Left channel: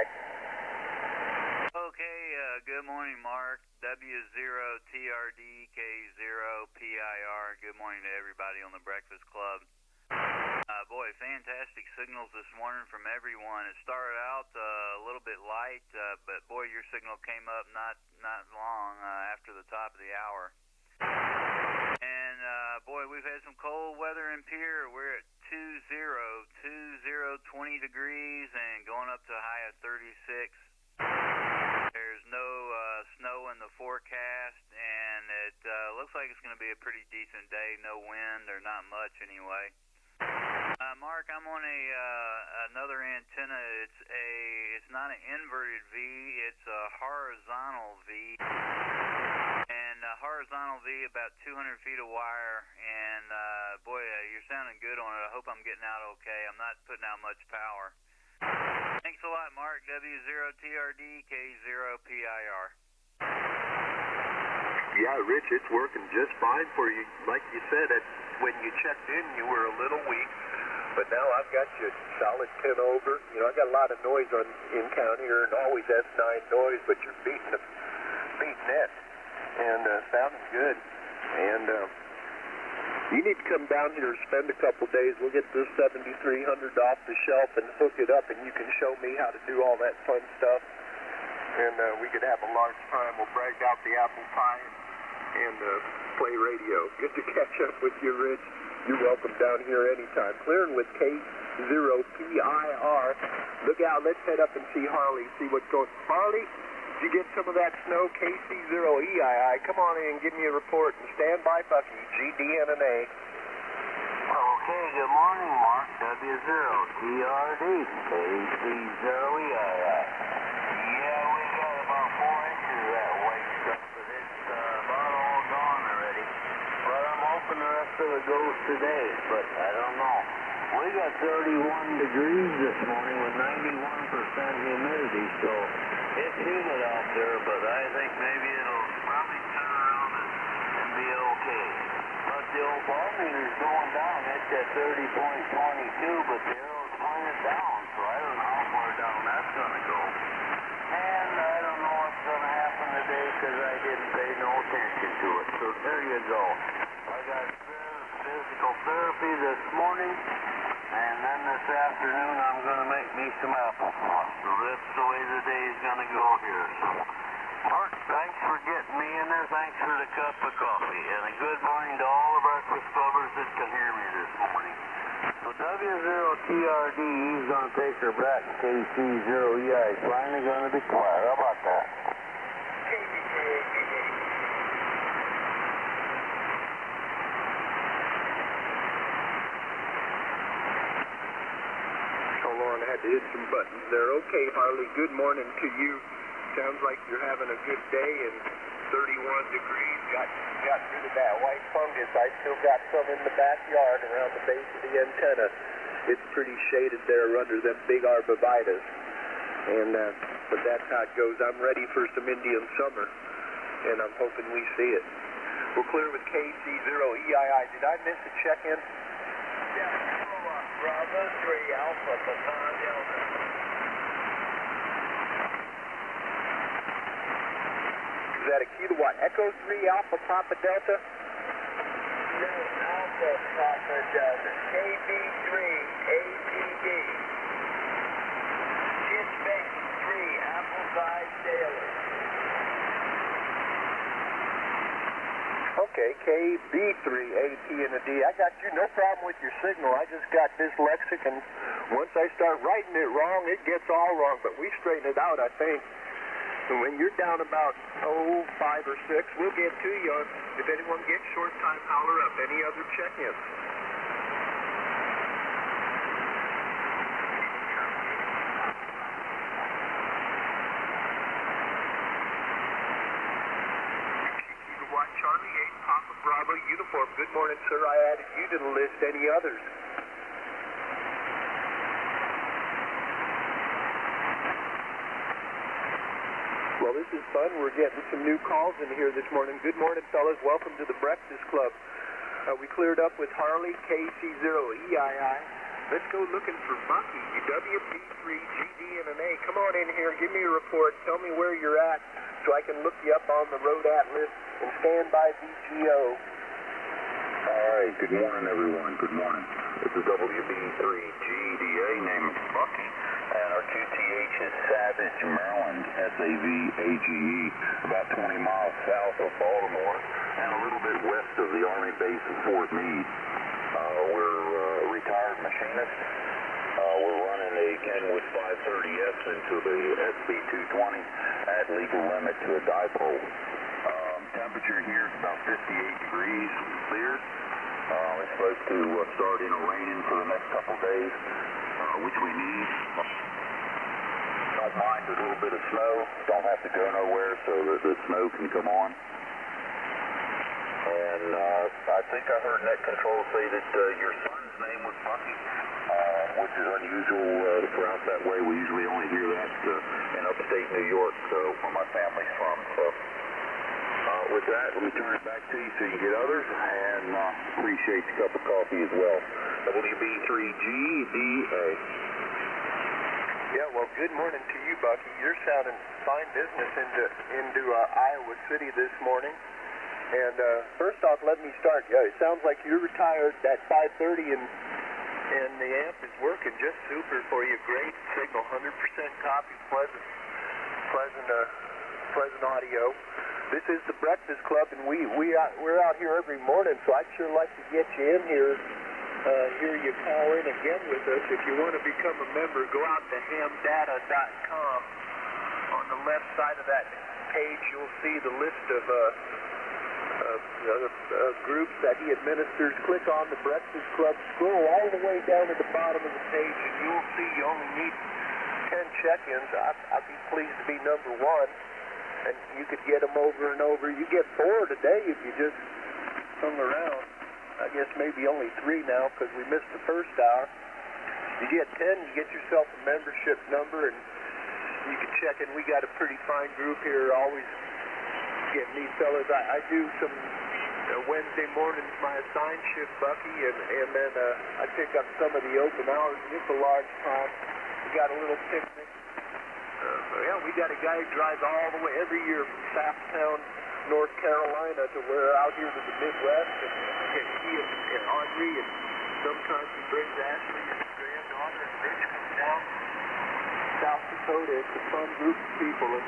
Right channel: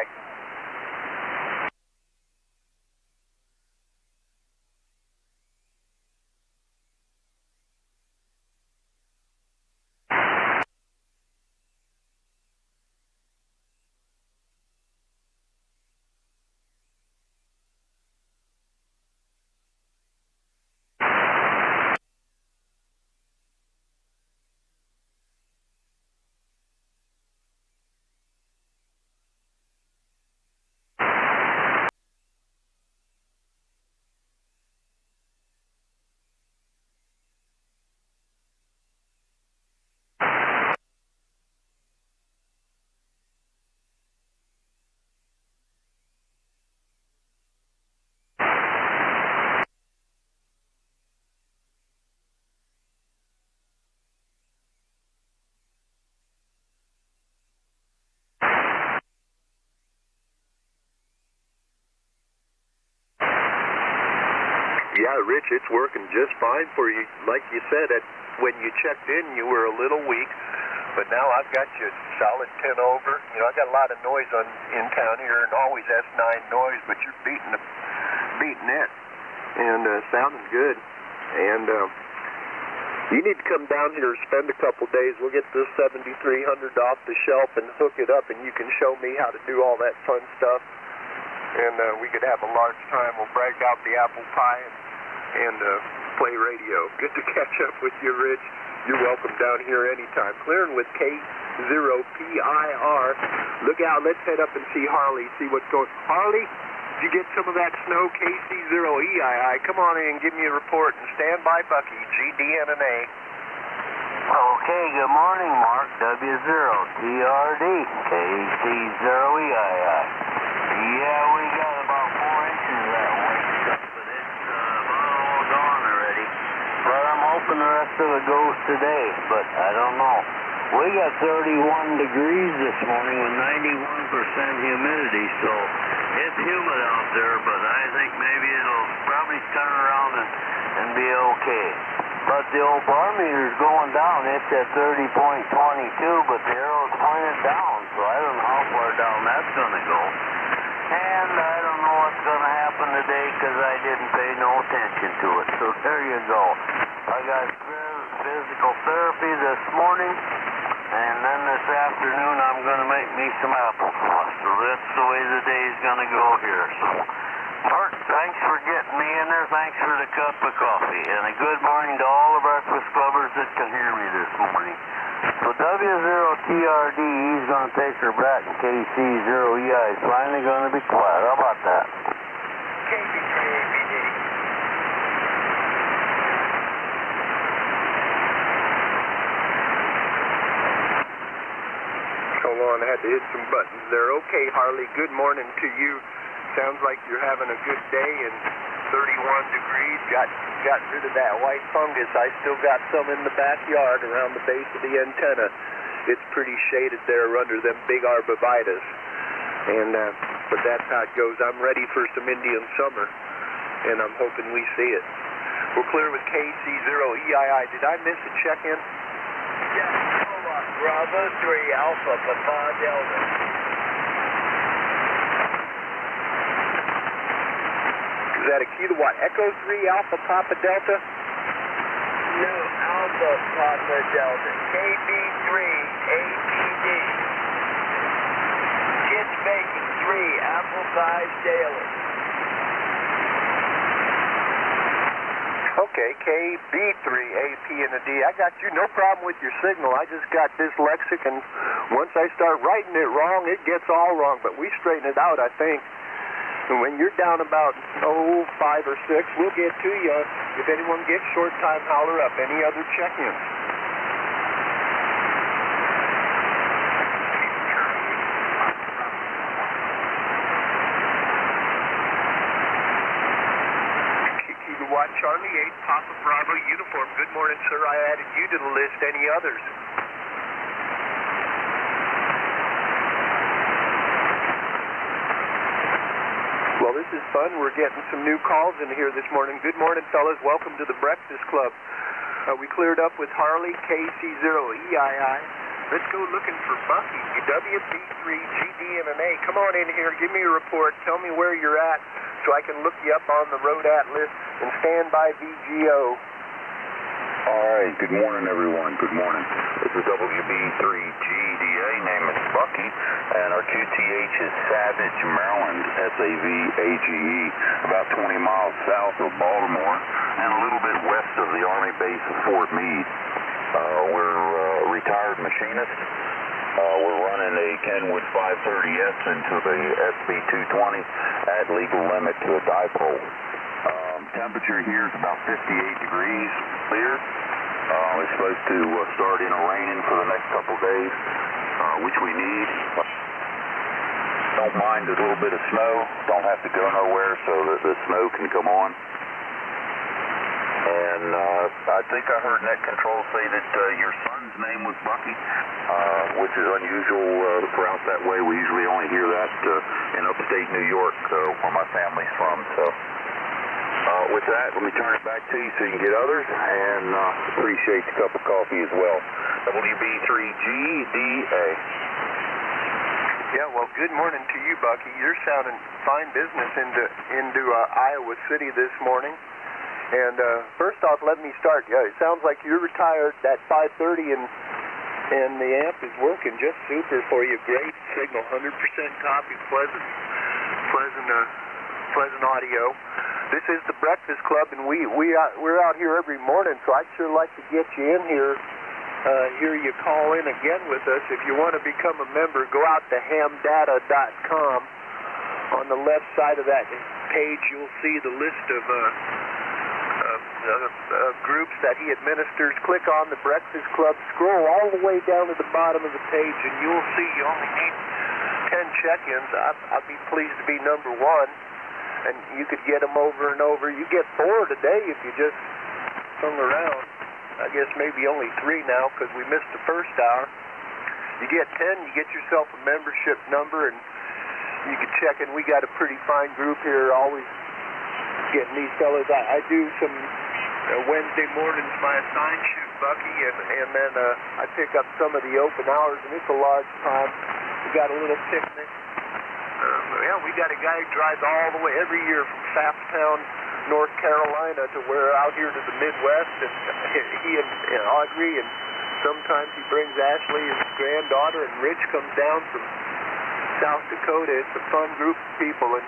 Okay, good morning, Mark. W0TRDK0PIR. Good morning to everybody on the Breakfast Club. Boy, fantastic signals this morning from everyone. It started out a little bit light, but boy, your signal came up not long after the top of the hour. And boy, we've had some cold weather in Pierre. We're at 20, 20 degrees and going up to a high of 36. There's no snow in the forecast, and it looks like it's going to be a pretty decent day. No wind, or not much anyway. Mark, I'm on another antenna. It's not an inverted V. It's a horizontal V, and a horizontal V about 200 feet of wire. And boy, you're sounding good on it. I hope I'm getting out okay. I'm not putting out much power. Thanks a lot, Mark. W0TRDK0PIR. Yeah, Rich, it's working just fine for you. Like you said, when you checked in, you were a little weak, but now I've got you solid 10 over. You know, I've got a lot of noise in town here, and always S9 noise, but you're beating it, and sounding good. And you need to come down here and spend a couple days. We'll get this 7300 off the shelf and hook it up, and you can show me how to do all that fun stuff. And we could have a large time. We'll break out the apple pie and play radio. Good to catch up with you, Rich. You're welcome down here anytime. Clearing with K0PIR. Look out. Let's head up and see Harley, see what's going on. Harley, did you get some of that snow? KC0EII. Come on in and give me a report. Stand by, Bucky. GDMMA. Okay, good morning, Mark. W0TRD KC0EII. Yeah, we got about 4 inches that way, but it's about all gone already. But I'm hoping the rest of it goes today, but I don't know. We got 31 degrees this morning and 91% humidity, so it's humid out there, but I think maybe it'll probably turn around and be okay. But the old bar meter's going down. It's at 30.22, but the arrow's pointed down, so I don't know how far down that's going to go. And I don't know what's going to happen today because I didn't pay no attention to it. So there you go. I got physical therapy this morning, and then this afternoon I'm going to make me some applesauce. So that's the way the day's going to go here. So, Art, thanks for getting me in there. Thanks for the cup of coffee. And a good morning to all the breakfast clubbers that can hear me this morning. So W0TRD, he's going to take her back, and KC0EI is finally going to be quiet. How about that? Hold on, I had to hit some buttons there. Okay, Harley, good morning to you. Sounds like you're having a good day and 31 degrees. Got rid of that white fungus. I still got some in the backyard around the base of the antenna. It's pretty shaded there under them big arborvitaes. And but that's how it goes. I'm ready for some Indian summer, and I'm hoping we see it. We're clear with KC0EII. Did I miss a check-in? Yeah, hold on. Bravo 3 Alpha Papa Delta. Is that a key to what? Echo 3 Alpha Papa Delta? No, Alpha Papa Delta. KB3 ATD. Kids making 3 Apple Size Daily. Okay, KB3 AP and a D. I got you. No problem with your signal. I just got dyslexic, and once I start writing it wrong, it gets all wrong. But we straighten it out, I think. When you're down about 5 or 6, we'll get to you. If anyone gets short time, holler up. Any other check-in? Kilo Watt Charlie 8, Papa Bravo uniform. Good morning, sir. I added you to the list. Any others? Well, this is fun. We're getting some new calls in here this morning. Good morning, fellas. Welcome to the Breakfast Club. We cleared up with Harley, KC0EII. Let's go looking for Bucky. WB3, GD, and an A. Come on in here. Give me a report. Tell me where you're at so I can look you up on the road atlas and stand by VGO. All right. Good morning, everyone. Good morning. This is WB3GDA. Name is Bucky, and our QTH is Savage, Maryland, SAVAGE, about 20 miles south of Baltimore and a little bit west of the Army base of Fort Meade. We're retired machinists. We're running a Kenwood 530S into the SB220 at legal limit to a dipole. Temperature here is about 58 degrees clear. It's supposed to start in a rain for the next couple of days, which we need. Don't mind a little bit of snow. Don't have to go nowhere so that the snow can come on. And I think I heard net control say that your son's name was Bucky, which is unusual to pronounce that way. We usually only hear that in upstate New York, where my family's from. So with that, let me turn it back to you so you can get others, and appreciate the cup of coffee as well. WB3GDA. Yeah, well, good morning to you, Bucky. You're sounding fine business into Iowa City this morning. And first off, let me start. Yeah, it sounds like you're retired at 5:30, and the amp is working just super for you. Great signal, 100% copy, pleasant audio. This is the Breakfast Club, and we're out here every morning. So I'd sure like to get you in here. Hear you call in again with us. If you want to become a member, go out to hamdata.com. On the left side of that page, you'll see the list of groups that he administers. Click on the Breakfast Club. Scroll all the way down to the bottom of the page, and you'll see you only need 10 check-ins. I'd be pleased to be number one, and you could get them over and over. You get 4 today if you just hung around. I guess maybe only 3 now because we missed the first hour. You get 10, you get yourself a membership number, and you can check in. We got a pretty fine group here, always getting these fellas. I do some Wednesday mornings by assigned shift, Bucky, and then I pick up some of the open hours, and it's a large time. We got a little sickness. We got a guy who drives all the way every year from Safftown, North Carolina, to where out here to the Midwest, and he and Audrey, and sometimes he brings Ashley, his granddaughter, and Rich comes down from South Dakota. It's a fun group of people, and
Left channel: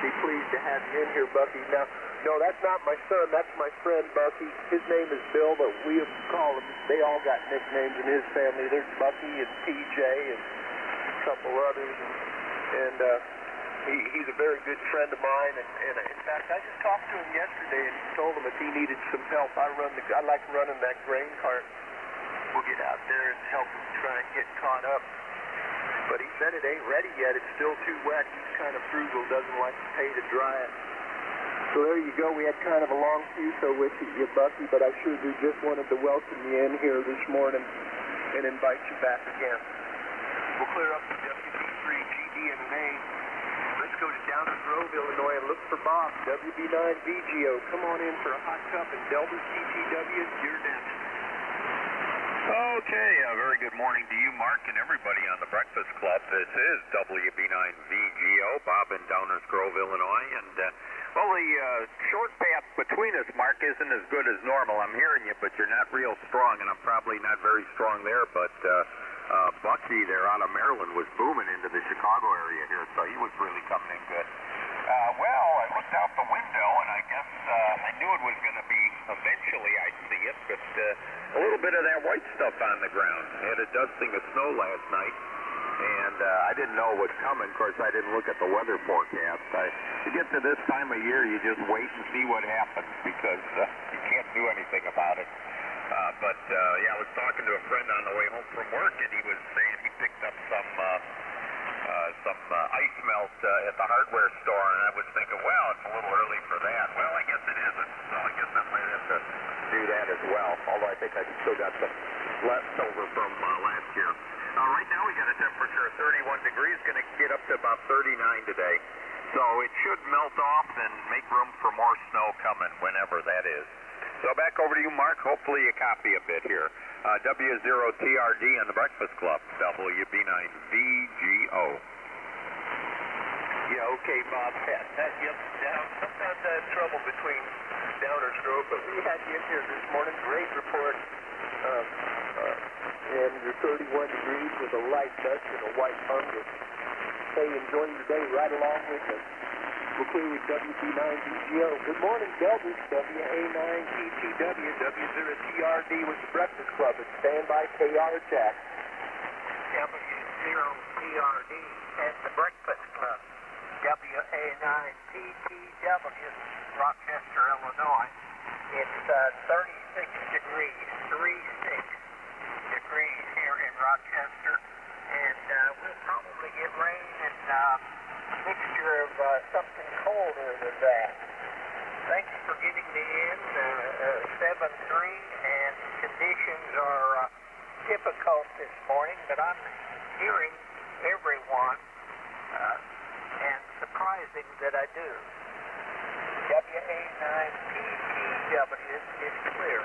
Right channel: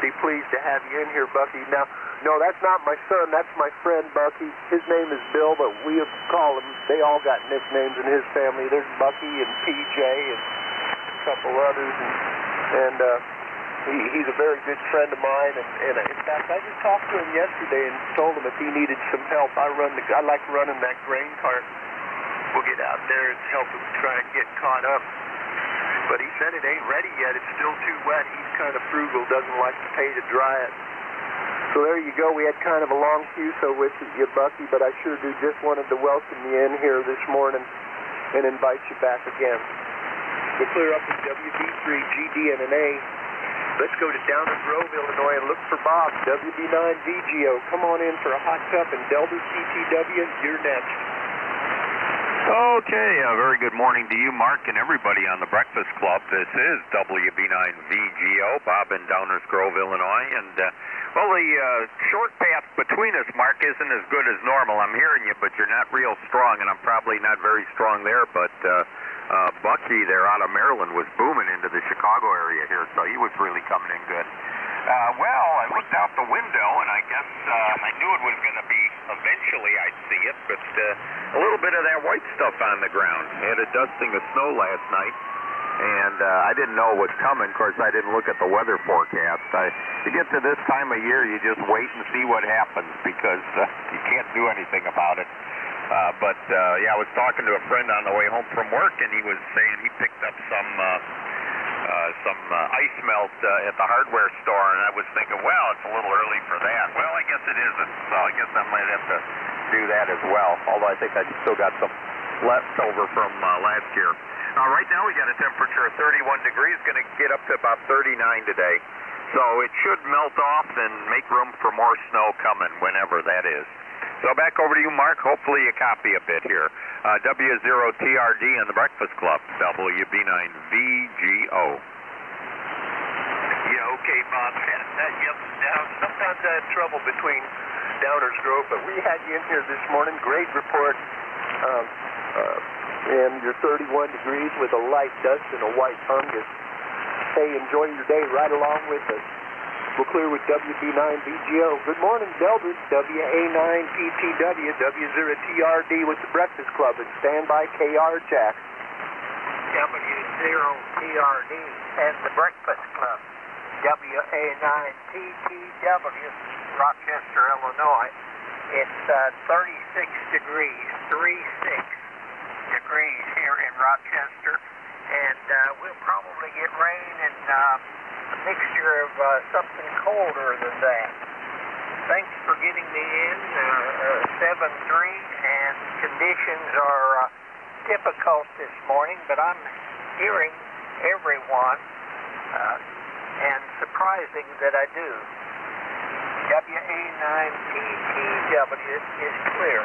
be pleased to have you in here, Bucky. Now, no, that's not my son. That's my friend, Bucky. His name is Bill, but we call him. They all got nicknames in his family. There's Bucky and PJ and a couple others, and he's a very good friend of mine. And in fact, I just talked to him yesterday and told him if he needed some help, I like running that grain cart. We'll get out there and help him try and get caught up. But he said it ain't ready yet. It's still too wet. He's kind of frugal, doesn't like to pay to dry it. So there you go. We had kind of a long fuse with you, Bucky, but I sure just wanted to welcome you in here this morning and invite you back again. We'll clear up the WB3, GD, and an A. Let's go to Downers Grove, Illinois, and look for Bob, WB9VGO. Come on in for a hot cup, and Delby CTW, you're next. Okay, very good morning to you, Mark, and everybody on the Breakfast Club. This is WB9VGO, Bob in Downers Grove, Illinois, and well, the short path between us, Mark, isn't as good as normal. I'm hearing you, but you're not real strong, and I'm probably not very strong there, but Bucky there out of Maryland was booming into the Chicago area here, so he was really coming in good. Well, I looked out the window, and I guess I knew it was going to be, eventually I'd see it, but a little bit of that white stuff on the ground. Had a dusting of snow last night, and I didn't know it was coming. Of course, I didn't look at the weather forecast. To get to this time of year, you just wait and see what happens because you can't do anything about it. But yeah, I was talking to a friend on the way home from work, and he was saying he picked up some ice melt at the hardware store, and I was thinking, well, it's a little early for that. Well, I guess it isn't, so I guess I might have to do that as well, although I think I still got some left over from last year. Right now we got a temperature of 31 degrees, going to get up to about 39 today, so it should melt off and make room for more snow coming whenever that is. So back over to you, Mark. Hopefully you copy a bit here. W0TRD in the Breakfast Club, WB9VGO. Yeah, okay, Bob. That yep, down. Sometimes I have trouble between Downers Grove, but we had you in here this morning. Great report. And you're 31 degrees with a light dust and a white fungus. Hey, enjoy your day right along with us. We're clear with WB9VGO. Good morning, Delbert. WA9PTW, W0TRD with the Breakfast Club. It's standby KR Jack. W0TRD at the Breakfast Club. WA9PTW, Rochester, Illinois. It's 36 degrees, 36 degrees here in Rochester. And we'll probably get rain and a mixture of something colder than that. Thanks for getting me in. 7-3, and conditions are difficult this morning, but I'm hearing everyone, and surprising that I do. WA9PTW is clear.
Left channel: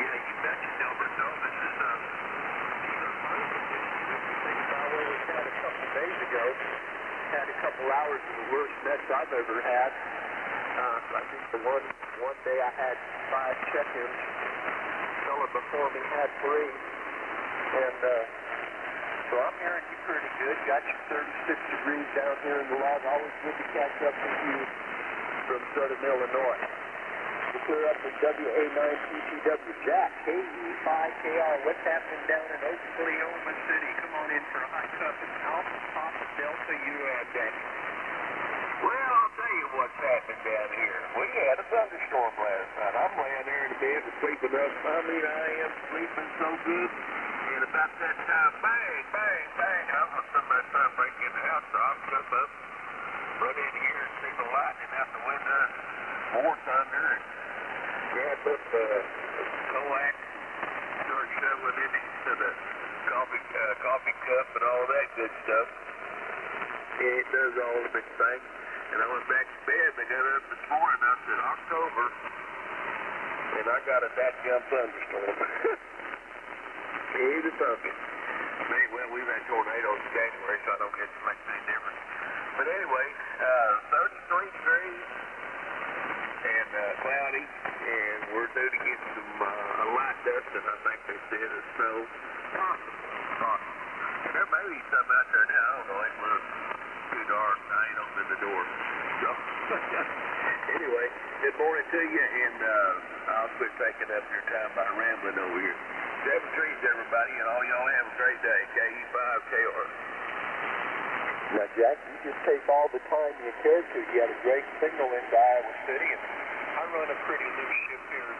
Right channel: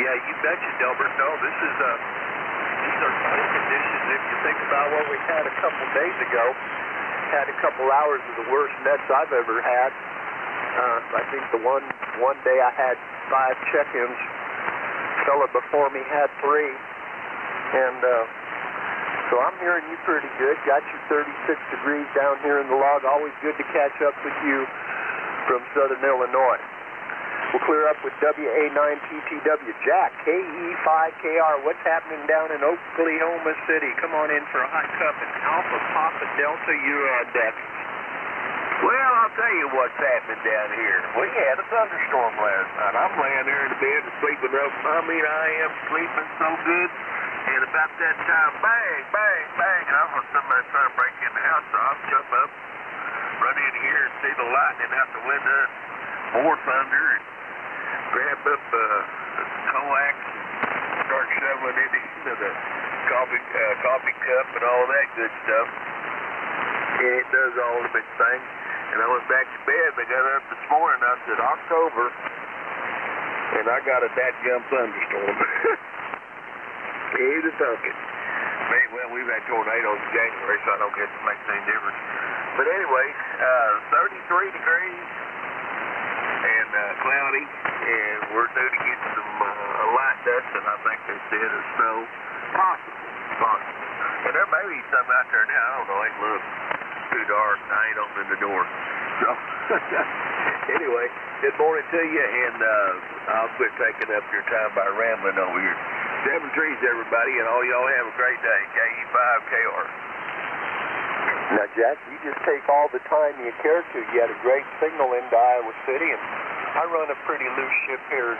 Yeah, you betcha, Delbert. No, these are conditions. If you think about what we had a couple days ago, had a couple hours of the worst nets I've ever had. I think the one day I had 5 check-ins. Fella before me had 3. And so I'm hearing you pretty good. Got you 36 degrees down here in the log. Always good to catch up with you from Southern Illinois. We'll clear up with WA9PTW. Jack, KE5KR. What's happening down in Oklahoma City? Come on in for a hot cup and Alpha Papa Delta. You're on deck. Well, I'll tell you what's happening down here. We had a thunderstorm last night. I'm laying there in bed, sleeping up. I mean, I am sleeping so good. And about that time, bang, bang, bang. And I was somebody trying to break in the house, so I'm jumping up, run in here and see the lightning out the window, more thunder, and grab up the coax, start shoveling it into the coffee cup and all that good stuff. Yeah, it does all of its thing. And I went back to bed, and I got up this morning, I said, October, and I got a dadgum thunderstorm. Here's the thunder. Well, we've had tornadoes in January, so I don't guess it makes any difference. But anyway, 33 degrees and cloudy, and we're due to get some light dust, and I think instead of snow, possible. But there may be some out there now. I don't know. It looks too dark. I ain't opening the door. So, anyway, good morning to you, and I'll quit taking up your time by rambling over here. 7 trees, everybody, and all y'all have a great day. KE5KR. Now, Jack, you just take all the time you care to. You had a great signal into Iowa City, and I run a pretty loose ship here.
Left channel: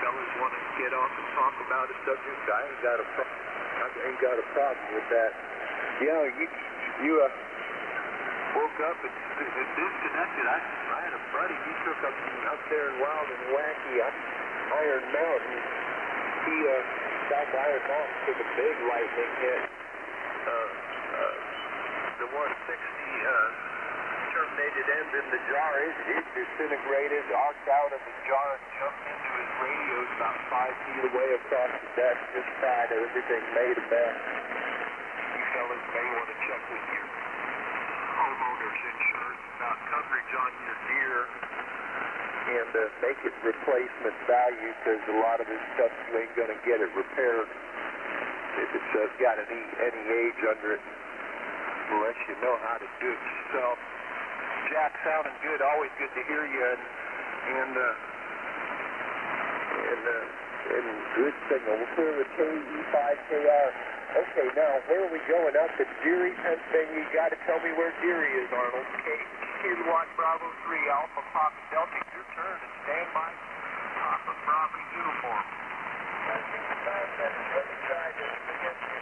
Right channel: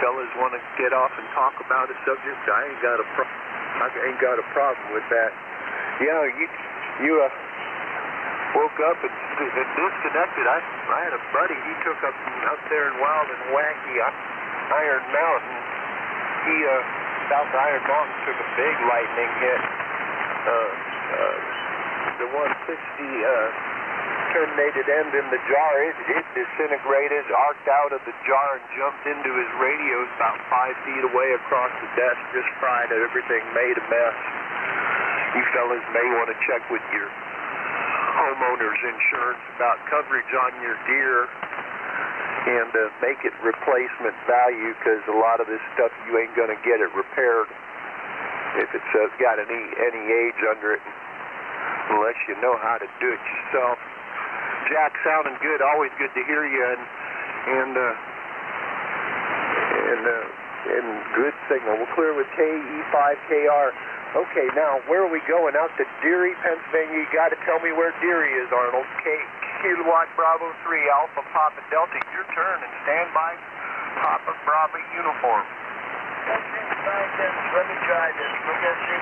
Fellas want to get off and talk about a subject. I ain't got a problem with that. You know, you woke up and disconnected. I had a buddy. He took up there in Wild and Wacky Iron Mountain. He South Iron Mountain took a big lightning hit. The 160 terminated end in the jar. It disintegrated, arced out of the jar, and jumped into his radios about 5 feet away across the desk, just fried everything, made a mess. You fellas may want to check with your homeowner's insurance about coverage on your deer and make it replacement value, because a lot of this stuff you ain't going to get it repaired if it's got any age under it, unless you know how to do it yourself. Jack, sounding good. Always good to hear you, and good signal. We're clear with KE5KR. Okay, now where are we going? Out to Deary, Pennsylvania. You got to tell me where Deary is, Arnold. Kilowatt Bravo 3 Alpha Papa Delta. Your turn, and stand by. Papa Bravo uniform. Let me try this. We're going to see.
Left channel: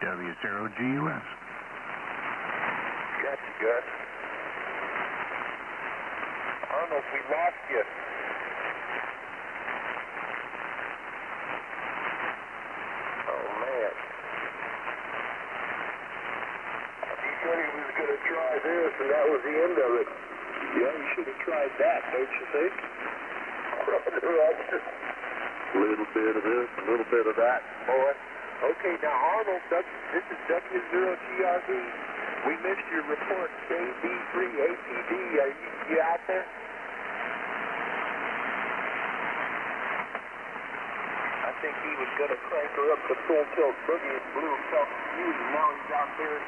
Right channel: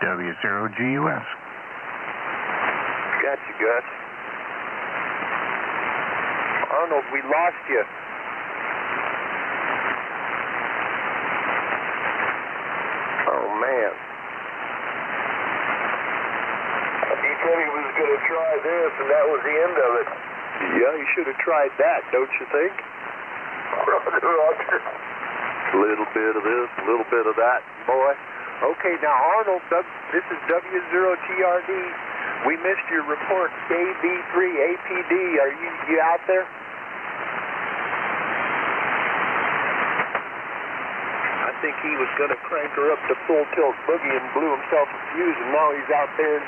W0GUS. Got you, Gus. Arnold, we lost you. try this, and that was the end of it. Yeah, you should have tried that, don't you think? A little bit of this, a little bit of that. Boy. Okay, now Arnold, this is W0TRD. We missed your report, KB3APD. Are you out there? I think he was going to crank her up to full tilt boogie and blew himself a fuse, and now he's out there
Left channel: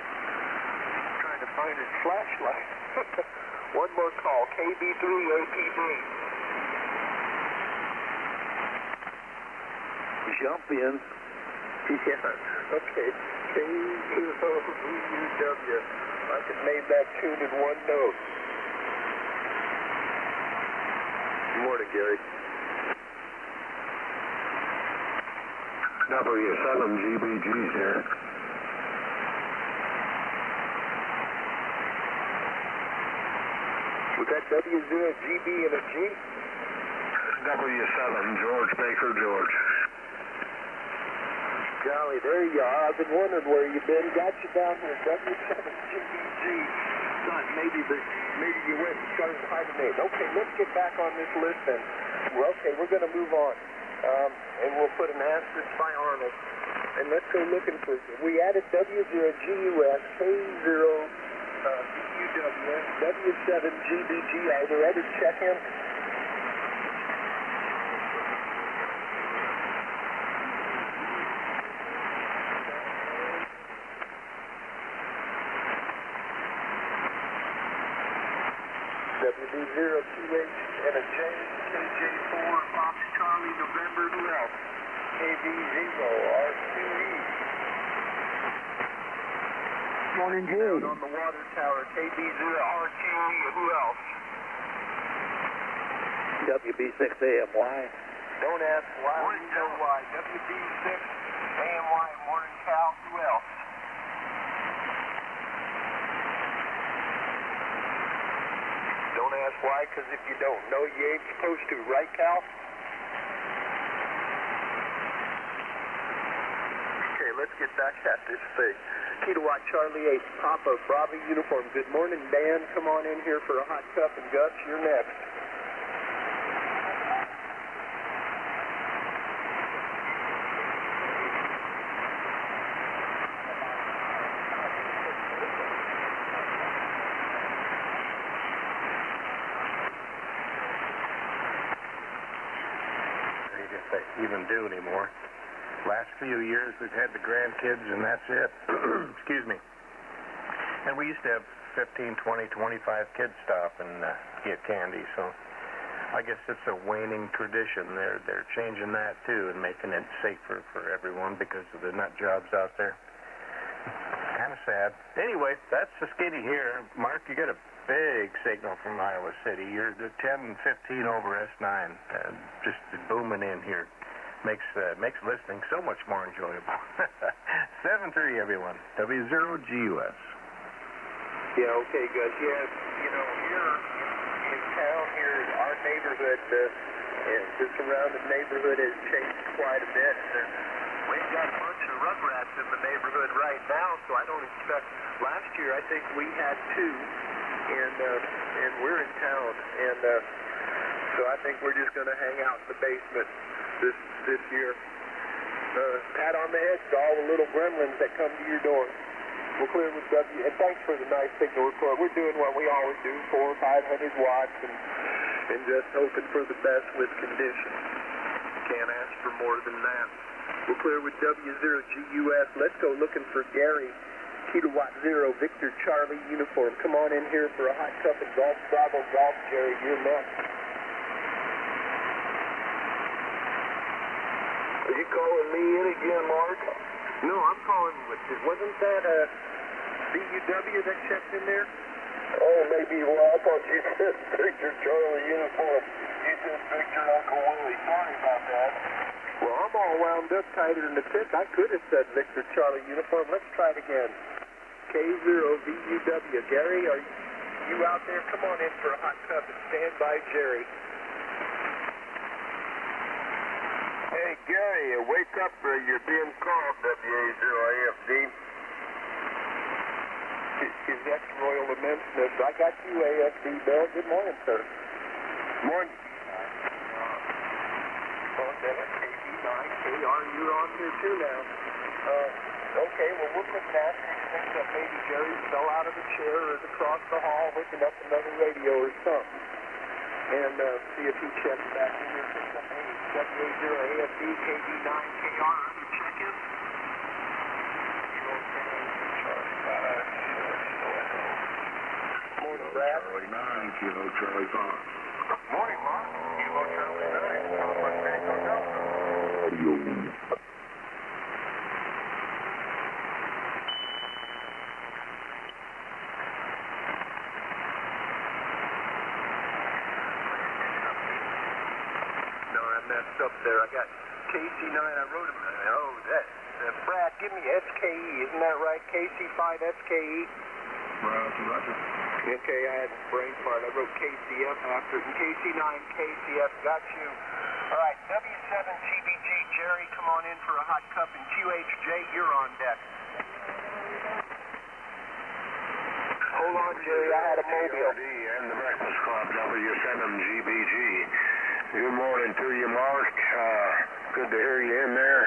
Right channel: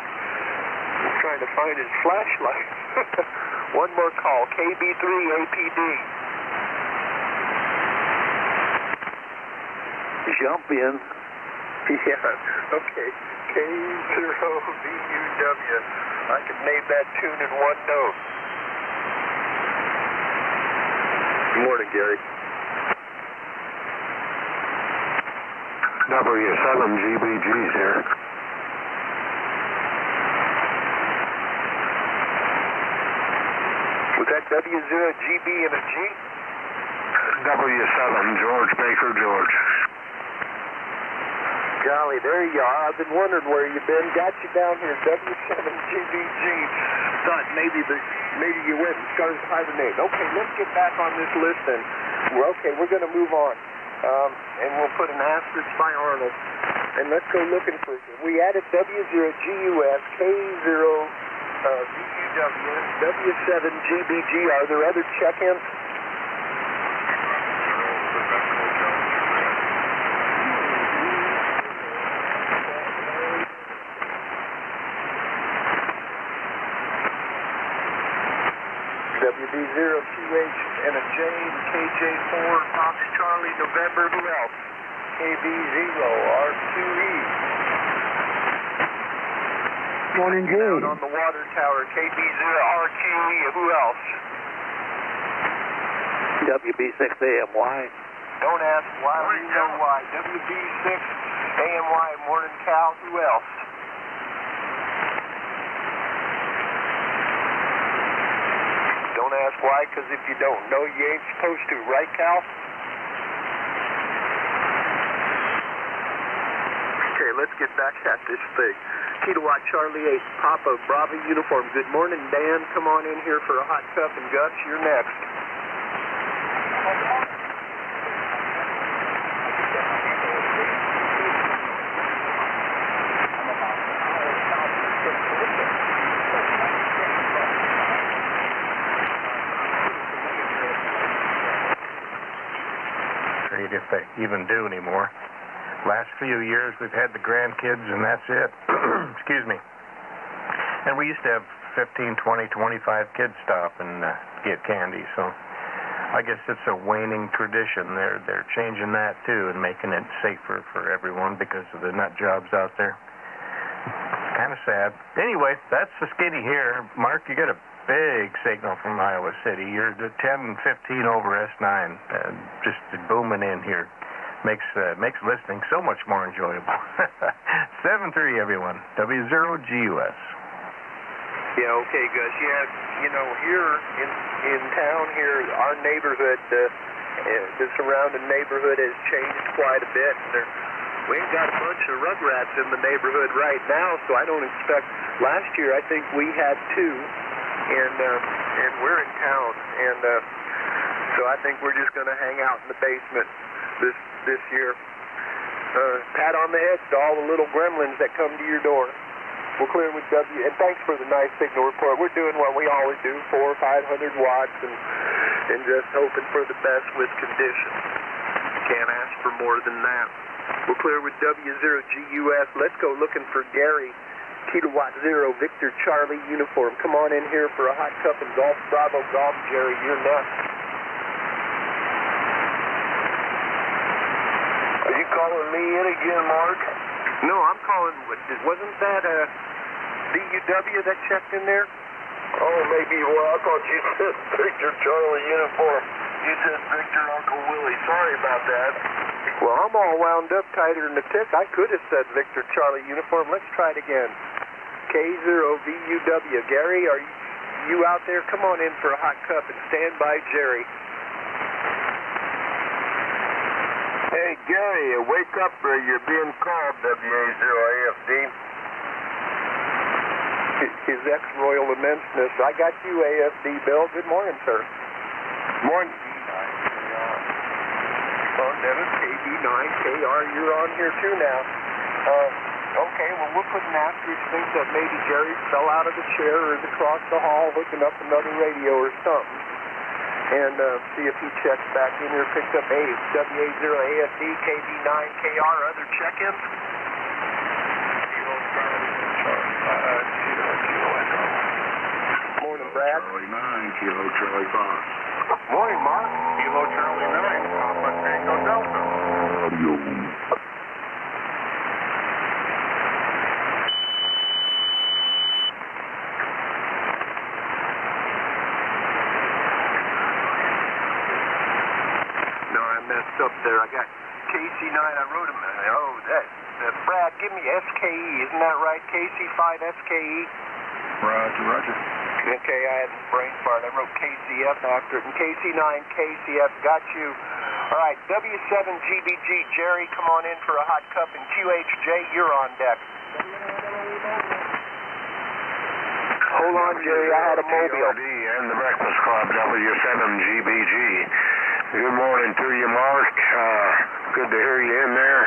trying to find his flashlight. One more call, KB3APD. Jump in. Yeah, okay. K0VUW. I can name that tune in one note. Good morning, Gary. W7GBG's here. Was that W0GB and a G? W7, George Baker, George. Golly, there you are. I've been wondering where you've been. Got you down here, W7GBG. Thought maybe you went and started to hibernate. Okay, let's get back on this list then. Well, okay, we're going to move on. And we'll put an asterisk by Arnold. And let's go looking for, we added W0GUS, K0 VUW, W7GBG. Are there other check-ins? WB0QH and a J, KJ4, Fox Charlie, November, who else? KB0, R2E. Morning, Jay. Out on the water tower, KB0, RQE, who else? WB6AMY. Don't ask why, we know why. WB6, AMY, Morning Cal, who else? Don't ask why, because if you don't know, you ain't supposed to, right, Cal? Okay, let's get back at this thing. Kilowatt Charlie 8, Papa Bravo uniform. Good morning, Dan. Come on in here for a hot cup, and Gus, you're next. If they even do anymore. Last few years we've had the grandkids and that's it. Excuse me. And we used to have 15, 20, 25 kids stop and get candy, so I guess it's a waning tradition. They're changing that too and making it safer for everyone because of the nut jobs out there. Kind of sad. Anyway, that's the skitty here. Mark, you get a big signal from Iowa City. You're the 10, 15 over S9. Just booming in here. Makes listening so much more enjoyable. 7-3, everyone. W0GUS. Yeah, okay, Gus. Yeah, you know, here in town here, our neighborhood, the surrounding neighborhood has changed quite a bit. We ain't got a bunch of rugrats in the neighborhood right now, so I don't expect. Last year, I think we had 2, and we're in town, and so I think we're just going to hang out in the basement this year. Pat on the head to all the little gremlins that come to your door. We're clear with W, and thanks for the nice signal report. We're doing what we always do, 400 or 500 watts, and just hoping for the best with conditions. Can't ask for more than that. We're clear with W0GUS. Let's go looking for Gary. Kilowatt 0, Victor Charlie uniform. Come on in here for a hot cup of Golf Bravo Golf, Jerry. You're nuts. Are you calling me in again, Mark? No, I'm calling. Wasn't that VUW that checked in there? Oh, maybe. Well, I thought you said Victor Charlie uniform. You said Victor Uncle Willie. Sorry about that. Well, I'm all wound up tighter than the tick. I could have said Victor Charlie uniform. Let's try it again. K0VUW. Gary, are you out there? Come on in for a hot cup and stand by Jerry. Hey, Gary, wake up or you're being called, WA0AFD. His ex-royal immenseness. I got you, AFD Bill. Good morning, sir. Morning. Dennis, KB9KR, you're on here too now. Okay, well, we're putting out to think that maybe Jerry fell out of the chair or is across the hall hooking up another radio or something. And see if he checks back in here, picks up W80AFD, KB9KR, other check-ins. Morning, Brad. Charlie 9, Kilo Charlie 5. Morning, Mark. Kilo Charlie 9, Papa Tango Delta. Up there. I got KC9. I wrote him. Oh, that's Brad. Give me SKE. Isn't that right? KC5 SKE. Roger, roger. Okay, I had the brain fart. I wrote KCF after it. And KC9 KCF. Got you. All right, W7GBG. Jerry, come on in for a hot cup. And QHJ, you're on deck. Hold on, Jerry. I had a mobile. And the Breakfast Club, W7GBG. Good morning to you, Mark. Good to hear you in there.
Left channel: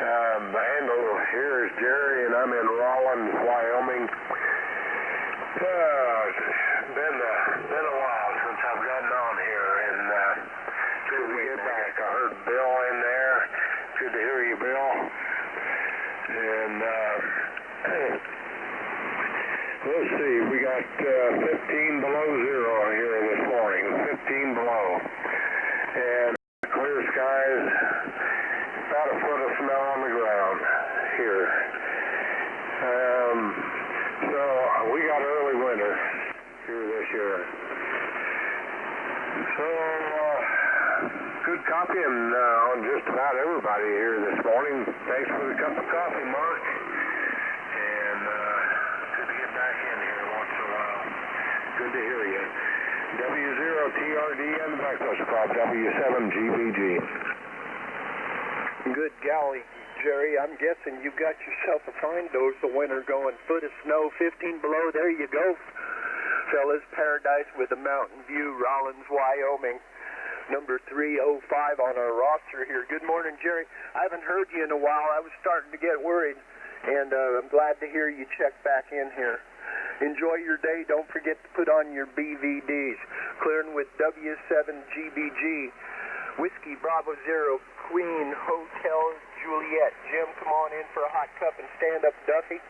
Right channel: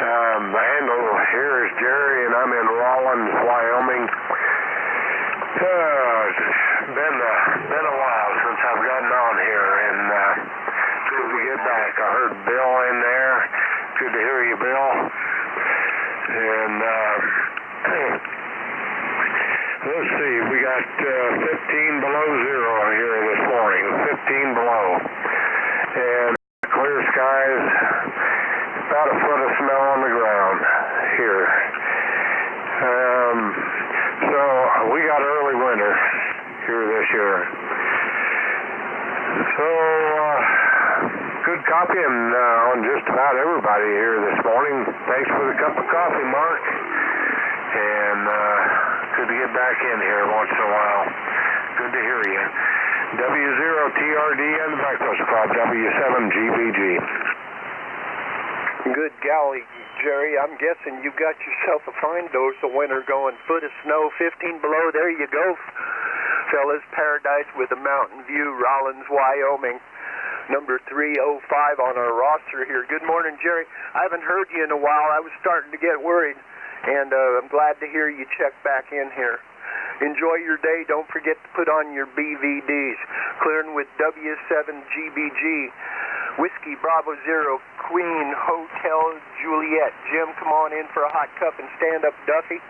The handle here is Jerry, and I'm in Rawlins, Wyoming. It's been a while since I've gotten on here, and it's good to get back. I heard Bill in there. Good to hear you, Bill. And let's see, we got 15 below zero here this morning. 15 below. And clear skies, about a foot of snow on the ground here. So we got early winter here this year. So good copying on just about everybody here this morning. Thanks for the cup of coffee, Mark. And good to get back in here once in a while. Good to hear you. W0TRD and the Breakfast Club, W7GBG. Good golly, Jerry. I'm guessing you got yourself a fine dose of winter going. Foot of snow, 15 below. There you go, fellas. Paradise with a mountain view, Rawlins, Wyoming. Number 305 on our roster here. Good morning, Jerry. I haven't heard you in a while. I was starting to get worried, and I'm glad to hear you check back in here. Enjoy your day. Don't forget to put on your BVDs. Clearing with W7GBG. Whiskey Bravo Zero, Queen Hotel Juliet. Jim, come on in for a hot cup and stand up, Duffy.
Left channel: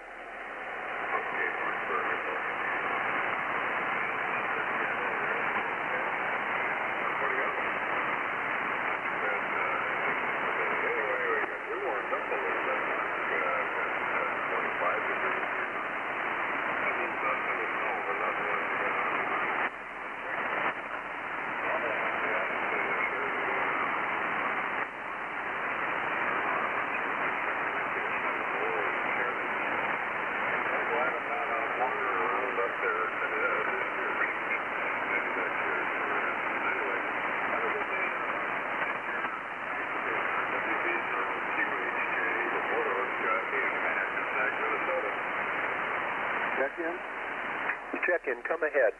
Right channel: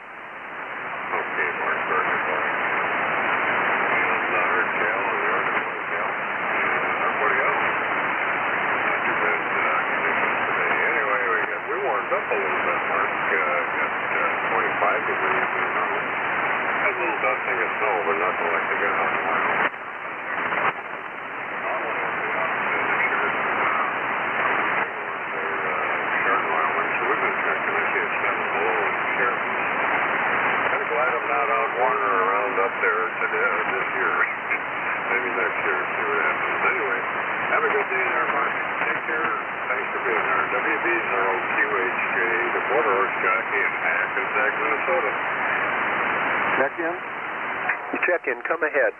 Check-in, come ahead.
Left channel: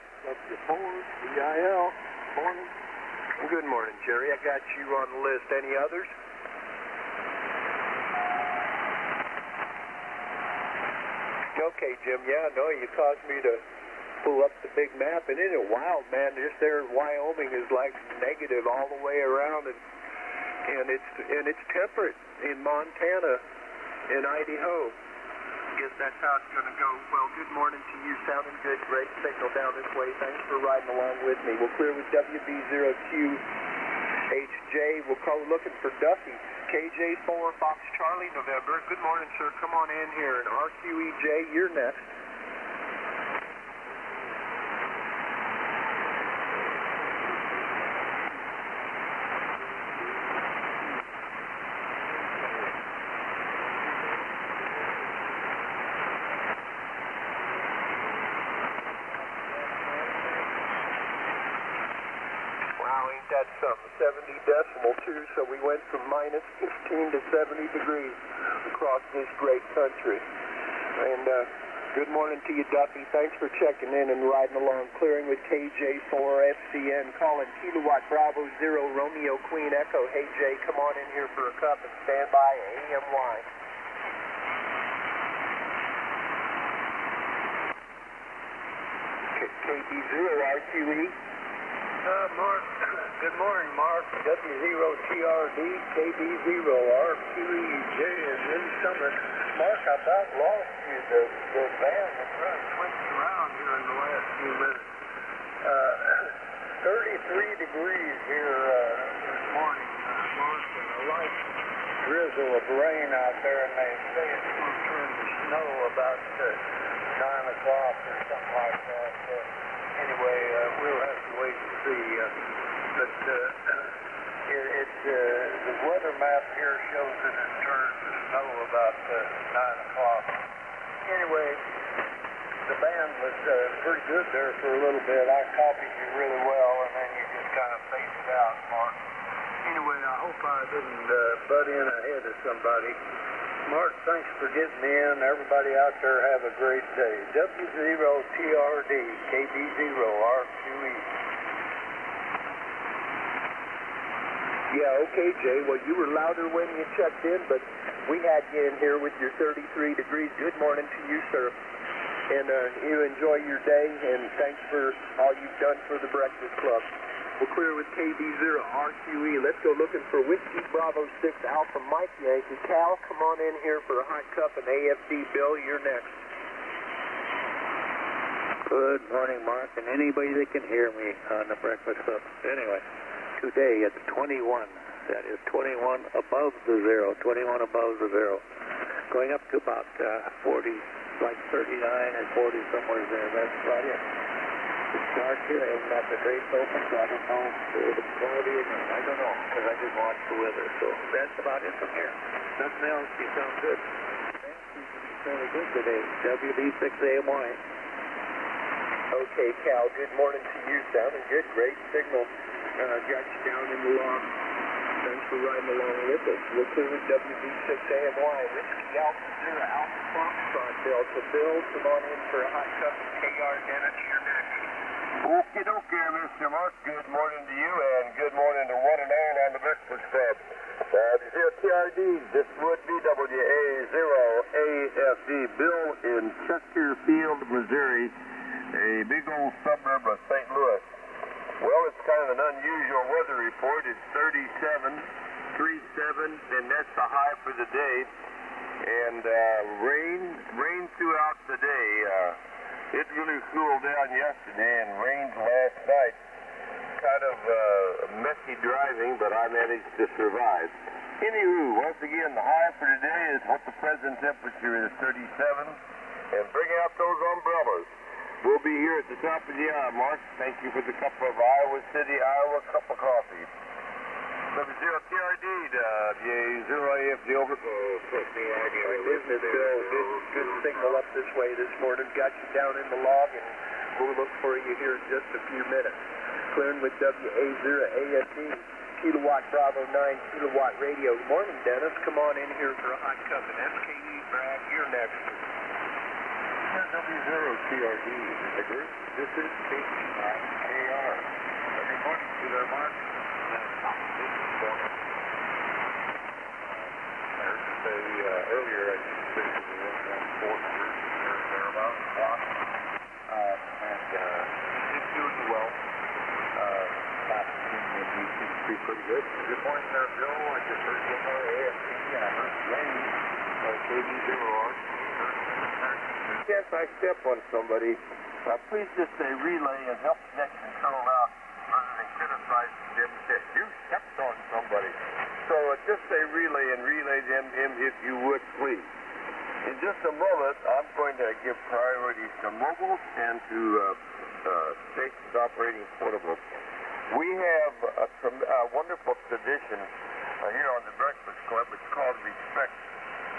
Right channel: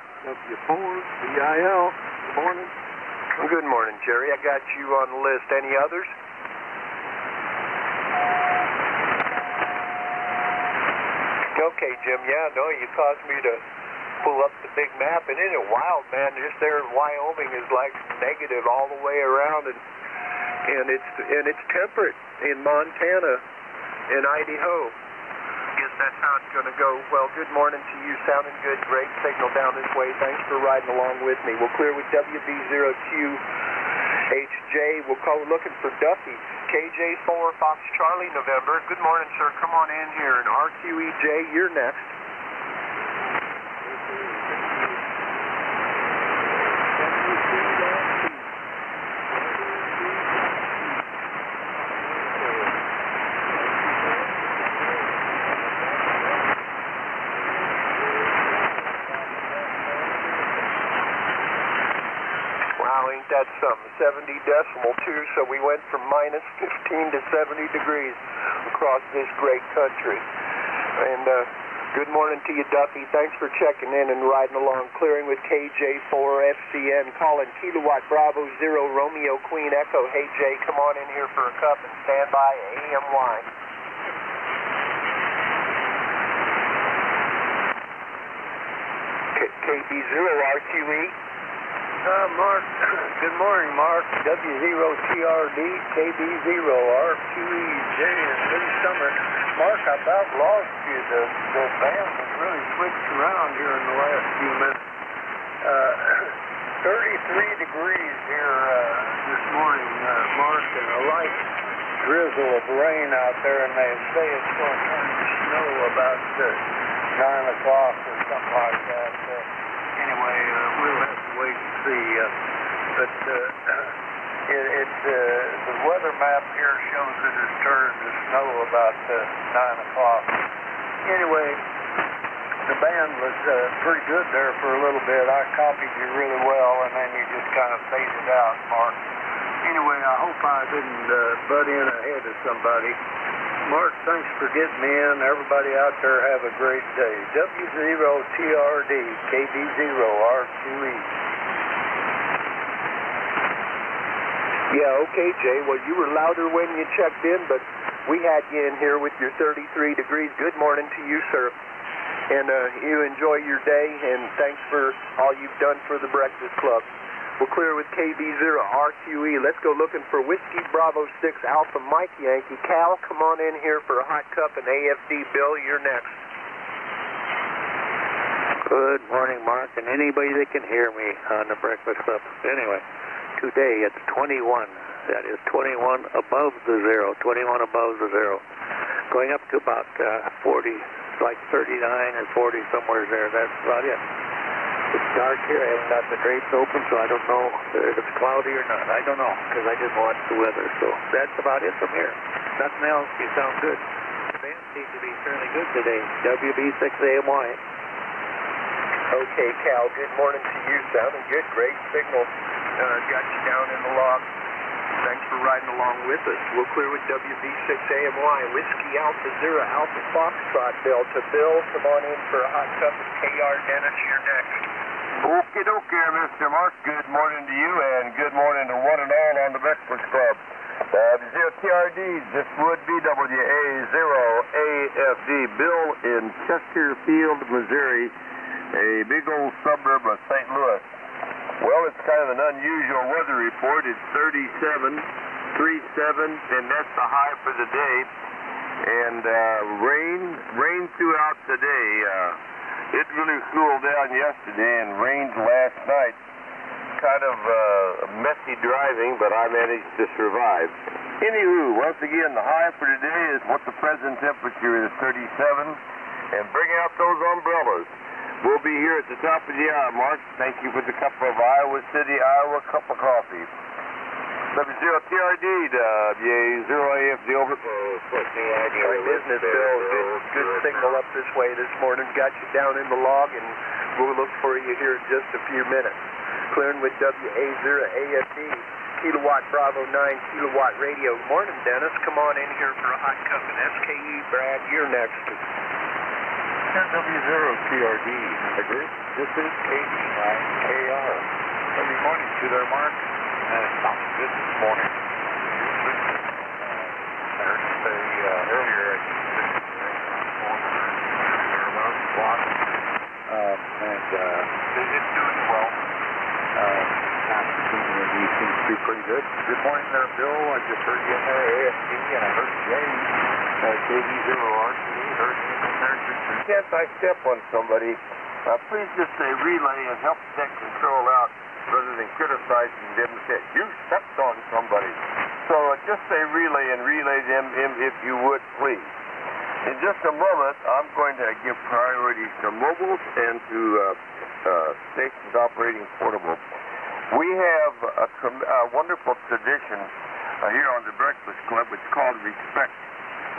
BIL. Morning. Good morning, Jerry. I got you on the list. Any others? Okay, Jim. Yeah, no, you caused me to pull up the big map, and isn't it wild, man? Just there in Wyoming is like negative all the way around, and it's temperate in Montana and Idaho. Guess that's how it's going to go. Well, good morning to you. Sounding good. Great signal down this way. Thanks for riding along with me. We'll clear with WB0QHJ. We'll call looking for Duffy. KJ4 Fox Charlie November. Good morning, sir. Come on in here. And RQEJ, you're next. That's something, 70 decimal too, so we went from minus 15 to 70 degrees across this great country. And Good morning to you, Duffy. Thanks for checking in and riding along. Clearing with KJ4FCN, calling Kilowatt Bravo 0 Romeo Queen Echo. Hey, Jay, come on in here for a cup and stand by AMY. KB0RQE. Mark, good morning, Mark. W0TRD, KB0RQE. Good summer. Mark, I about lost you. The band really switched around here in the last few minutes. 33 degrees here this morning, Mark, and a light drizzle of rain out there, and they say it's going to turn to snow about 9 o'clock or something like that. Anyway, we'll have to wait and see. But the weather map here shows that it turns to snow about 9 o'clock. Anyway, the band was pretty good there for a little bit. I copied you really well, and then you just kind of faded out, Mark. Anyway, I hope I didn't butt in ahead of somebody. Mark, thanks for getting me in. Everybody out there have a great day. W0TRD, KB0RQE. Yeah, okay, Jay. Well, you were louder when you checked in, but we had you in here with your 33 degrees. Good morning to you, sir. And you enjoy your day, and thanks for all you've done for the Breakfast Club. We'll clear with KB0RQE. Let's go looking for Whiskey Bravo 6 Alpha Mike Yankee. Cal, come on in here for a hot cup and AFD. Bill, you're next. Good morning, Mark, and anybody that can hear me on the Breakfast Club. Anyway, today it's 21. That is 21 above the zero, 21 above the zero. Going up to about 40, like 39 or 40, somewhere there. That's about it. It's dark here. I haven't got the drapes open, so I don't know if it's cloudy or not. I don't know, because I didn't watch the weather. So that's about it from here. Nothing else. You sound good. The band seems to be fairly good today. WB6AMY. Okay, Cal, good morning to you. Sounding good. Great signal. Got you down in the loft. Thanks for riding along with us. We'll clear with WB6AMY. Whiskey Alpha Zero Alpha Foxtrot Delta. Bill, come on in for a hot cup. KR Dennis, you're next. Okie dokie, Mr. Mark. Good morning to you, and good morning to one and all on the Breakfast Club. Zero TRDs, this would be WA0AFD. Bill in Chesterfield, Missouri, a big old suburb of St. Louis. Well, it's kind of an unusual weather report. It's 37, 37, and that's the high for the day. And rain throughout today. It really cooled down yesterday and rained last night. Kind of messy driving, but I managed to survive. Anywho, once again, the high for today is what the present temperature is, 37. And bring out those umbrellas. We'll be here at the top of the hour, Mark. Thank you for the cup of Iowa City, Iowa cup of coffee. 70TRD, WA0AFD over. Business, Bill. Good signal up this way this morning. Got you down in the log, and we'll look for you here in just a few minutes. Clearing with WA0AFD, Kilowatt Bravo 9, Kilowatt Radio. Morning, Dennis. Come on in here for a hot cup. And SKE, Brad, you're next. W0TRD, this is KR. Good morning to there, Mark. Good morning. Good morning, Sir Bill. I just heard you in there, AFD, and I heard you Can't I step on somebody? Please just say relay and help tech control out rather than criticizing them. You stepped on somebody. So just say relay and relay them if you would, please. In just a moment, I'm going to give priority to mobiles and to stations operating portables. We have a wonderful tradition here on the Breakfast Club. It's called respect.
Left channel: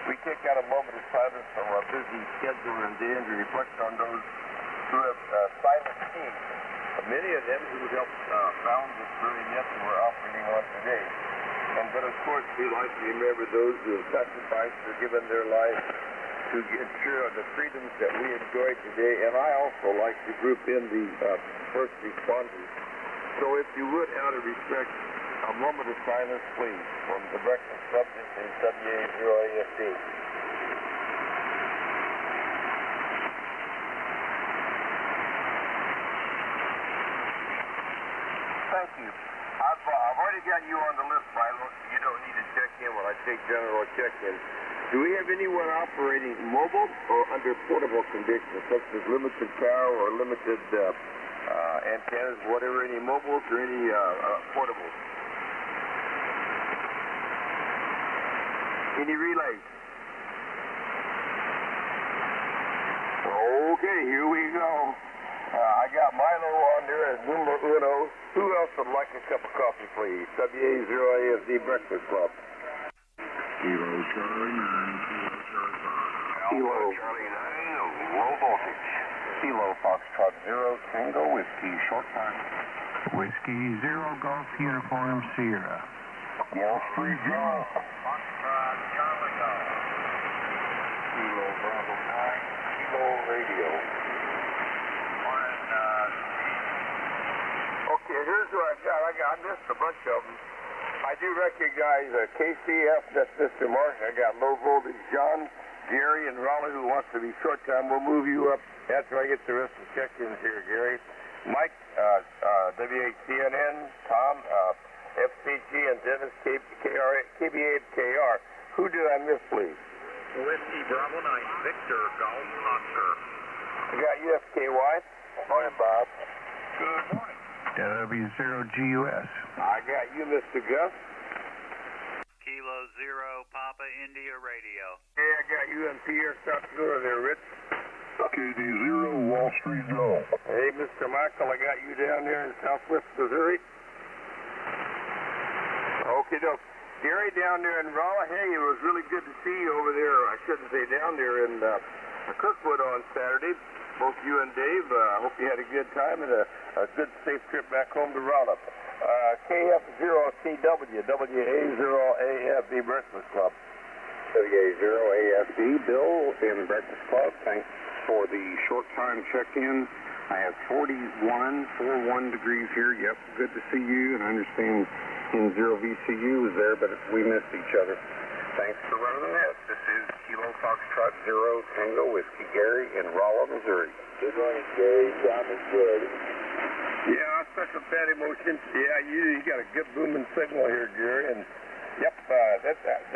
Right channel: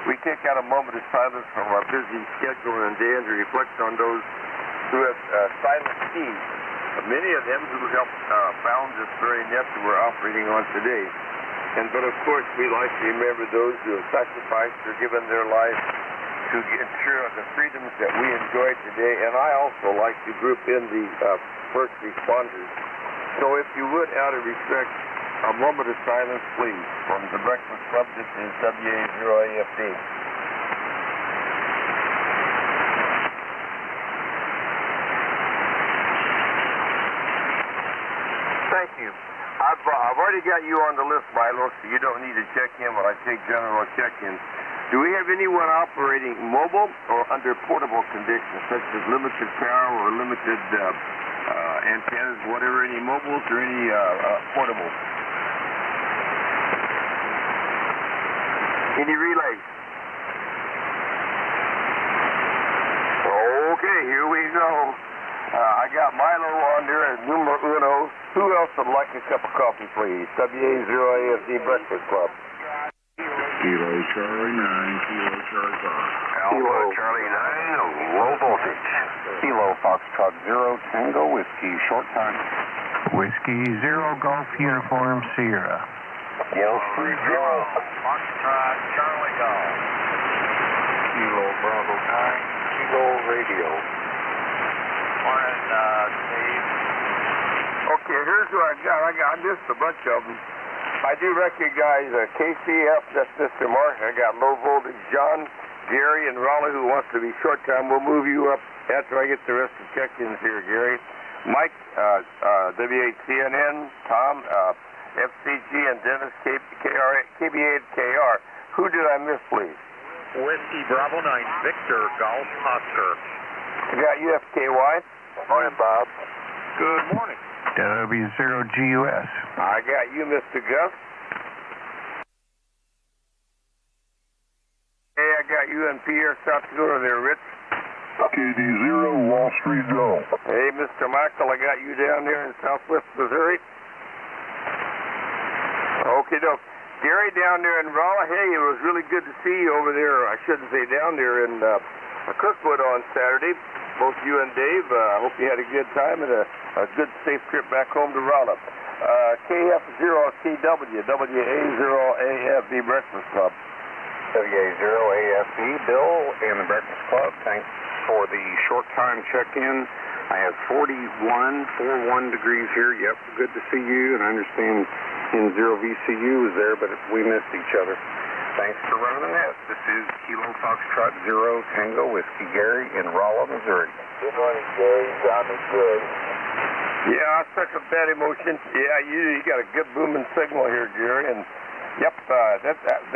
We take out a moment of silence from our busy schedule and day and reflect on those who have silent seas. Many of them who have found this very net that we're operating on today. But of course, we like to remember those who have sacrificed or given their lives to get through the freedoms that we enjoy today, and I also like to group in the first responders. So if you would, out of respect, a moment of silence, please. From the Breakfast Club, this is WA0AFD. Thank you. I've already got you on the list, Milo, so you don't need to check in when I take general check-in. Do we have anyone operating mobile or under portable conditions, such as limited tower or limited antennas, whatever, any mobiles or any portables? Any relays? Okay, here we go. I got Milo on there as numero uno. Who else would like a cup of coffee, please? WA0AFD Breakfast Club. Kilo Charlie 9, Kilo Charlie 5. Alpha Charlie 9, low voltage. Kilo Foxtrot 0, Tango Whiskey, short time. Whiskey 0 Golf Uniform Sierra. Yellow Street Golf. Foxtrot Charlie Golf. Kilo Bravo 9, Kilo Radio. Morning, Steve. Okay, here's who I got. I missed a bunch of them. I do recognize KCF, that's Mr. Mark. I got low voltage John, Gary, and Raleigh, who wants to be short time. We'll move you up after I get the rest of the check-ins here, Gary. Mike, W8CNN, Tom, FCG, and Dennis, KBA and KR. Who did I miss, please? Whiskey Bravo 9, Victor Golf Oscar. I got you, FKY. Morning, Bob. Good morning. W0GUS. I got you, Mr. Gus. Kilo 0 Papa India Radio. Hey, I got you and Pierre, South Dakota there, Rich. KD0 Wall Street Joe. Hey, Mr. Michael, I got you down there in Southwest Missouri. Okay, doke. Gary down there in Raleigh. Hey, it was really good to see you over there. I shouldn't say down there in Kirkwood on Saturday. Both you and Dave, I hope you had a good time and a good, safe trip back home to Raleigh. KF0CW, WA0AFD Breakfast Club. WA0AFD, Bill in the Breakfast Club. Thanks for the short time check-in. I have 41 degrees here. Yep, good to see you. And I understand N0VCU was there, but we missed each other. Thanks for running the net. This is Kilo Foxtrot 0 Tango Whiskey Gary in Rolla, Missouri. Good morning, Gary. Sounding good. Yeah, such a bad emotion. Yeah, you got a good booming signal here, Gary. And yep,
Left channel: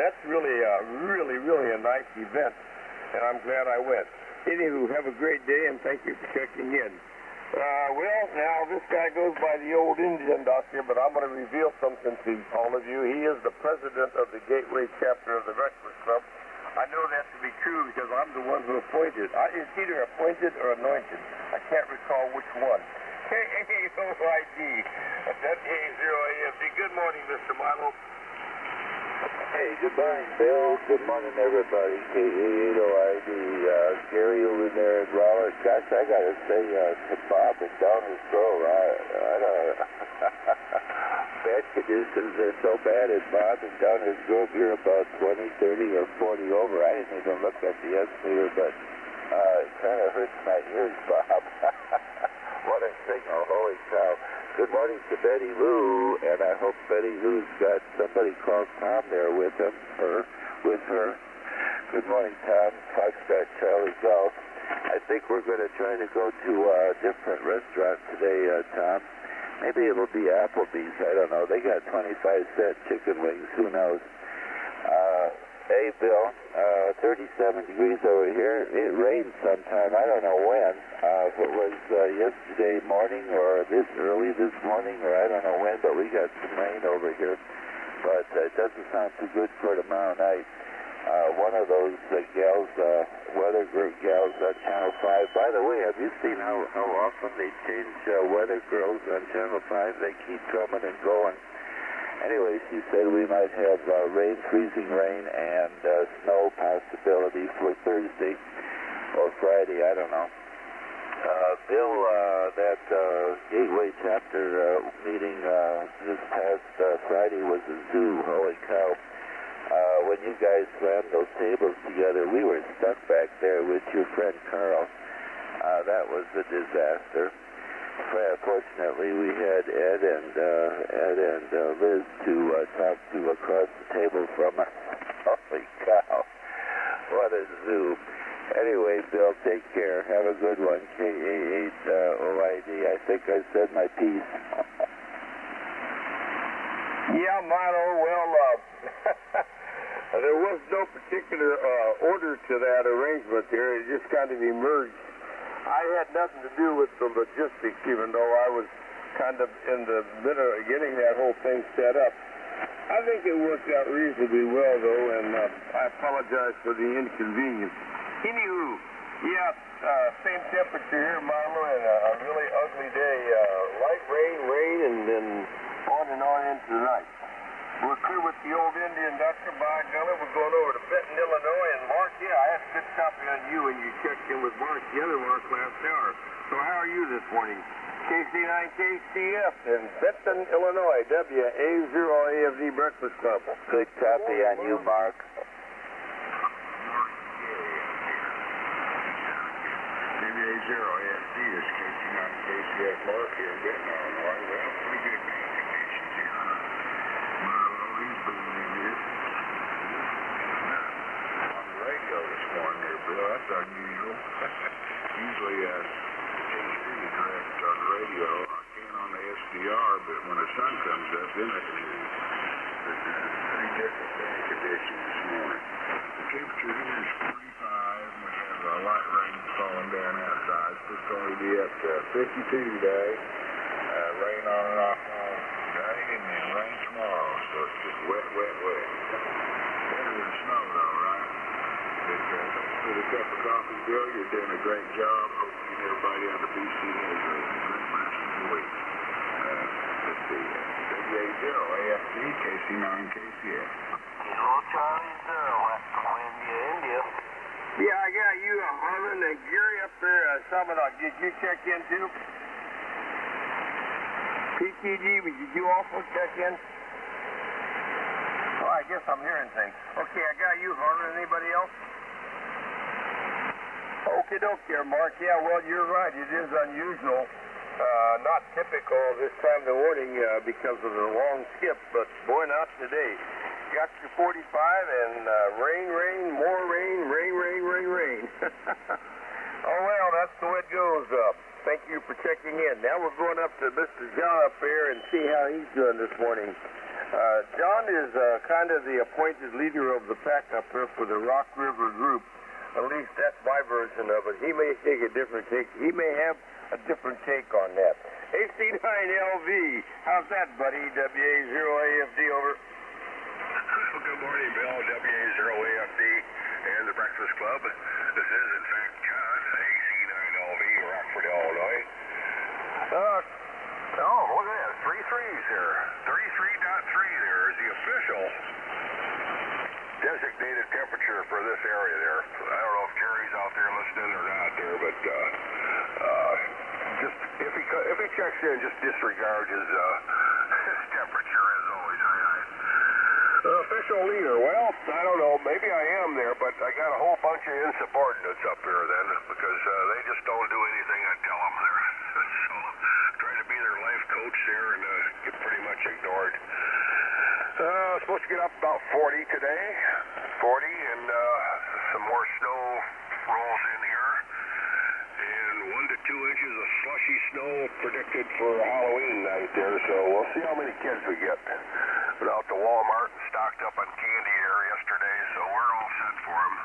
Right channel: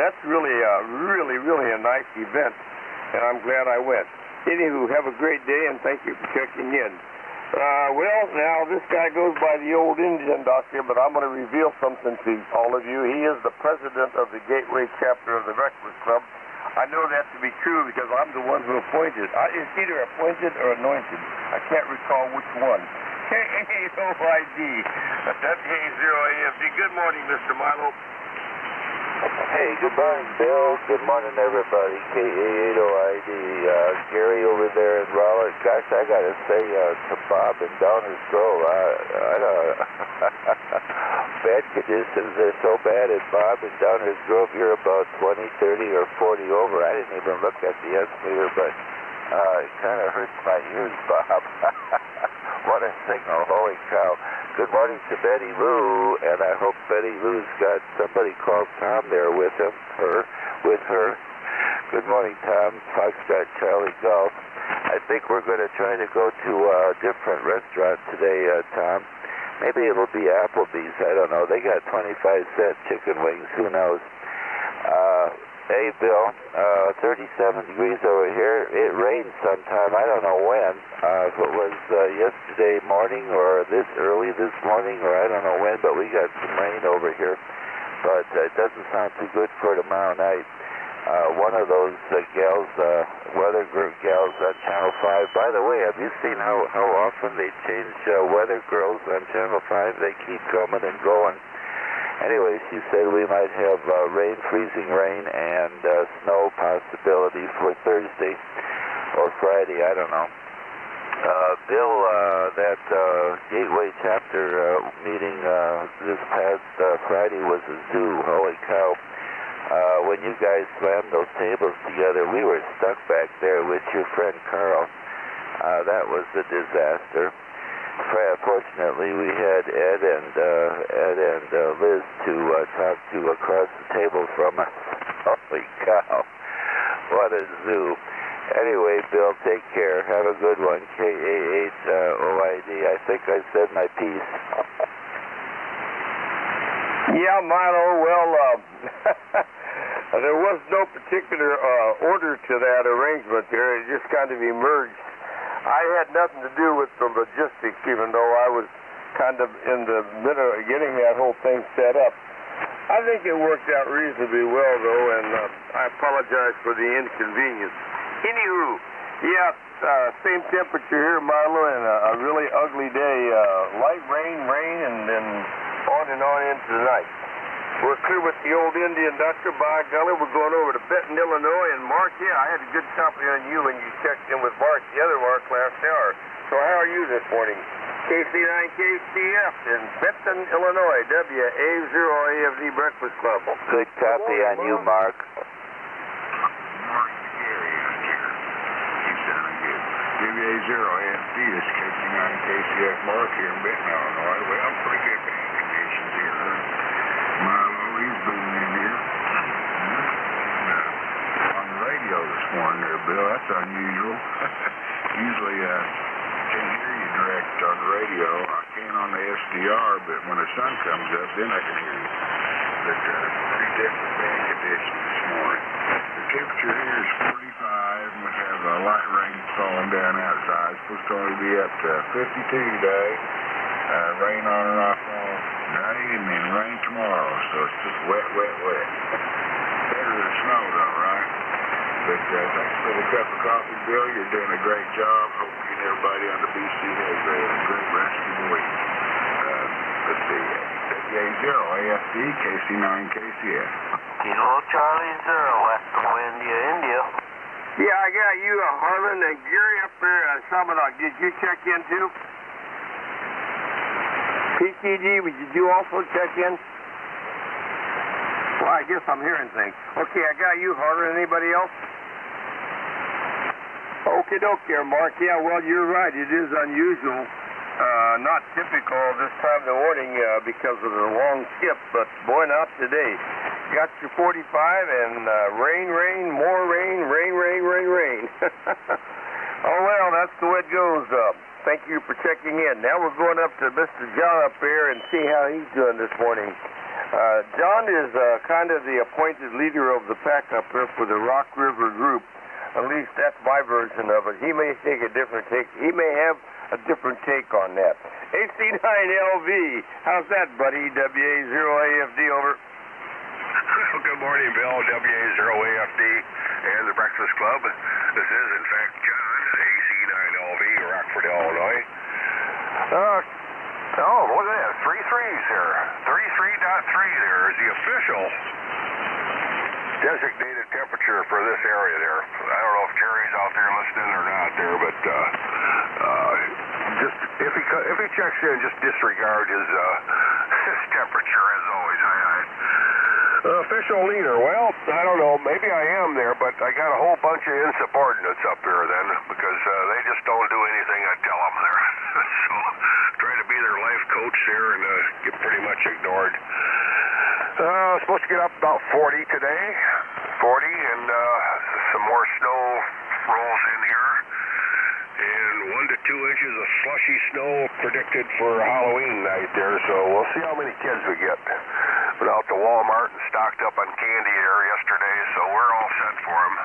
that's really a nice event, and I'm glad I went. Anywho, have a great day, and thank you for checking in. Well, now, this guy goes by the old Indian doctor, but I'm going to reveal something to all of you. He is the president of the Gateway chapter of the Breakfast Club. I know that to be true because I'm the one who appointed. It's either appointed or anointed. I can't recall which one. KAOID, WA0AFD. Good morning, Mr. Milo. Hey, good morning, Bill. Good morning, everybody. KA8OID. Gary over there in Raleigh. Gosh, I got to say to Bob and Downers Grove, bad conditions. They're so bad at Bob and Downers Grove. You're about 20, 30, or 40 over. I didn't even look at the S-meter, but it kind of hurts my ears, Bob. What a signal. Holy cow. Good morning to Betty Lou, and I hope Betty Lou's got somebody called Tom there with him, with her. Good morning, Tom. Foxtrot Charlie Golf. I think we're going to try to go to a different restaurant today, Tom. Maybe it'll be Applebee's. I don't know. They got 25-cent chicken wings. Who knows? Hey, Bill, 37 degrees over here. It rained sometime. I don't know when. If it was yesterday morning or this early this morning or I don't know when, but we got some rain over here. But it doesn't sound too good for tomorrow night. One of those gals, weather group gals on Channel 5. By the way, have you seen how often they change weather girls on Channel 5? They keep coming and going. Anyway, she said we might have rain, freezing rain, and snow possibility for Thursday or Friday. I don't know. Bill, that Gateway chapter meeting this past Friday was a zoo. Holy cow. When you guys slammed those tables together, we were stuck back there with your friend Carl. That was a disaster. Fortunately, we had Ed and Liz to talk to across the table from us. Holy cow. What a zoo. Anyway, Bill, take care. Have a good one. K-A-8-O-I-D. I think I said my piece. Yeah, Milo, well, there was no particular order to that arrangement there. It just kind of emerged. I had nothing to do with the logistics, even though I was kind of in the middle of getting that whole thing set up. I think it worked out reasonably well, though, and I apologize for the inconvenience. Anywho, yeah, same temperature here, Milo, and a really ugly day. Light rain, and then on into the night. We're clear with the old Indian doctor. By golly, we're going over to Benton, Illinois. And Mark, yeah, I had a good copy on you when you checked in with Mark, the other Mark, last hour. So how are you this morning? KC9KCF in Benton, Illinois, WA0AFD Breakfast Club. Good copy on you, Mark. WA0AFD is KC9KCF Mark here in Benton, Illinois. Well, pretty good band conditions here. Milo, he's been in here. And on the radio this morning there, Bill, that's unusual. Usually I can't hear you direct on the radio. I can on the SDR, but when the sun comes up, then I can hear you. But pretty different band conditions this morning. The temperature here is 45, and we have a light rain falling down outside. It's supposed to only be up to 52 today. Rain on and off all day, and then rain tomorrow. So it's just wet. Better than snow, though, right? But thanks for the cup of coffee, Bill. You're doing a great job. Hope you and everybody on the BC has a great rest of the week. Let's see. WA0AFD, KC9KCF. Kilo Charlie 0, West India. Yeah, I got you, Harlan, and Gary up there at Samanok. Did you check in, too? PTG, did you also check in? Well, I guess I'm hearing things. Okay, I got you, Harlan. Anybody else? Okie doke there, Mark. Yeah, well, you're right. It is unusual. Not typical this time of the morning because of the long skip, but boy, not today. Got your 45 and rain, more rain. Oh, well, that's the way it goes. Thank you for checking in. Now we're going up to Mr. John up there and see how he's doing this morning. John is kind of the appointed leader of the pack up there for the Rock River group. At least that's my version of it. He may take a different take. He may have a different take on that. AC9LV, how's that, buddy? WA0AFD, over. Good morning, Bill. WA0AFD and the Breakfast Club. This is, in fact, John, AC9LV, Rockford, Illinois. Look at that. 3 threes here. 33.3 there is the official designated temperature for this area there. I don't know if Jerry's out there listening or not there, but just if he checks in, just disregard his temperature as always. Official leader, well, I don't know, maybe I am there, but I got a whole bunch of insubordinates up there then, because they just don't do anything I tell them there. So, try to be their life coach there and get pretty much ignored. Supposed to get up about 40 today, 40, and some more snow rolls in here, and 1 to 2 inches of slushy snow predicted for Halloween night there, so we'll see how many kids we get. Went out to Walmart and stocked up on candy there yesterday, so we're all set for them.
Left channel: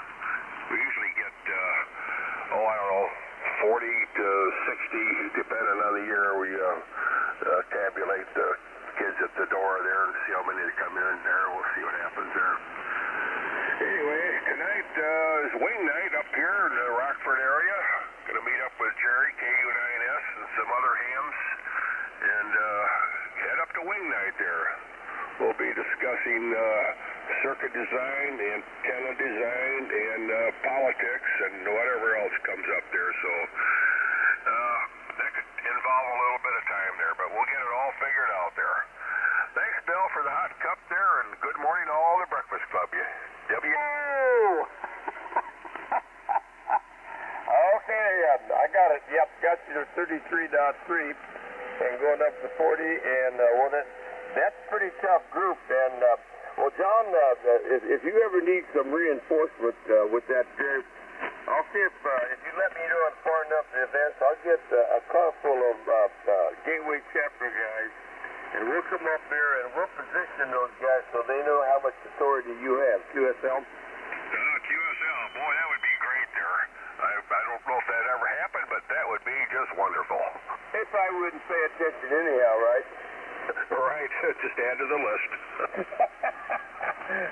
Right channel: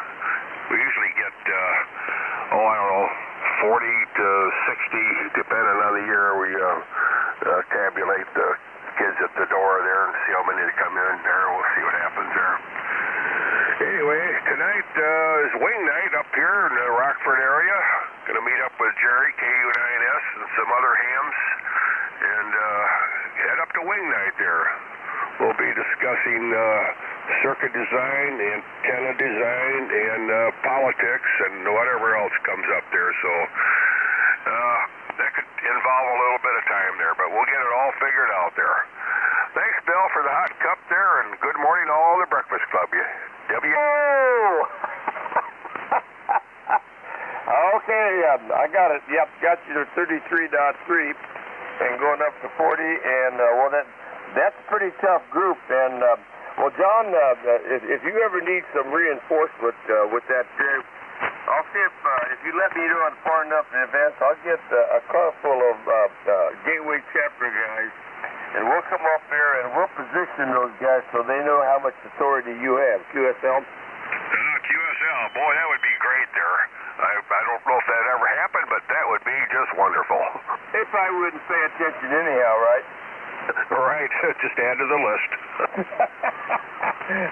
We usually get, 40 to 60, depending on the year. We tabulate the kids at the door there and see how many come in there. We'll see what happens there. Anyway, tonight is wing night up here in the Rockford area. Going to meet up with Jerry, KU9S, and some other hams, and head up to wing night there. We'll be discussing circuit design, antenna design, and politics, and whatever else comes up there. So that could involve a little bit of time there, but we'll get it all figured out there. Thanks, Bill, for for the hot cup there, and good morning to all the Breakfast Club. Oh! Okay, I got it. Yep, got you to 33.3 and going up to 40. And, well, that's a pretty tough group. And, well, John, if you ever need some reinforcement with that group, I'll see if you let me know in far enough in advance, I'll get a car full of Gateway chapter guys, and we'll come up there and we'll position those guys so they know how much authority you have. QSL? QSL, boy, that would be great there. I don't know if that ever happened, but that would be just wonderful. If I wouldn't pay attention anyhow, right? Right, just add to the list.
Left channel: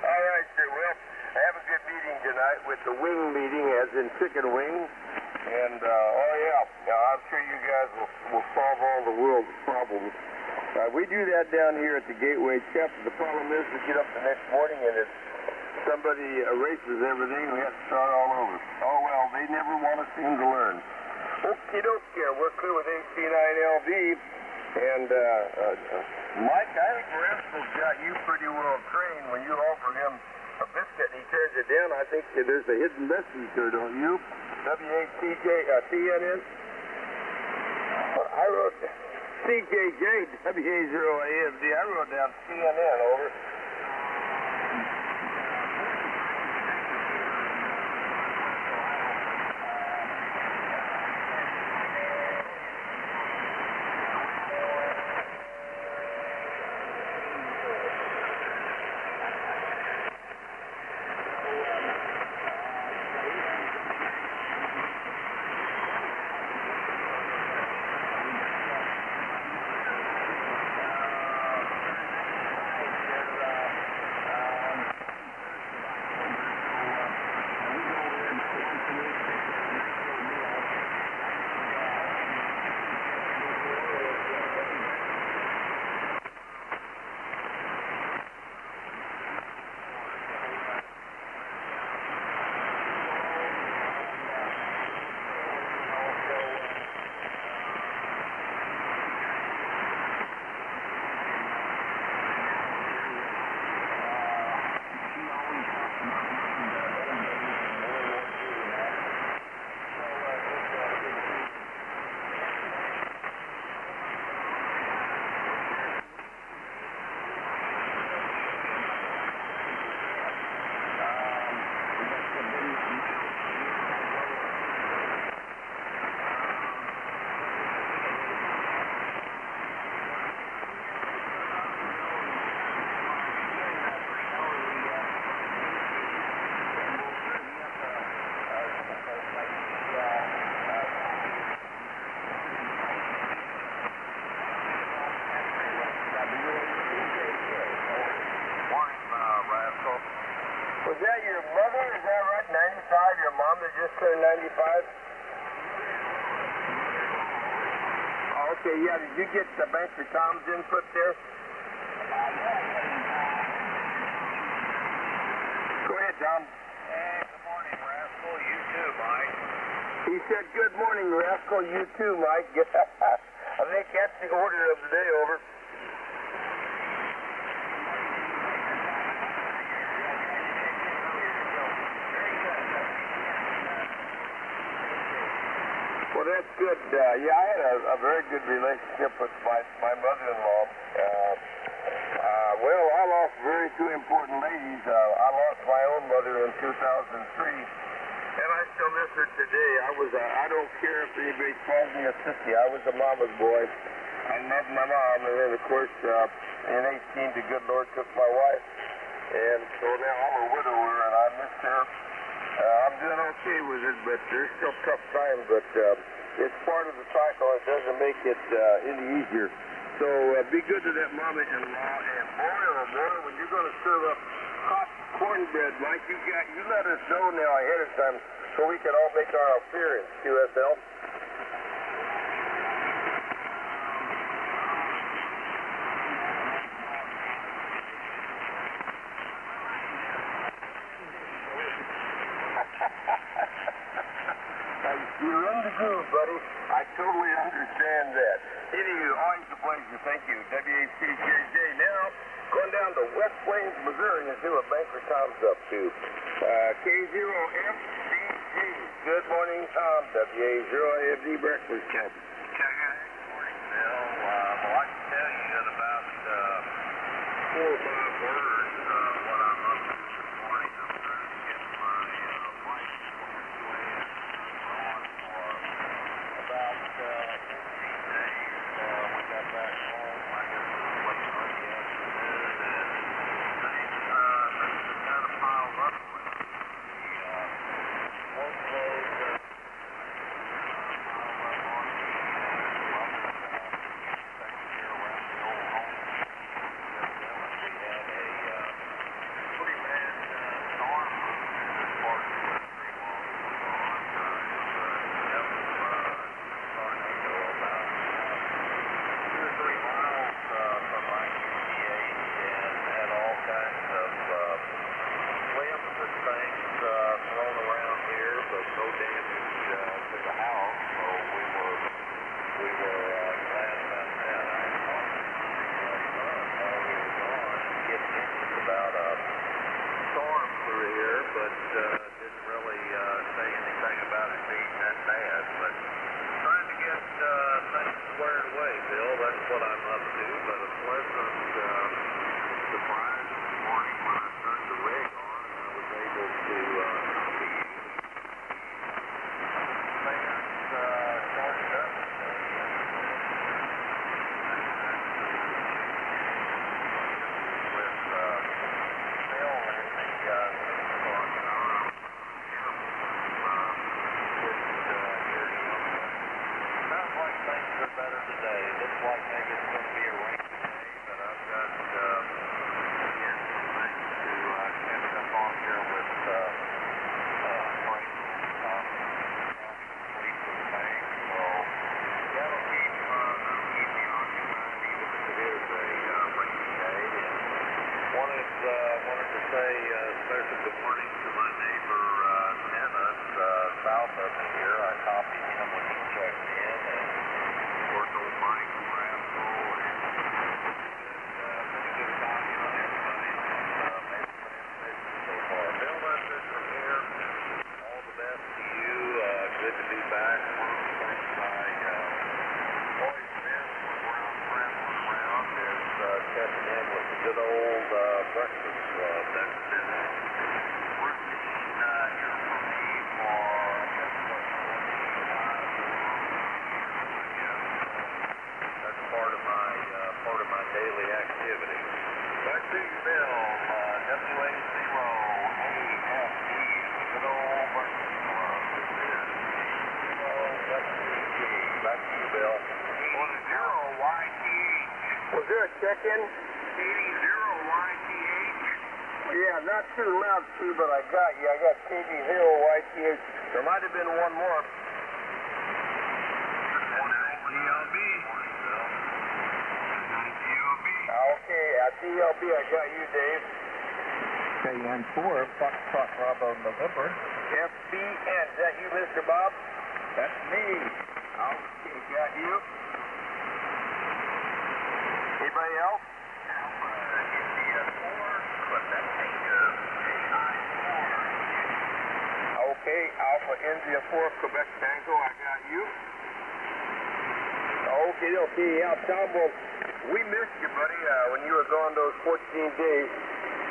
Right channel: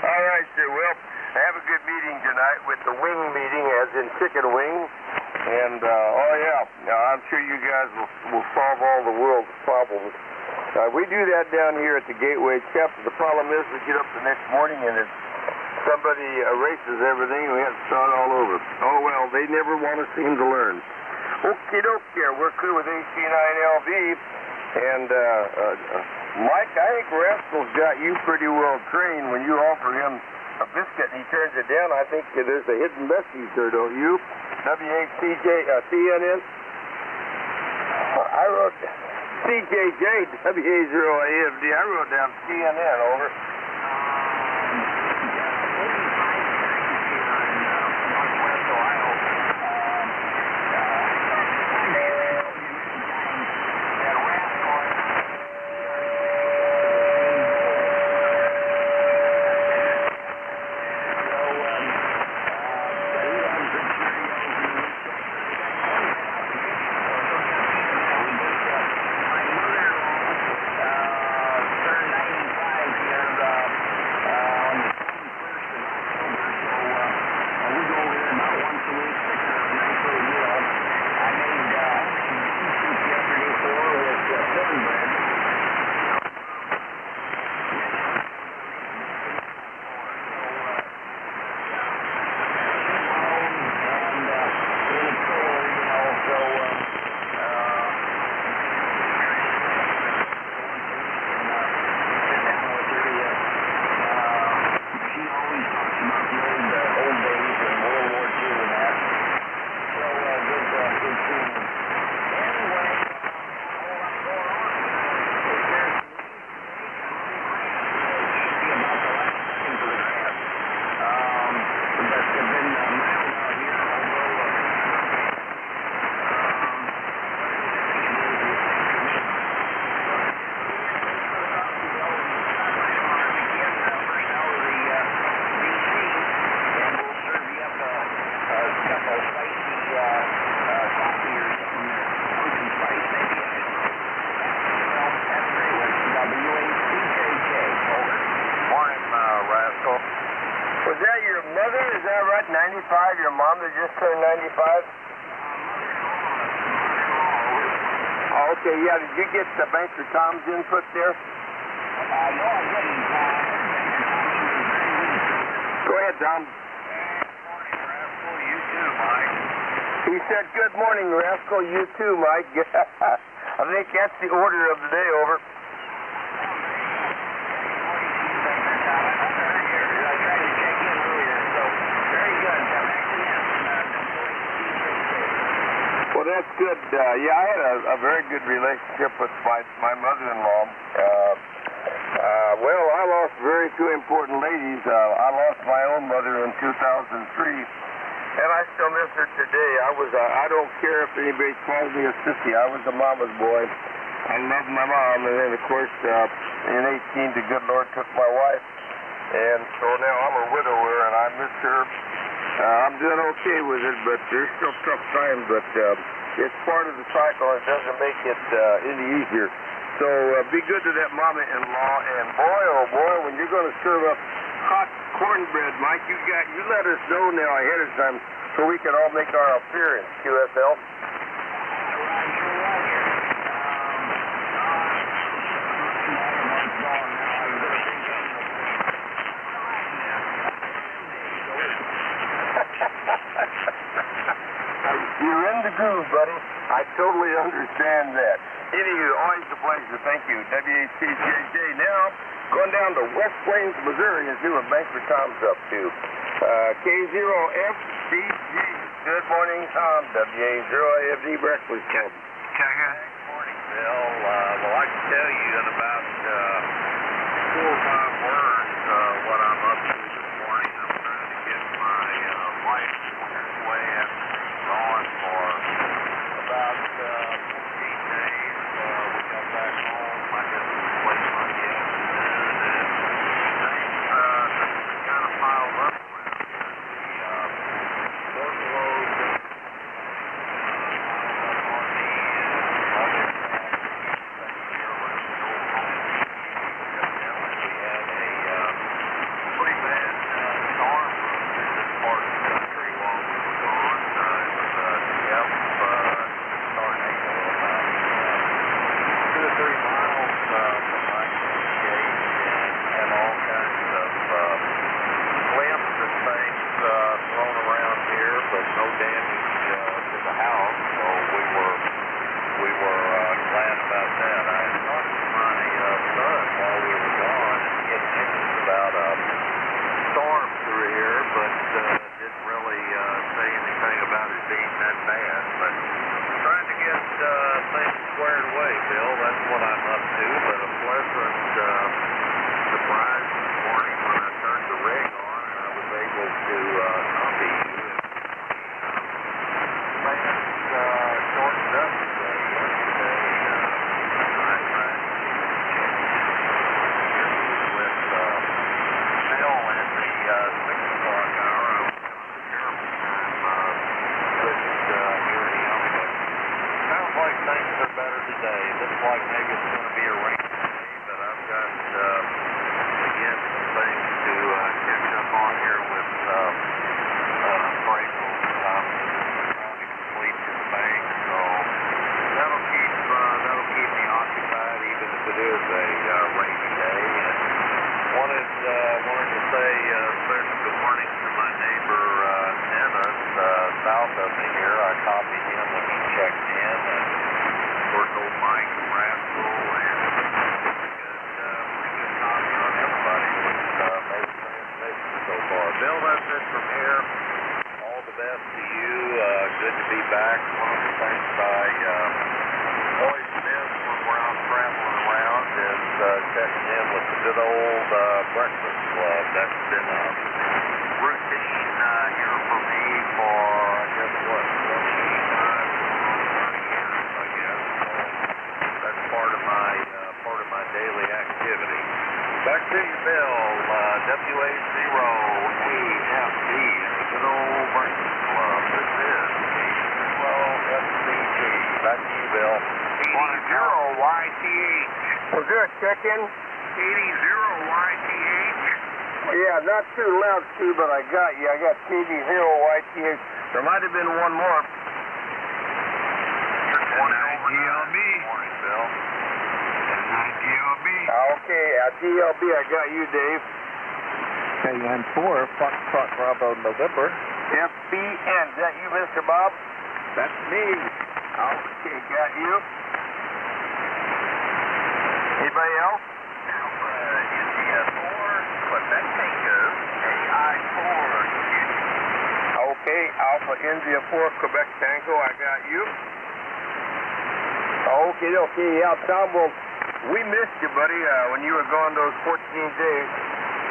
All right, sir. Well, have a good meeting tonight with the wing meeting, as in chicken wing. And, oh, yeah, now, I'm sure you guys will solve all the world's problems. We do that down here at the Gateway chapter. The problem is we get up the next morning and somebody erases everything and we have to start all over. Oh, well, they never want to seem to learn. Okie dokie, we're clear with AC9LV. And, Mike, I think Rascal's got you pretty well trained. When you offer him a biscuit and he turns it down, I think there's a hidden message there, don't you? CNN? I wrote CJJ, WA0AFD. I wrote down CNN, over. Was that your mother? Is that right? 95? Your mom that just turned 95? Oh, okay, yeah. Did you get the Banker Tom's input there? No, I didn't. Go ahead, Tom. Good morning, Rascal. You too, Mike. He said, good morning, Rascal. You too, Mike. I think that's the order of the day, over. Well, that's good. Yeah, I had a very good relationship with my mother-in-law. Well, I lost two important ladies. I lost my own mother in 2003, and I still miss her today. I don't care if anybody calls me a sissy. I was a mama's boy. I loved my mom, and then, of course, in 18, the good Lord took my wife, and so now I'm a widower, and I miss her. I'm doing okay with it, but there's still tough times, but it's part of the cycle. It doesn't make it any easier. So be good to that mama-in-law, and boy, oh boy, when you're going to serve up hot cornbread, Mike, you let us know now ahead of time so we can all make our appearance, QSL. You're in the groove, buddy. I totally totally understand that. Anywho, always a pleasure. Thank you. WACJJ. Now, going down to West Plains, Missouri, and see what Banker Tom's up to. K0FCG. Good morning, Tom. WA0AFD Breakfast Club. Good morning, Bill. Well, I can tell you in about 4 or 5 words what I'm up to this morning. I'm trying to get my wife squared away after being gone for about 14 days. We got back home, I guess it was late Monday afternoon, and things kind of piled up around here. The workload piled up on me, and other things here around the old home. We had a pretty bad storm run through this part of the country while we were gone. It was starting about 2 or 3 miles from my QTH and had all kinds of limbs and things thrown around here, but no damage to the house. So we were glad about that. I had talked to my son while we were gone, and he had mentioned about a storm through here, but didn't really say anything about it being that bad. But trying to get things squared away, Bill. That's what I'm up to. But a pleasant surprise this morning when I turned the rig on and I was able to copy you. The band shortened up today. Yesterday, I tried to check in with Bill in the 6 o'clock hour. I was having a terrible time couldn't hear him, but sounds like things are better today. Looks like maybe it's going to be a rainy day, but I've got, again, some things to catch up on here with appraisals that I'm trying to complete for the bank, so that'll keep me occupied even if it is a rainy day. And wanted to say a special good morning to my neighbor Dennis south of me here. I copied him when he checked in, and of course old Mike Rascal, and pretty good copy on everybody that's made the transmission so far. Bill, that's it from here. All the best to you. Good to be back. One of the things I always miss when we're out traveling around is checking in with the good old Breakfast Club. That's been a routine here for me for, I guess, 25 or 30 years, I guess. So that's part of my daily activity. Back to you, Bill. WA0AFD, the good old Breakfast Club. This is K0FCG. Back to you, Bill. 80YTH. Was there a check-in? 80YTH. Yeah, not too loud, too, but I got you. I got KD0YTH. There might have been one more. GLB. Morning, Bill. 9 GLB. Okay, at DLB, I got you, Dave. KN4, Foxtrot Bravo November. FBN. Is that you, Mr. Bob? That's me. Okay, got you. Anybody else? India 4, Quebec Tango, AI4, Okay, Alpha India 4, Quebec Tango, I got you. Okay, yeah, Tom, well, we missed you, buddy, when you were gone those 14 days.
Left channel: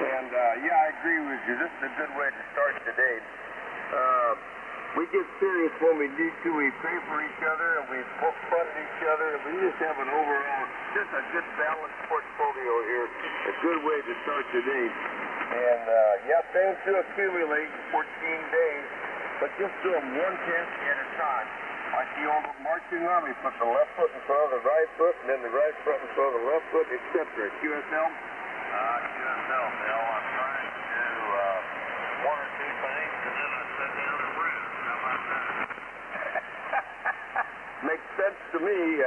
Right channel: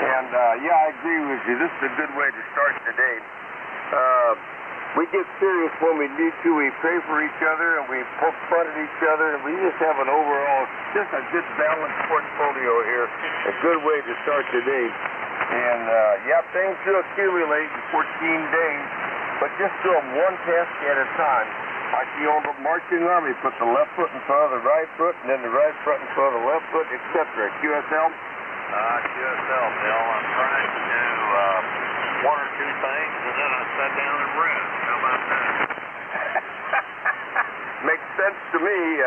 And, yeah, I agree with you. This is a good way to start the day. We get serious when we need to. We pray for each other, and we poke fun at each other, and we just have an overall, just a good balanced portfolio here. A good way to start the day. And, yeah, things do accumulate in 14 days, but just do them one task at a time. Like the old marching army, put the left foot in front of the right foot, and then the right foot in front of the left foot, etc. QSL? QSL, Bill. I'm trying to do 1 or 2 things, and then I sit down and rest. How about that? Makes sense to me.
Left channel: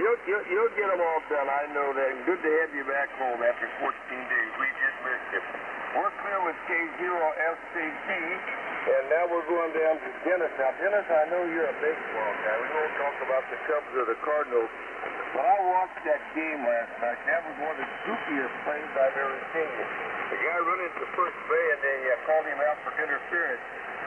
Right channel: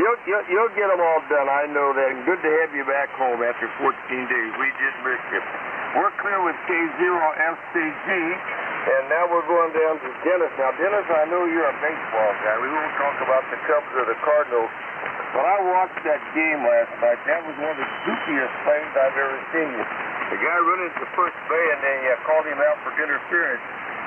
You'll get them all done. I know that. And good to have you back home after 14 days. We just missed you. We're clear with K0FCG. And now we're going down to Dennis. Now, Dennis, I know you're a baseball guy. We won't talk about the Cubs or the Cardinals. But I watched that game last night. That was one of the goofiest things I've ever seen. The guy running to first base, and they called him out for interference.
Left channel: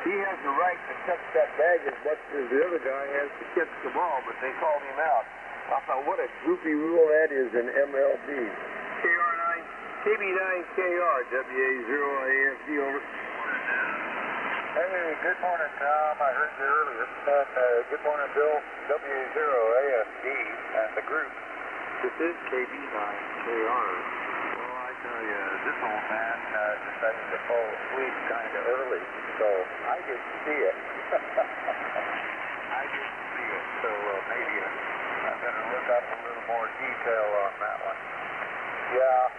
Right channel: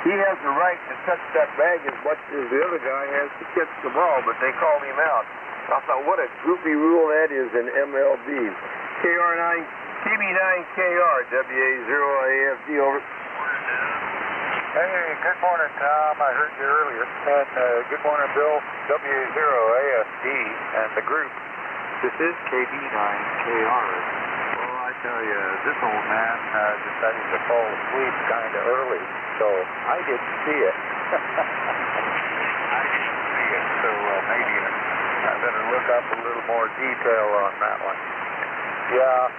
He has the right to touch that bag as much as the other guy has to catch the ball, but they called him out. I thought, what a goofy rule that is in MLB. KB9KR, WA0AFD, over. Hey, good morning, Tom. I heard you earlier. And good morning, Bill, WA0AFD, and the group. This is KB9KR. Well, I tell you, this old man decided to fall asleep kind of early, so I didn't see it. So maybe I better look up a little more detail on that one. Yeah.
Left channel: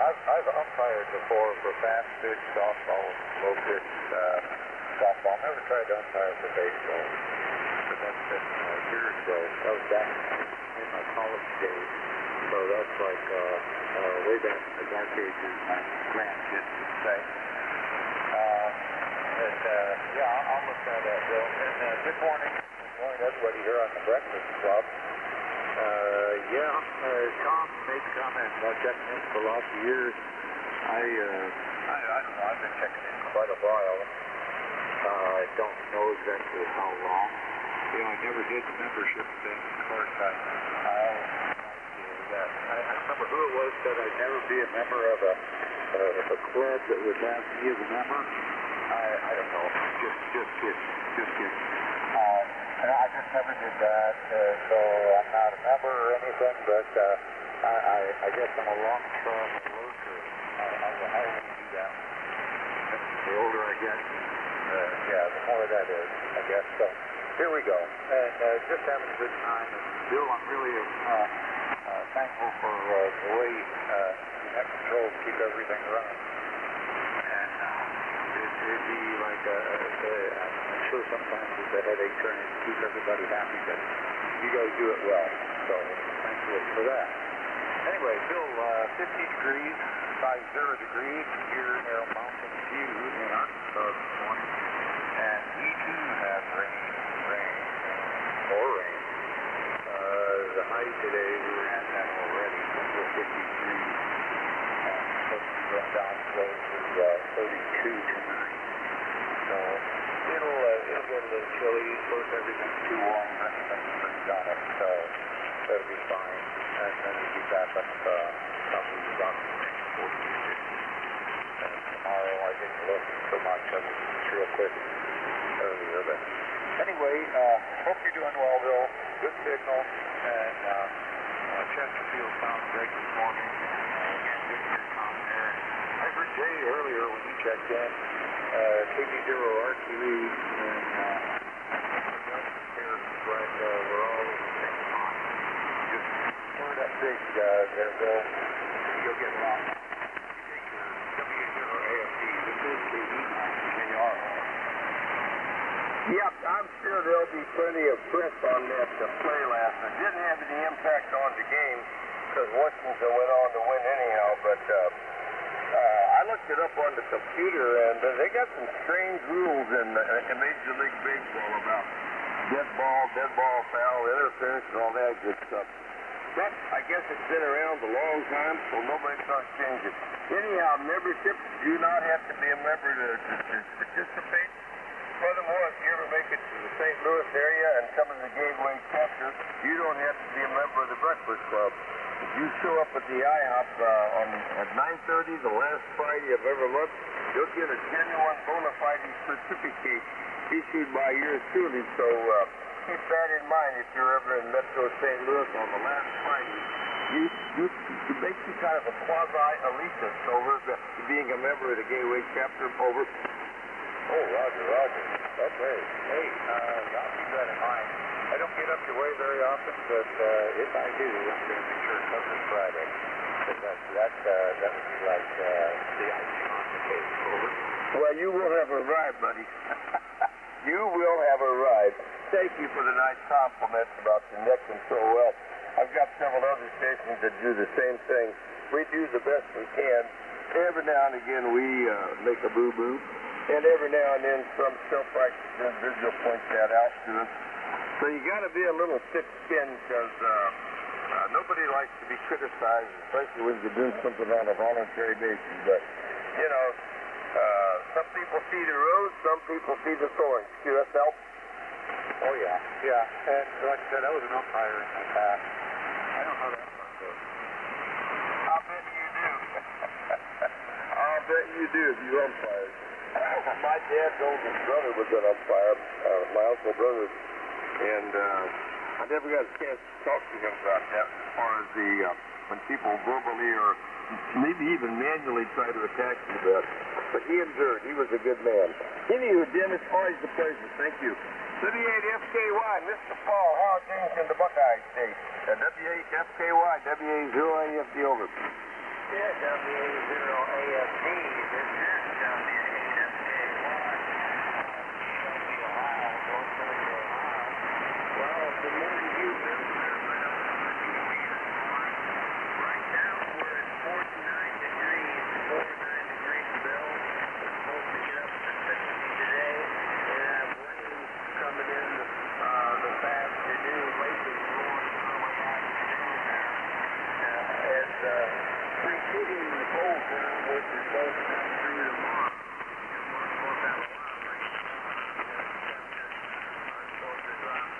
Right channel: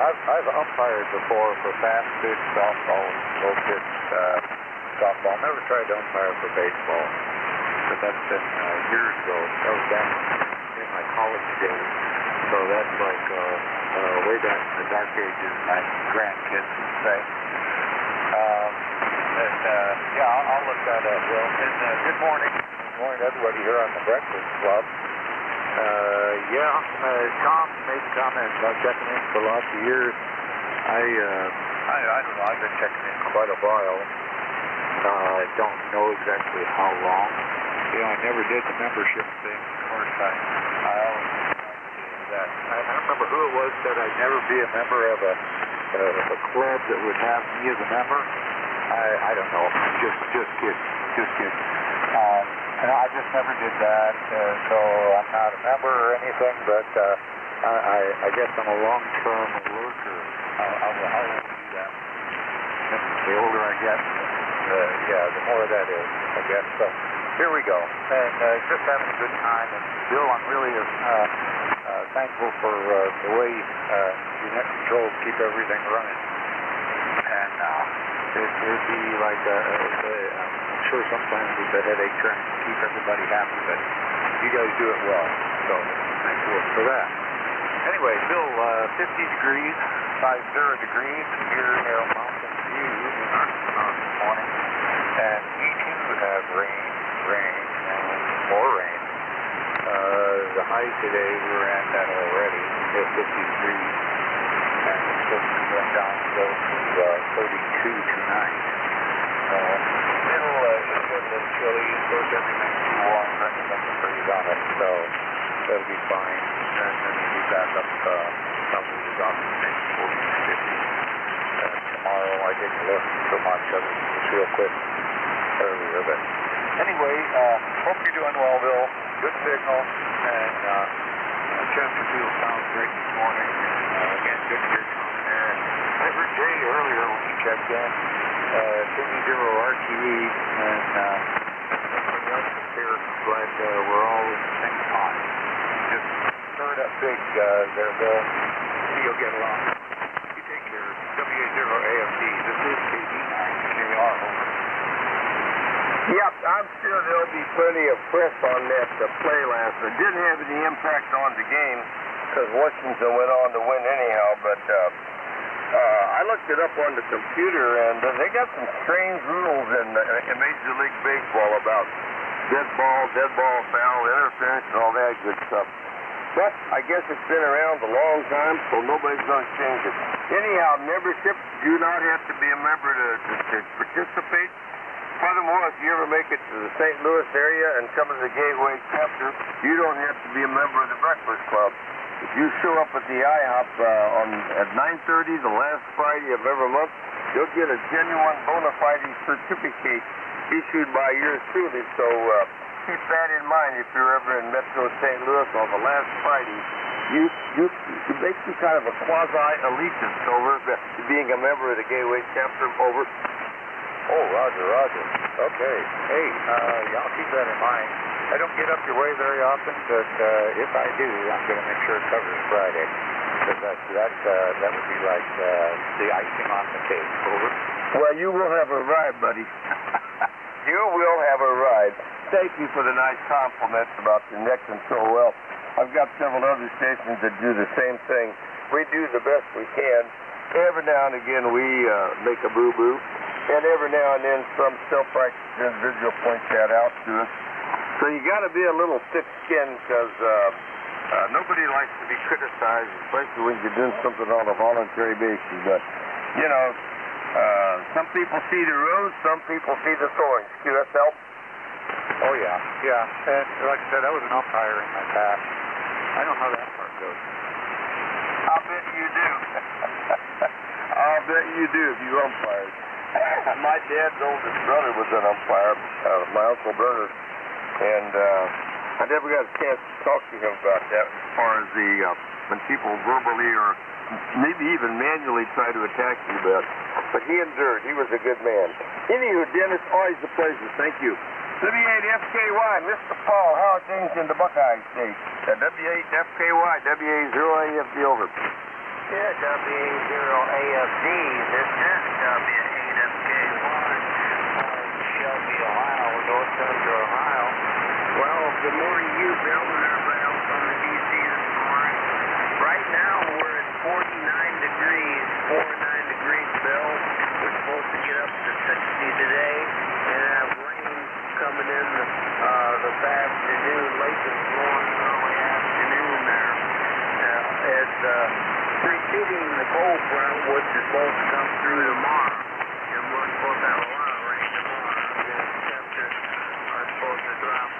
I've umpired before for fast pitch softball, slow pitch softball. Never tried to umpire for baseball, but that's been years ago. That was back in my college days. So that's like way back in the dark ages, my grandkids would say. I'll look that up, Will. And good morning. Good morning to everybody here on the Breakfast Club. Tom made the comment about checking in for lots of years. I don't know, I've been checking in quite a while. I don't know exactly how long. I never did the membership thing. Of course, I always tried that. I don't remember who it was said I'd never be a member of a club that would have me as a member. I don't know. Just kidding. I just never did that, so I'm not a member or anything, but I guess I'm a long-term lurker. I will do that. The older I get, the more that is, I guess. So here we go. And just having a good time. And Bill, I'm really thankful for the way you net controls keep everything running. And it'd be like I'm sure sometimes it's a headache trying to keep everybody happy, but you guys do it well, so thankful for that. Anyway, Bill, 50 degrees, 50 degrees here near Mountain View in Arkansas this morning, and we do have rain, more rain. The high today, we were at that already, at 50 degrees, and it's supposed to be going down to 32 tonight. It's a little chilly. Of course, everything's too warm for anything to freeze on it, so that'll be fine. And then we'll be back up probably the doctor's maybe 40 to 50. Tomorrow, I didn't look so much. I was just real quick earlier. But anyway, hope you're doing well, Bill. Good signal. And Chesterfield sounds great this morning. Again, good to hear Tom there. I heard Jay earlier when he checked in. KB0 RTE, and here, but we're all in the same pot. Just stir it up big there, Bill. See you'll get along. You take care. WA0AFD. This is KB9KR, over. Yep, I'm sure there'll be plenty of press on that play last night. Didn't have any impact on the game because Washington went on to win anyhow, but I looked it up on the computer, and they got some strange rules in Major League Baseball about dead ball foul, interference, and all that good stuff. But I guess it's been around a long time, so nobody's going to change it. Anyhow, memberships do not have to be a member to participate. Furthermore, if you ever make it to the St. Louis area and come to the Gateway chapter, you don't have to be a member of the Breakfast Club. If you show up at the IHOP at 9:30 the last Friday of every month, you'll get a genuine bona fide certificate issued by yours truly. So keep that in mind if you're ever in Metro St. Louis on the last Friday. It makes you kind of a quasi-elitist over being a member of the Gateway chapter over. Oh, Roger. Okay. Hey, I'll keep that in mind. I don't get up your way very often, but if I do, I'm going to make sure it covers Friday. Because that would be like the icing on the cake. Over. Well, you will have a ride, buddy. You will have a ride. Thank you for the nice compliments about the neck and so well. I've got several other stations that do the same thing. We do the best we can. Every now and again we make a boo-boo. And every now and then some self-righteous individual points that out to us. So you got to be a little thick-skinned because nobody likes to be criticized, especially when you're doing something on a voluntary basis. But, you know, some people see the rose, some people see the thorns. QSL? Oh, yeah. And like I said, I was an umpire in my past. I know how that part goes. I'll bet you do. I'll bet you do if you umpired. My dad's oldest brother was an umpire, my uncle brother, and I never got a chance to talk to him about that as far as the when people verbally or maybe even manually try to attack you, but he endured. He was a good man. Anywho, Dennis, always a pleasure. Thank you. W8FKY, Mr. Paul, how are things in the Buckeye State? W8FKY, WA0AFD over. Yeah, WA0AFD, this is W8FKY, Shelby, Ohio, North Central Ohio. Well, good morning to you, Bill, and everybody else on the DC this morning. Right now, we're at 49 degrees, 49 degrees, Bill. We're supposed to get up to 60 today, and have rain coming in this afternoon, late this morning, early afternoon there. It's preceding the cold front, which is supposed to come through tomorrow, and we're supposed to have a lot of rain tomorrow. The temperatures are supposed to drop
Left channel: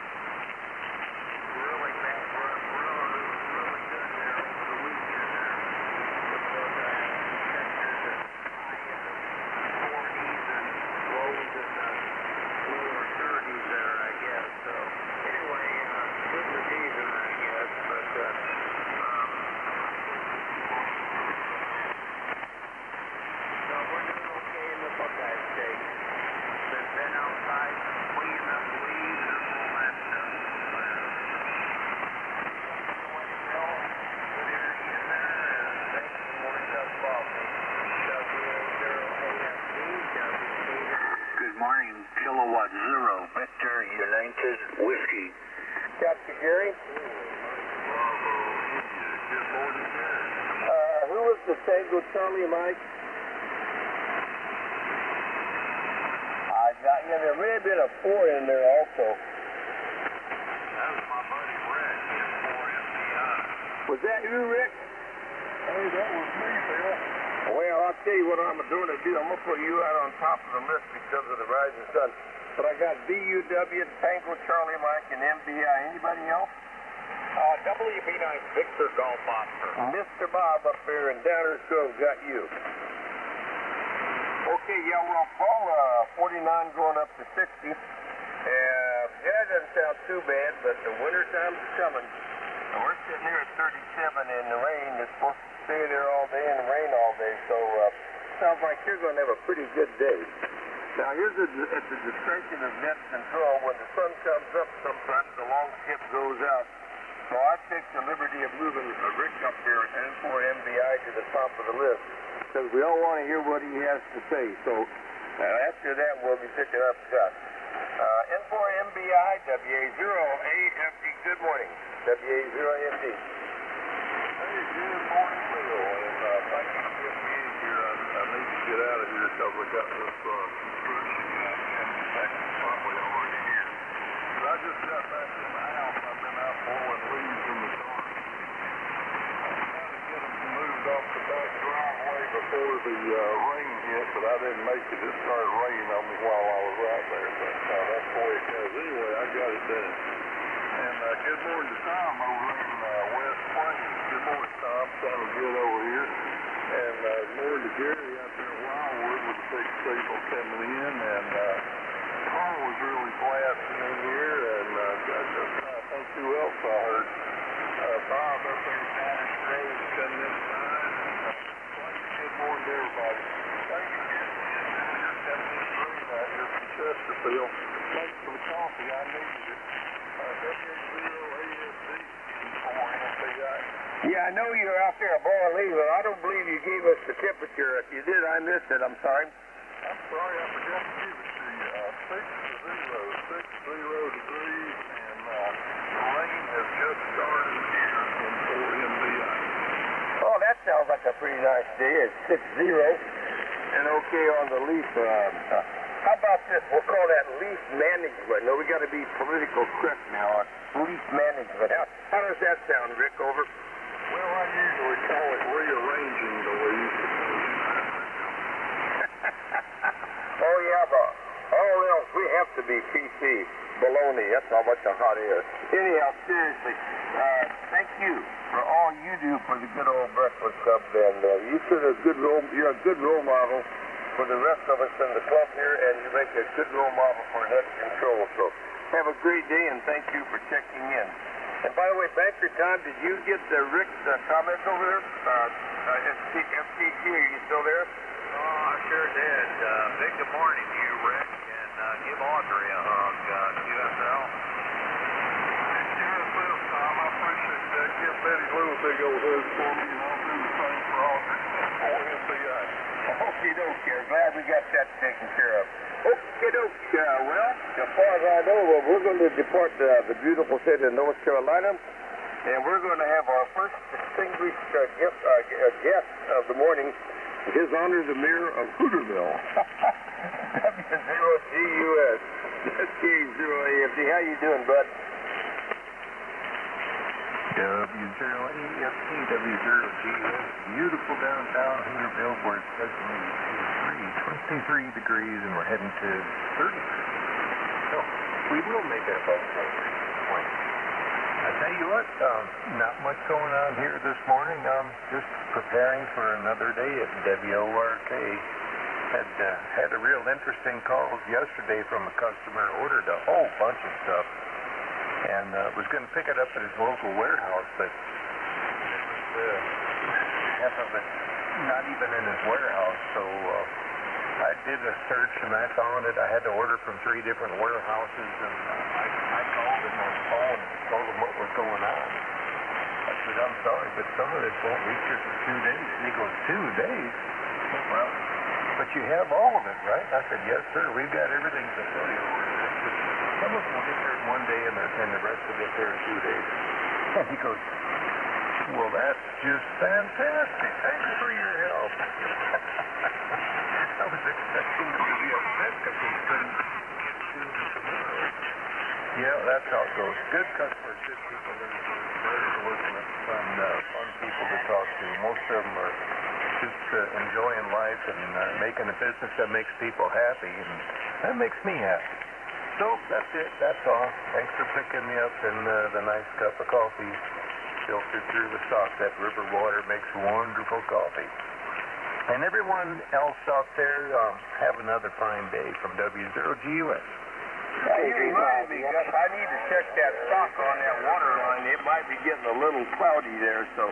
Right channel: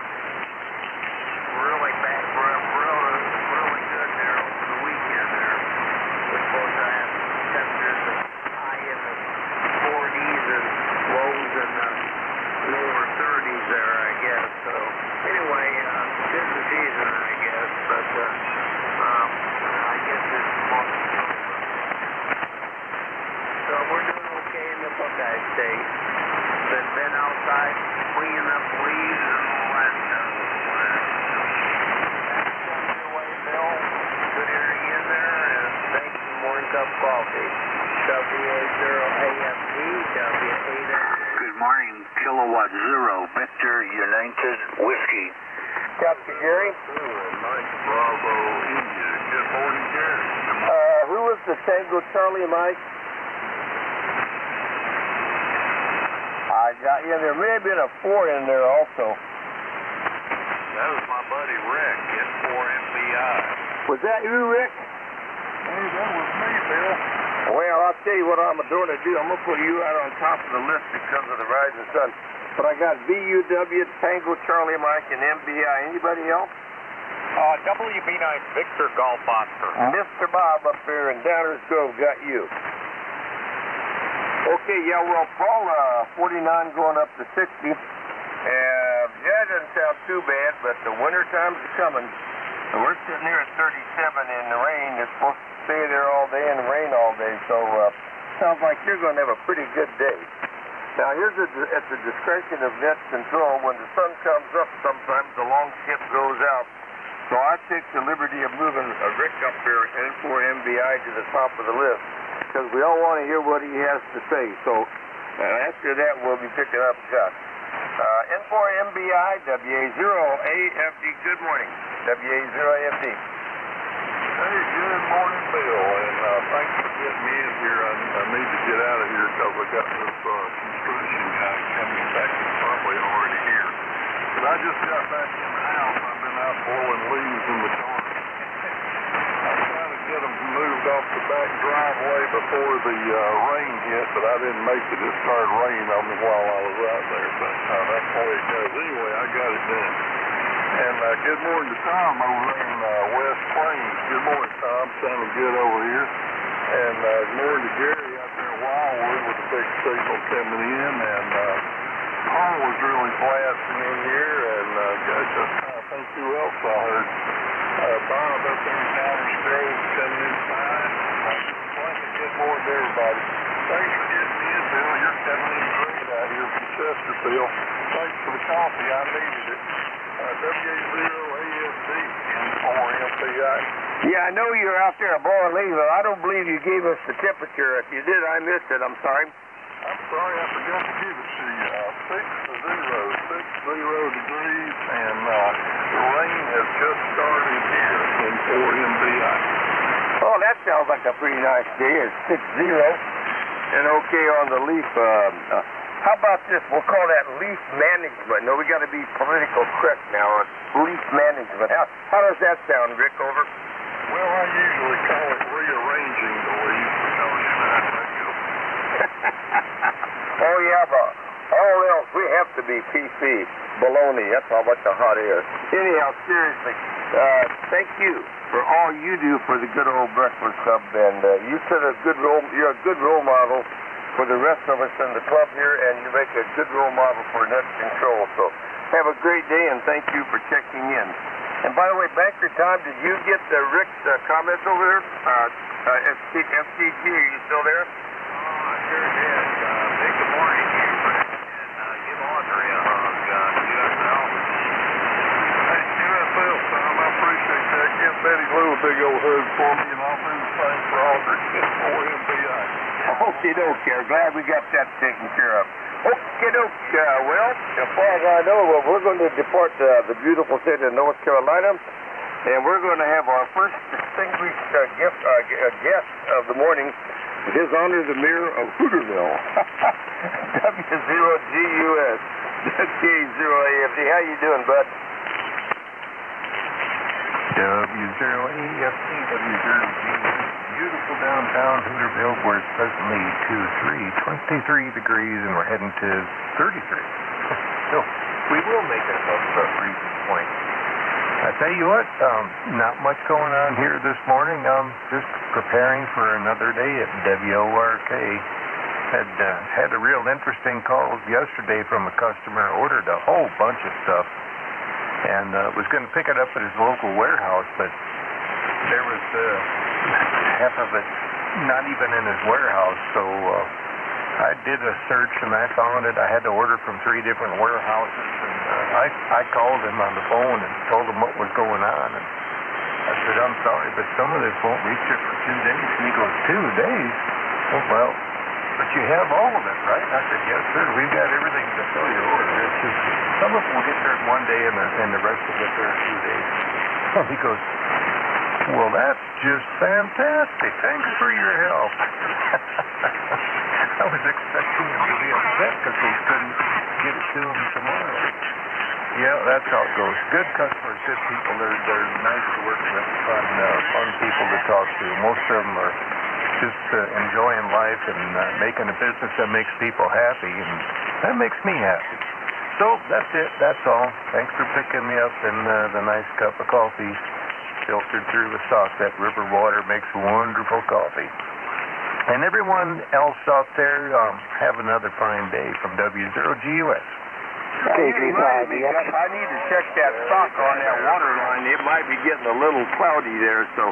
really bad, really good there over the weekend there. We're supposed to have temperatures high in the 40s and lows in the lower 30s there, I guess. So anyway, tis the season, I guess, but I guess it's supposed to come from that. So we're doing okay in the Buckeye State. Been outside cleaning up leaves and all that stuff. That's on your way, Bill. Good hearing in there, and thanks for morning cup of coffee. WA0AFD, W8FD. Good morning, Kilowatt Zero, Victor United Whiskey. Captain Gary? Mike Bravo, India. Good morning, Gary. Who was the Tango Charlie, Mike? I got you. There may have been a 4 in there also. That was my buddy Rick in 4MBI. Was that you, Rick? Hey, that was me, Bill. Well, I'll tell you what I'm going to do. I'm going to put you out on top of the list because of the rising sun. But I got VUW, Tango Charlie, Mike, and MBI. Anybody else? WB9 Victor Golf Oscar. Mr. Bob up there in Downers Grove got you. Okay, yeah, well, Paul, 49 going up to 60. Yeah, it doesn't sound too bad, but the winter times are coming. And we're sitting here at 37 in the rain. It's supposed to stay there all day and rain all day, so sounds like you're going to have a pretty good day. Now, here's at the discretion of net control. When the sun comes up, sometimes the long shift goes out. So I take the liberty of moving Rick up here, N4MBI, to the top of the list, because we all want to hear what he has to say. So after that, we'll be picking up shots. N4MBI, WA0AFD, good morning. WA0AFD. Hey, good morning, Bill, and thanks for getting me in here. I need to get out of here because I got this construction guy coming back. He's probably already here. But I just got back in the house. I've been out blowing leaves in the dark. I was trying to get them moved off the back driveway before the rain hit, but I didn't make it. It started raining on me while I was out there, but that's the way it goes. Anyway, I got it done. And good morning to Tom over there in West Plains. Good morning, Tom. Sounding good over here. And good morning to Gary out there in Wildwood with the big signal coming in. And Paul was really blasting in here. And gosh, I was trying to think who else I heard. Bob up there in Downers Grove coming in fine. And plenty good morning to everybody. Thanks for getting me in, Bill. You're coming in great out here from Chesterfield. Thanks for the coffee. I needed it. WA0AFD and 4MBI. Yeah, I know you're out there blowing leaves, but I don't believe you gave us the temperature. If you did, I missed it. I'm sorry. I'm sorry, I forgot to give it to you. 60 degrees, and the rain has just started here in 4MBI. Oh, that sounds like a pretty nice day. It's 60. and okay on the leaf. How about this? We'll call that leaf management. No, we got to be political correct now on leaf management. How does that sound, Rick? Over. Well, I usually call it rearranging the leaves because you know how that goes. Oh, yeah, but all else, we have to be PC. Baloney, that's how much the hot air. Anyhow, seriously, thank you for all you do for the good old Breakfast Club, and you're a good role model for the rest of us in the club here, and you make a good role model for net control. So have a great day, and thank you for checking in. And by the way, Banker Tom, did you get Rick's comments over there? FCG, are you still there? Oh, I sure did. Big good morning to you, Rick, and give Audrey a hug. QSL. Hey, QSL, Tom, I appreciate that. Give Betty Lou a big old hug for me, and I'll do the same for Audrey or MBI. Okie dokie. Glad we got that taken care of. Okie dokie. Well, as far as I know, we're going to depart the beautiful state of North Carolina, and we're going to have our first distinguished guest of the morning. His Honor, the Mayor of Hooterville. W0GUS. K0AFD. How you doing, bud? W0AFD, W0GS, beautiful downtown Hooterville, where it's presently 23 degrees, and we're heading to 33. So we will make it above the freezing point. I tell you what, not much going on here this morning. Just preparing for another day at WORK. Had a real interesting call yesterday from a customer, ordered a whole bunch of stuff, and was going to pick it up at his local warehouse, but there was half of it not even in his warehouse. So I did a search and I found it. I had to order from 3 different warehouses, and I called him on the phone and told him what was going on. And I said, I'm sorry, but some of this won't reach you for 2 days. And he goes, 2 days? Oh, well, but you have all of it, right? And I said, yes, sir. We've got everything to fill your order. It's just some of it will get there in 1 day, and the rest will get there in 2 days. And he goes, well, that's just fantastic. Thanks for your help. I was expecting him to be upset because we couldn't get it to him tomorrow. Yeah, that's how it goes. Good customers, good people. They're nice to work with, fun people to talk to. Most of them are just enjoying life and making a business that makes people happy, and that makes me happy. So that's it. That's all. Thanks for picking me up in the nice cup of coffee filtered through the stock. That river water makes wonderful coffee. And everyone else out there, have another fine day from W0GUS. You reminded me, Gus, I need to check that stock on that water line. It might be getting a little cloudy there, so...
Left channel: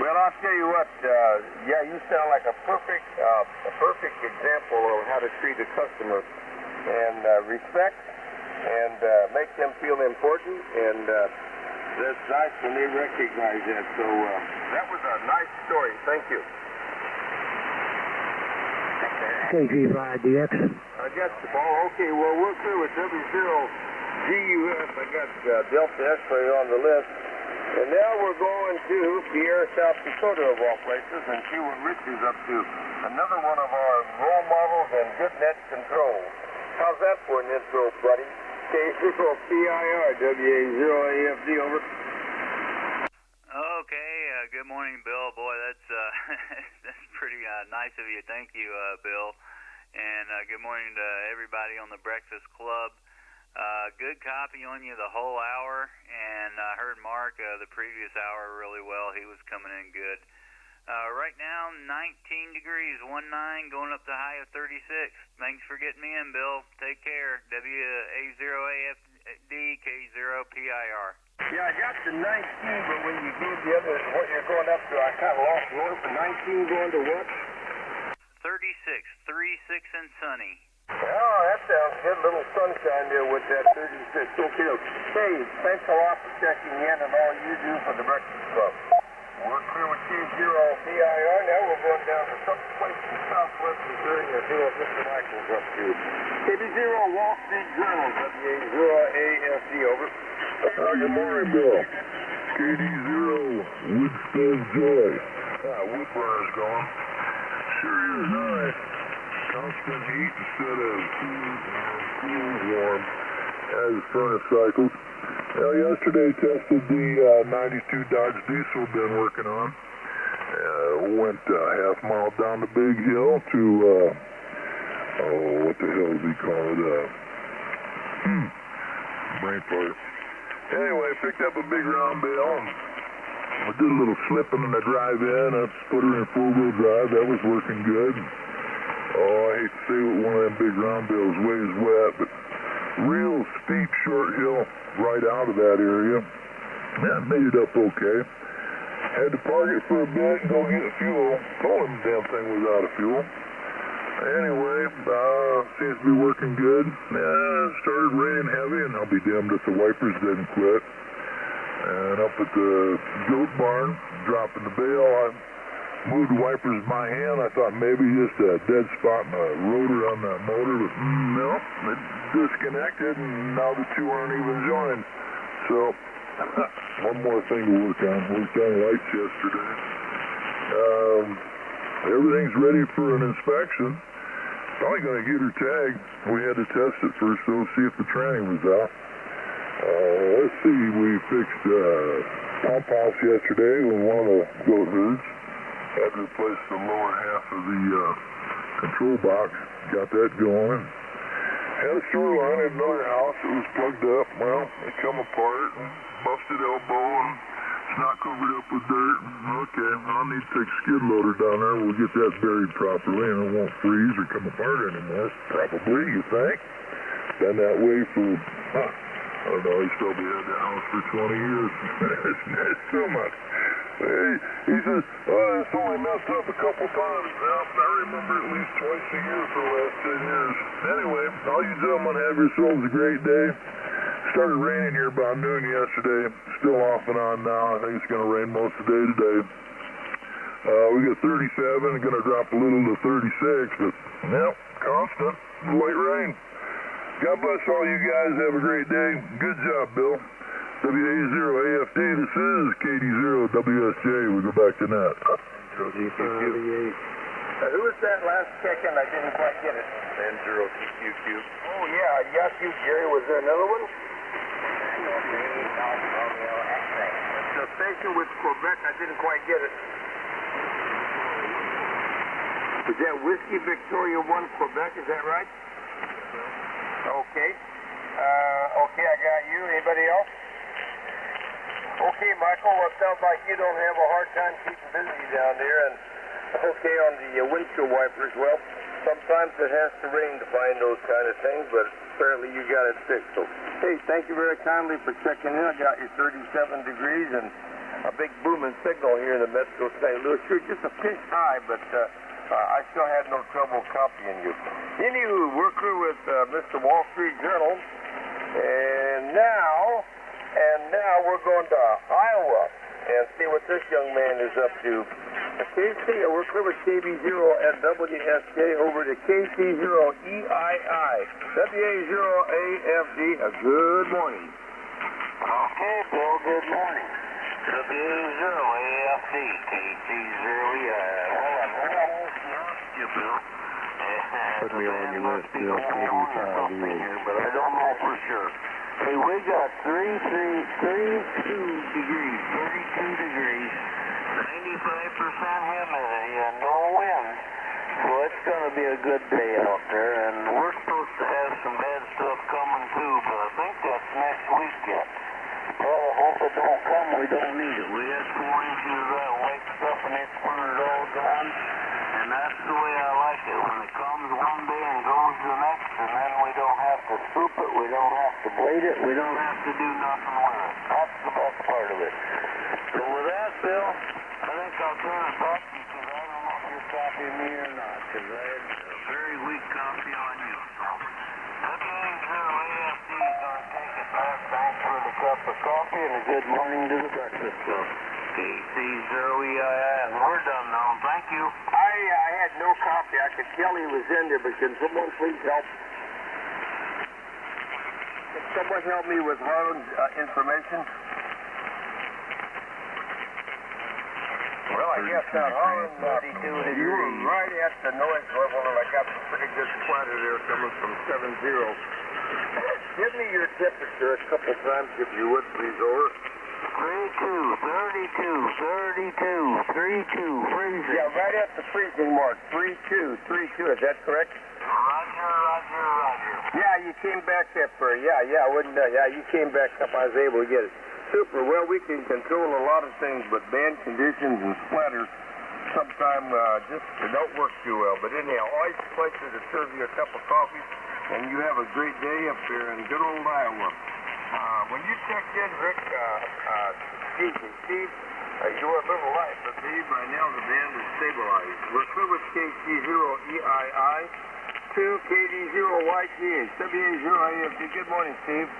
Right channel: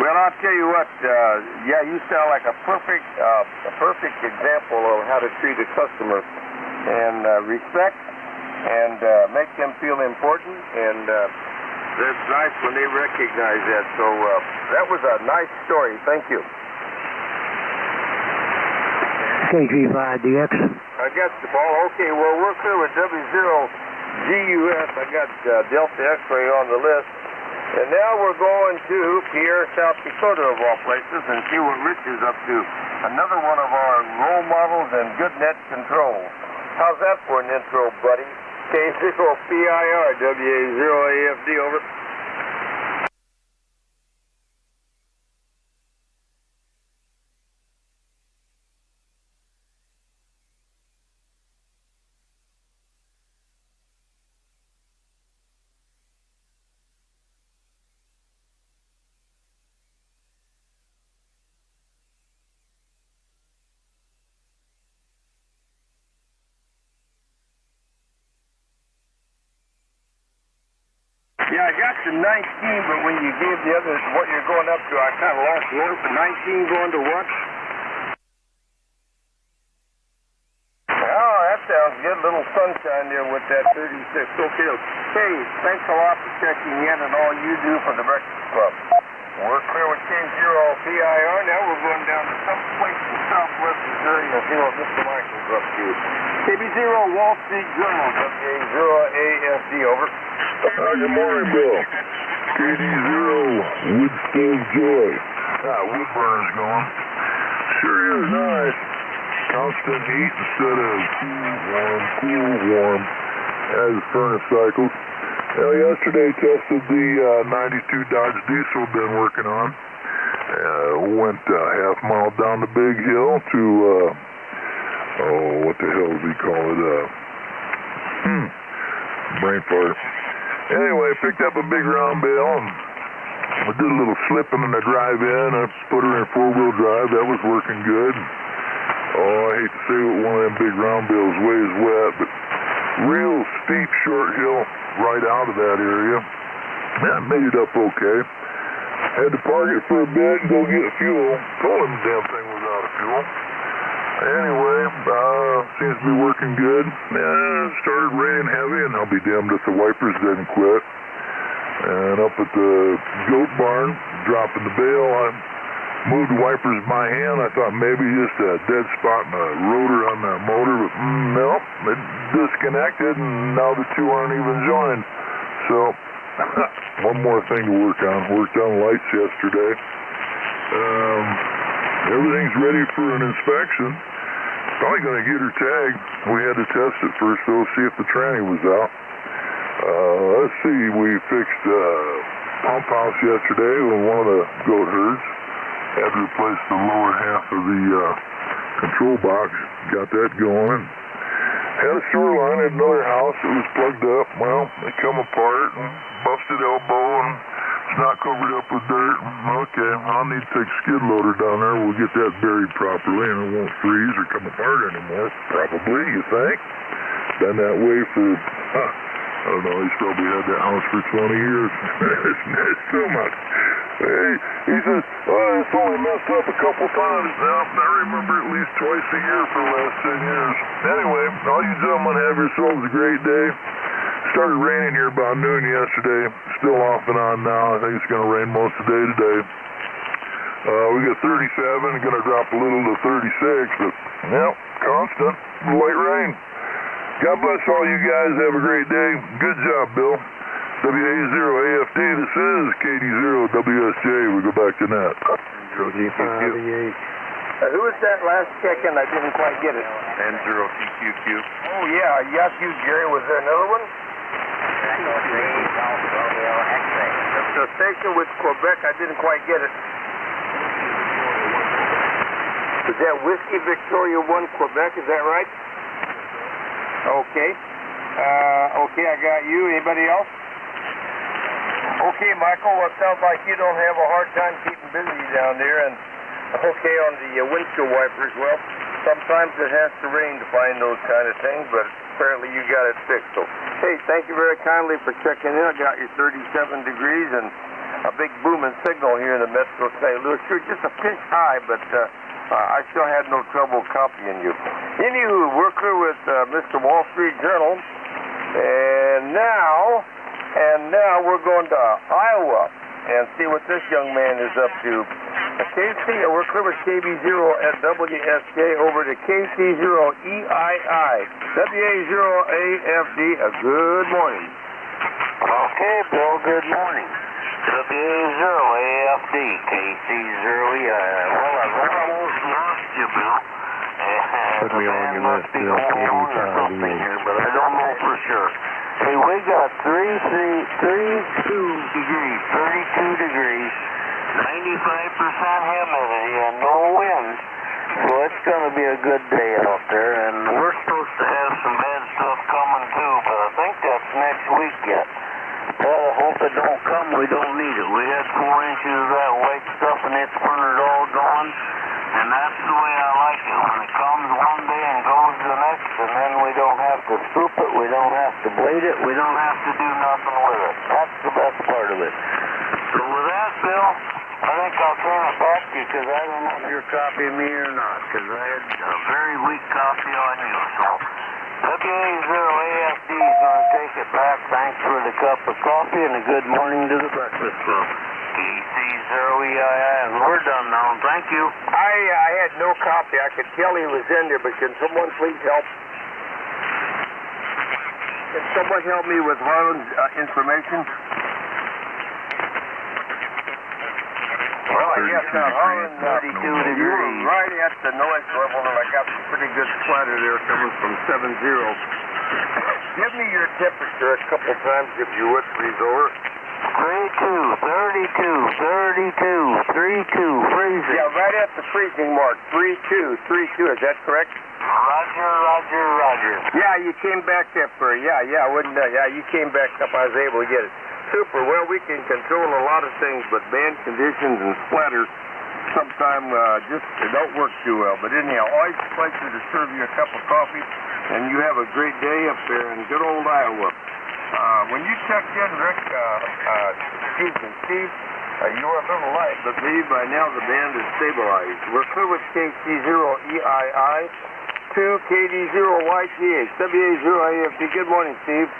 Well, I'll tell you what, yeah, you sound like a perfect example of how to treat a customer, and respect, and make them feel important, and that's nice when they recognize that. So that was a nice story. Thank you. KG5DX. I got the ball. Okay, well, we're clear with W0GUS. I got Delta X-ray on the list. And now we're going to Pierre, South Dakota, of all places, and see what Rich is up to. Another one of our role models and good net control. How's that for an intro, buddy? K0PIR, WA0AFD, over. Okay, good morning, Bill. Boy, that's that's pretty nice of you. Thank you, Bill. And good morning to everybody on the Breakfast Club. Good copy on you the whole hour, and I heard Mark the previous hour really well. He was coming in good. Right now, 19 degrees, 19, going up to high of 36. Thanks for getting me in, Bill. Take care. WA0AFD, K0PIR. Yeah, I got the 19, but when you gave the others what you're going up to, I kind of lost words. The 19 going to what? 36, 36 and sunny. Oh, that sounds good. A little sunshine there with that 36. Okay. Hey, thanks a lot for checking in and all you do for the Breakfast Club. We're clear with K0PIR. Now we're going down to some place in southwest Missouri and see what Mr. Michael's up to. KB0 Wall Street Journal, WA0AFD, over. Good morning, Bill. KD0, Wood Stove Joy. Wood burner's going. Sure is nice. constant heat instead of cool, warm, as the furnace cycles. Now, yesterday tested the 92 Dodge diesel been working on. Went half mile down the big hill to, what the hell does he call it? Brain fart. Anyway, picked up a big round bale and I did a little slipping in the drive-in. I put her in four-wheel drive. That was working good. Oh, I hate to say what one of them big round bales weighs wet, but real steep, short hill right out of that area. Yeah, made it up okay. Had to park it for a bit and go get fuel. Told him the damn thing was out of fuel. Anyway, seems to be working good. Started raining heavy, and I'll be damned if the wipers didn't quit. And up at the goat barn, dropping the bale, I moved the wipers by hand. I thought maybe just a dead spot in the rotor on the motor, but no, it disconnected, and now the two aren't even joined. So, one more thing to work on. Worked on lights yesterday. Everything's ready for an inspection. Probably going to get her tagged. We had to test it first, though, see if the tranny was out. Let's see, we fixed pump house yesterday with one of the goat herds. Had to replace the lower half of the control box. Got that going. Had a store line at another house that was plugged up. Well, it come apart and busted elbow and it's not covered up with dirt. Okay, I'll need to take a skid loader down there. We'll get that buried properly and it won't freeze or come apart anymore. Probably, you think? Been that way for, I don't know, he's probably had that house for 20 years. It's so much. Hey, he says, it's only messed up a couple times. Now, I remember at least twice a year for the last 10 years. Anyway, all you gentlemen have yourselves a great day. Started raining here about noon yesterday. Still off and on now. I think it's going to rain most of the day today. We got 37, going to drop a little to 36, but, yep, constant, light rain. God bless all you guys. Have a great day. Good job, Bill. WA0AFD, this is KD0WSJ. We go back to net. Who was that last check-in? I didn't quite get it. N0TQQ. Oh, yeah. Yes, you, Jerry. Was there another one? Echo 3, Golf Romeo X-ray. That's the station with Quebec. I didn't quite get it. Is that Whiskey Victoria 1 Quebec? Is that right? Okay. Okay, I got you. Anybody else? Okay, Michael. Well, it sounds like you don't have a hard time keeping busy down there. And okay, on the windshield wipers, well, sometimes it has to rain to find those kind of things, but apparently you got it fixed. So, hey, thank you very kindly for checking in. I got your 37 degrees and a big booming signal here in the Metro St. Louis. You're just a pinch high, but I still had no trouble copying you. Anywho, we're clear with Mr. Wall Street Journal, and now we're going to Iowa and see what this young man is up to. KC, we're clear with KB0 at WSK over to KC0EII. WA0AFD, a good morning. Okay, Bill, good morning. WA0AFD, KC0EII. Well, I've almost lost you, Bill. Put me on your list, Bill. Something here, but I don't know for sure. Hey, we got 32 degrees. 95% humidity and no wind, so it's going to be a good day out there, and we're supposed to have some bad stuff coming too, but I think that's next week yet. Well, I hope it don't come, we don't need it. We had 4 inches of that white stuff and it's burned all gone, and that's the way I like it. When it comes one day and goes the next, and then we don't have to scoop it, we don't have to blade it, we don't have to do nothing with it. That's the best part of it. So with that, Bill, I think I'll turn it back to you because I don't know if you're copying me or not, because I had a very weak copy on you. So WA0AFD is going to take it back. Thanks for the cup of coffee and a good morning to the Breakfast Club. KC0EII, and we're done now. Thank you. I had no copy. I could tell he was in there, but can someone please help? Can someone help me with Harlan's information? Well, I yes, Holland, 32 you were degrees. right at the noise level, and I got some pretty good splatter there coming from 70. Give me your temperature a couple times, if you would, please, over. 32, 32, 32, freezing. Yeah, right at the freezing mark, 32, is that correct? Roger. Yeah, you came back up for yeah, you came back up. I was able to get it. Super. Well, we can control a lot of things, but band conditions and splatter sometimes just don't work too well. But anyhow, always a pleasure to serve you a cup of coffee, and you have a great day up there in good old Iowa. When you checked in, Rick, Steve, you were a little light, but maybe by now the band is stabilized. We're clear with KC0EII, 2KD0YTH, WA0AFD. Good morning, Steve.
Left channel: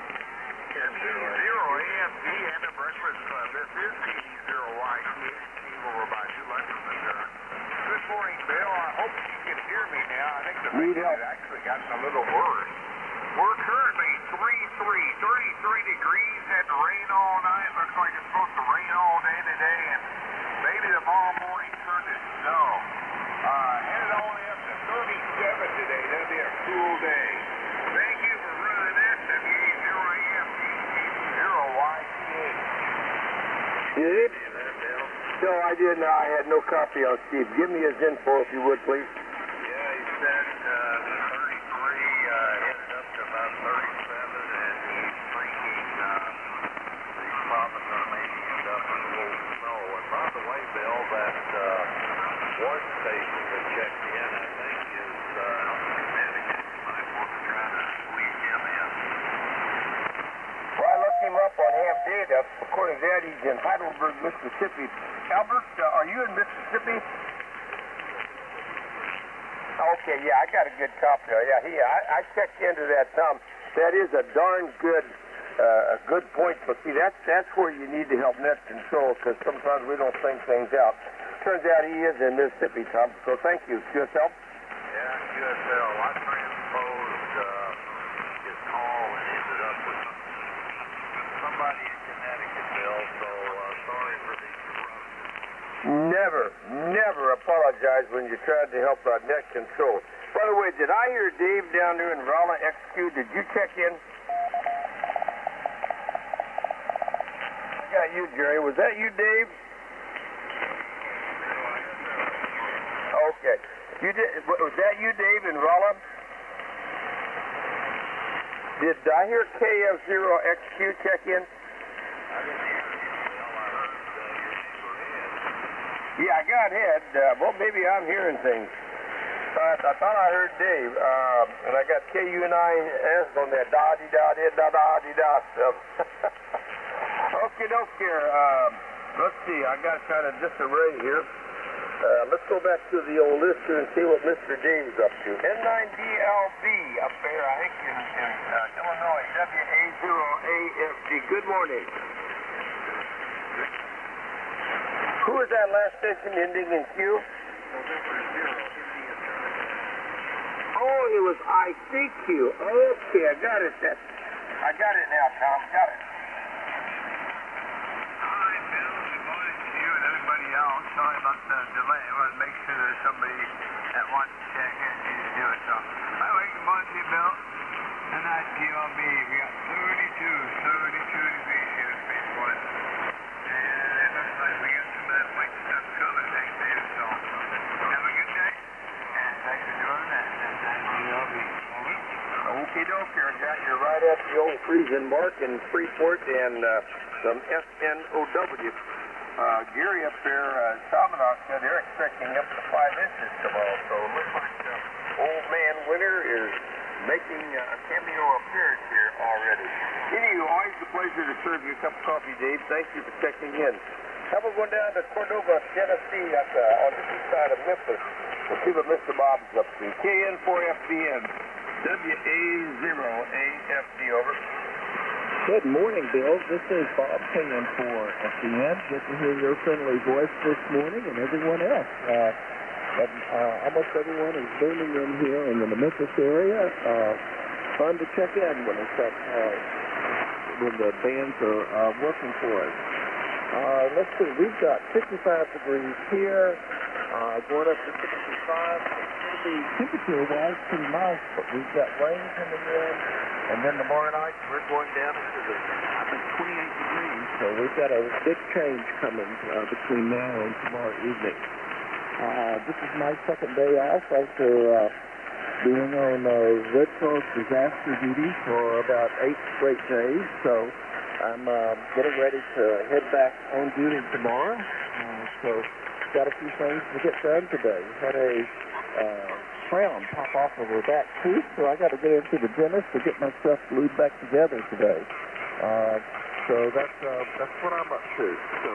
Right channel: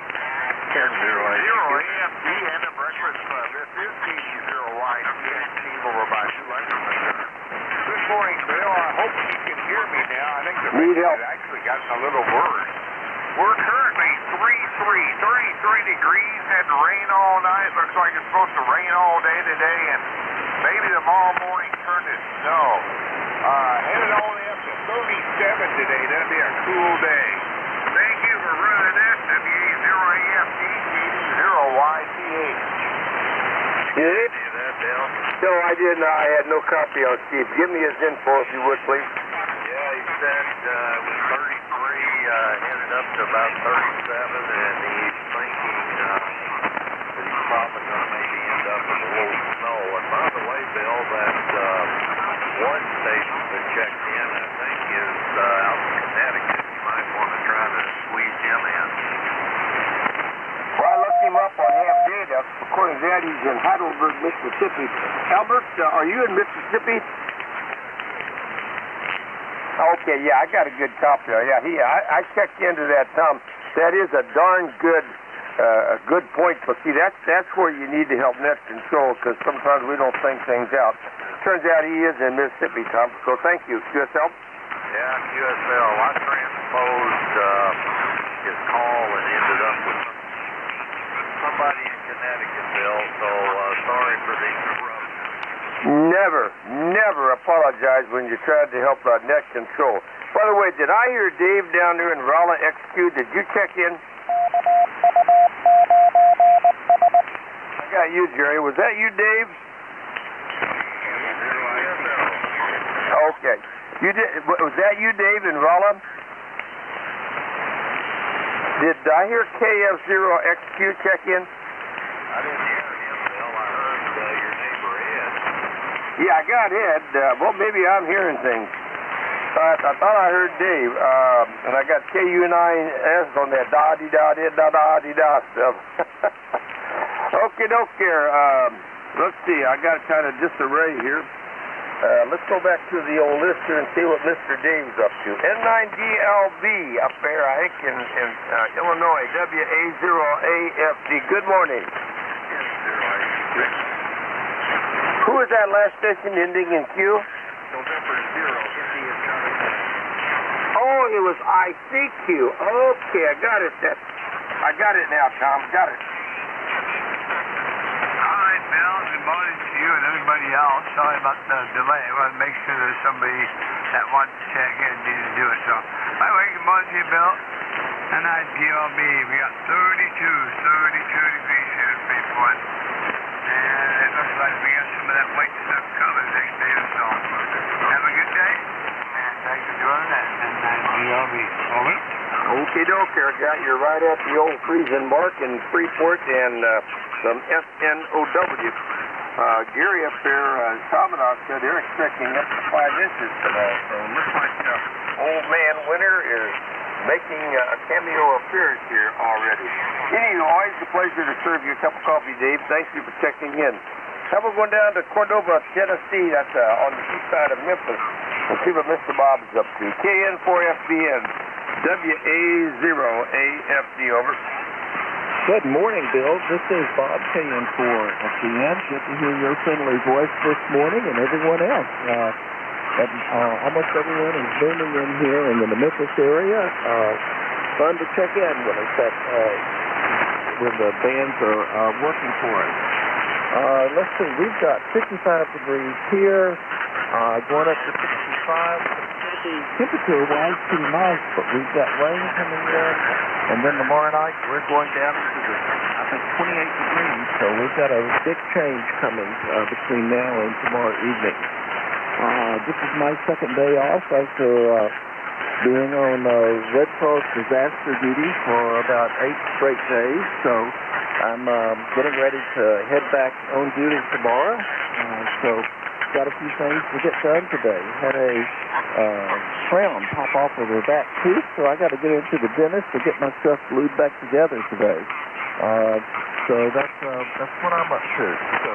KD0AFD and the Breakfast Club. This is KD0YTH, Steve over by New London, Missouri. Good morning, Bill. I hope you can hear me now. I think the Need message help. has actually gotten a little worse. We're currently 33 degrees. Had rain all night. Looks like it's supposed to rain all day today, and maybe tomorrow morning turn to snow. Headed all the way up to 37 today. That'll be a cool day. Thank you for running this. WA0AFD, KD0YTH. Did it? See that, Bill? No, I didn't. I had no copy on Steve. Give me his info, if you would, please. Yeah, he said it was 33, headed up to about 37, and he's thinking that he's probably going to maybe end up with a little snow. And by the way, Bill, that one station that checked in, I think, is out in Connecticut. You might want to try to squeeze him in. Well, I looked him up on Ham Data. According to that, he's in Heidelberg, Mississippi. Albert, are you in Mississippi? Okay, yeah, I got a good copy. Yeah, I checked into that, Tom. That is a darn good good point. But see, that's where you need to help net control, because sometimes we don't think things out. Turns out he is in Mississippi, Tom. So thank you, QSL. Yeah, QSL. I transposed his call and ended up with somebody in Connecticut, Bill. So sorry for the interruption. Never apologize when you tried to help net control. By the way, did I hear Dave down there in Rolla XQ? Did you check in? I got you, Jerry. Was that you, Dave? Okay. You did. Was that you, Dave, in Rolla? Did I hear KF0XQ check in? I didn't hear him, Bill. I heard your neighbor Ed. Yeah, I got Ed. Well, maybe I'm hearing things. I thought I heard Dave, and I got KU9S on that da-dee-da-dee-da-da-dee-da stuff. Okie-doke there. Let's see. I got kind of disarray here. Let's go back to the old list here and see what Mr. Dave's up to. N9DLV up there, I think, in Illinois. WA0AFD. Good morning. Who is that last station ending in Q? November 0, India Charlie. Oh, it was ICQ. Okay, I got it. I got it now, Tom. Got it. All right, Bill. Good morning to you and everybody else. Sorry about the delay. I want to make sure there's somebody that wants to check in and need to do it. So, by the way, good morning to you, Bill. And IPLB, we got 32 degrees here in Fairport. And it looks like we got some of that white stuff coming next day or so. Have a good day, and thanks for joining that N9DLB. Over. Okay, doke. I got you right at the old freezing mark in Freeport and some SNOW. Gary up there, Commandant said they're expecting up to 5 inches today. So it looks like old man Winter is making a cameo appearance here already. Anyway, always a pleasure to serve you a cup of coffee, Dave. Thank you for checking in. Now we're going down to Cordova, Tennessee. That's on the east side of Memphis. We'll see what Mr. Bob's up to. KN4FBN, WA0AFD, over. Good morning, Bill. This is Bob KN4FBN. Good to hear your friendly voice this morning and everyone else. Almost everyone is booming in here in the Memphis area. Fun to check in when it's when the bands are working for us. Let's see, we've got 55 degrees here, going up to 65. It's going to be temperature-wise pretty nice, but we've got rain coming in, and then tomorrow night we're going down into the, I think, 28 degrees. So we've got a big change coming between now and tomorrow evening. This is my second day off after being on Red Cross disaster duty for about 8 straight days. So I'm getting ready to head back on duty tomorrow. So got a few things to get done today. Had a crown pop off of her back tooth, so I got to get into the dentist to get my stuff glued back together today. So that's what I'm up to. So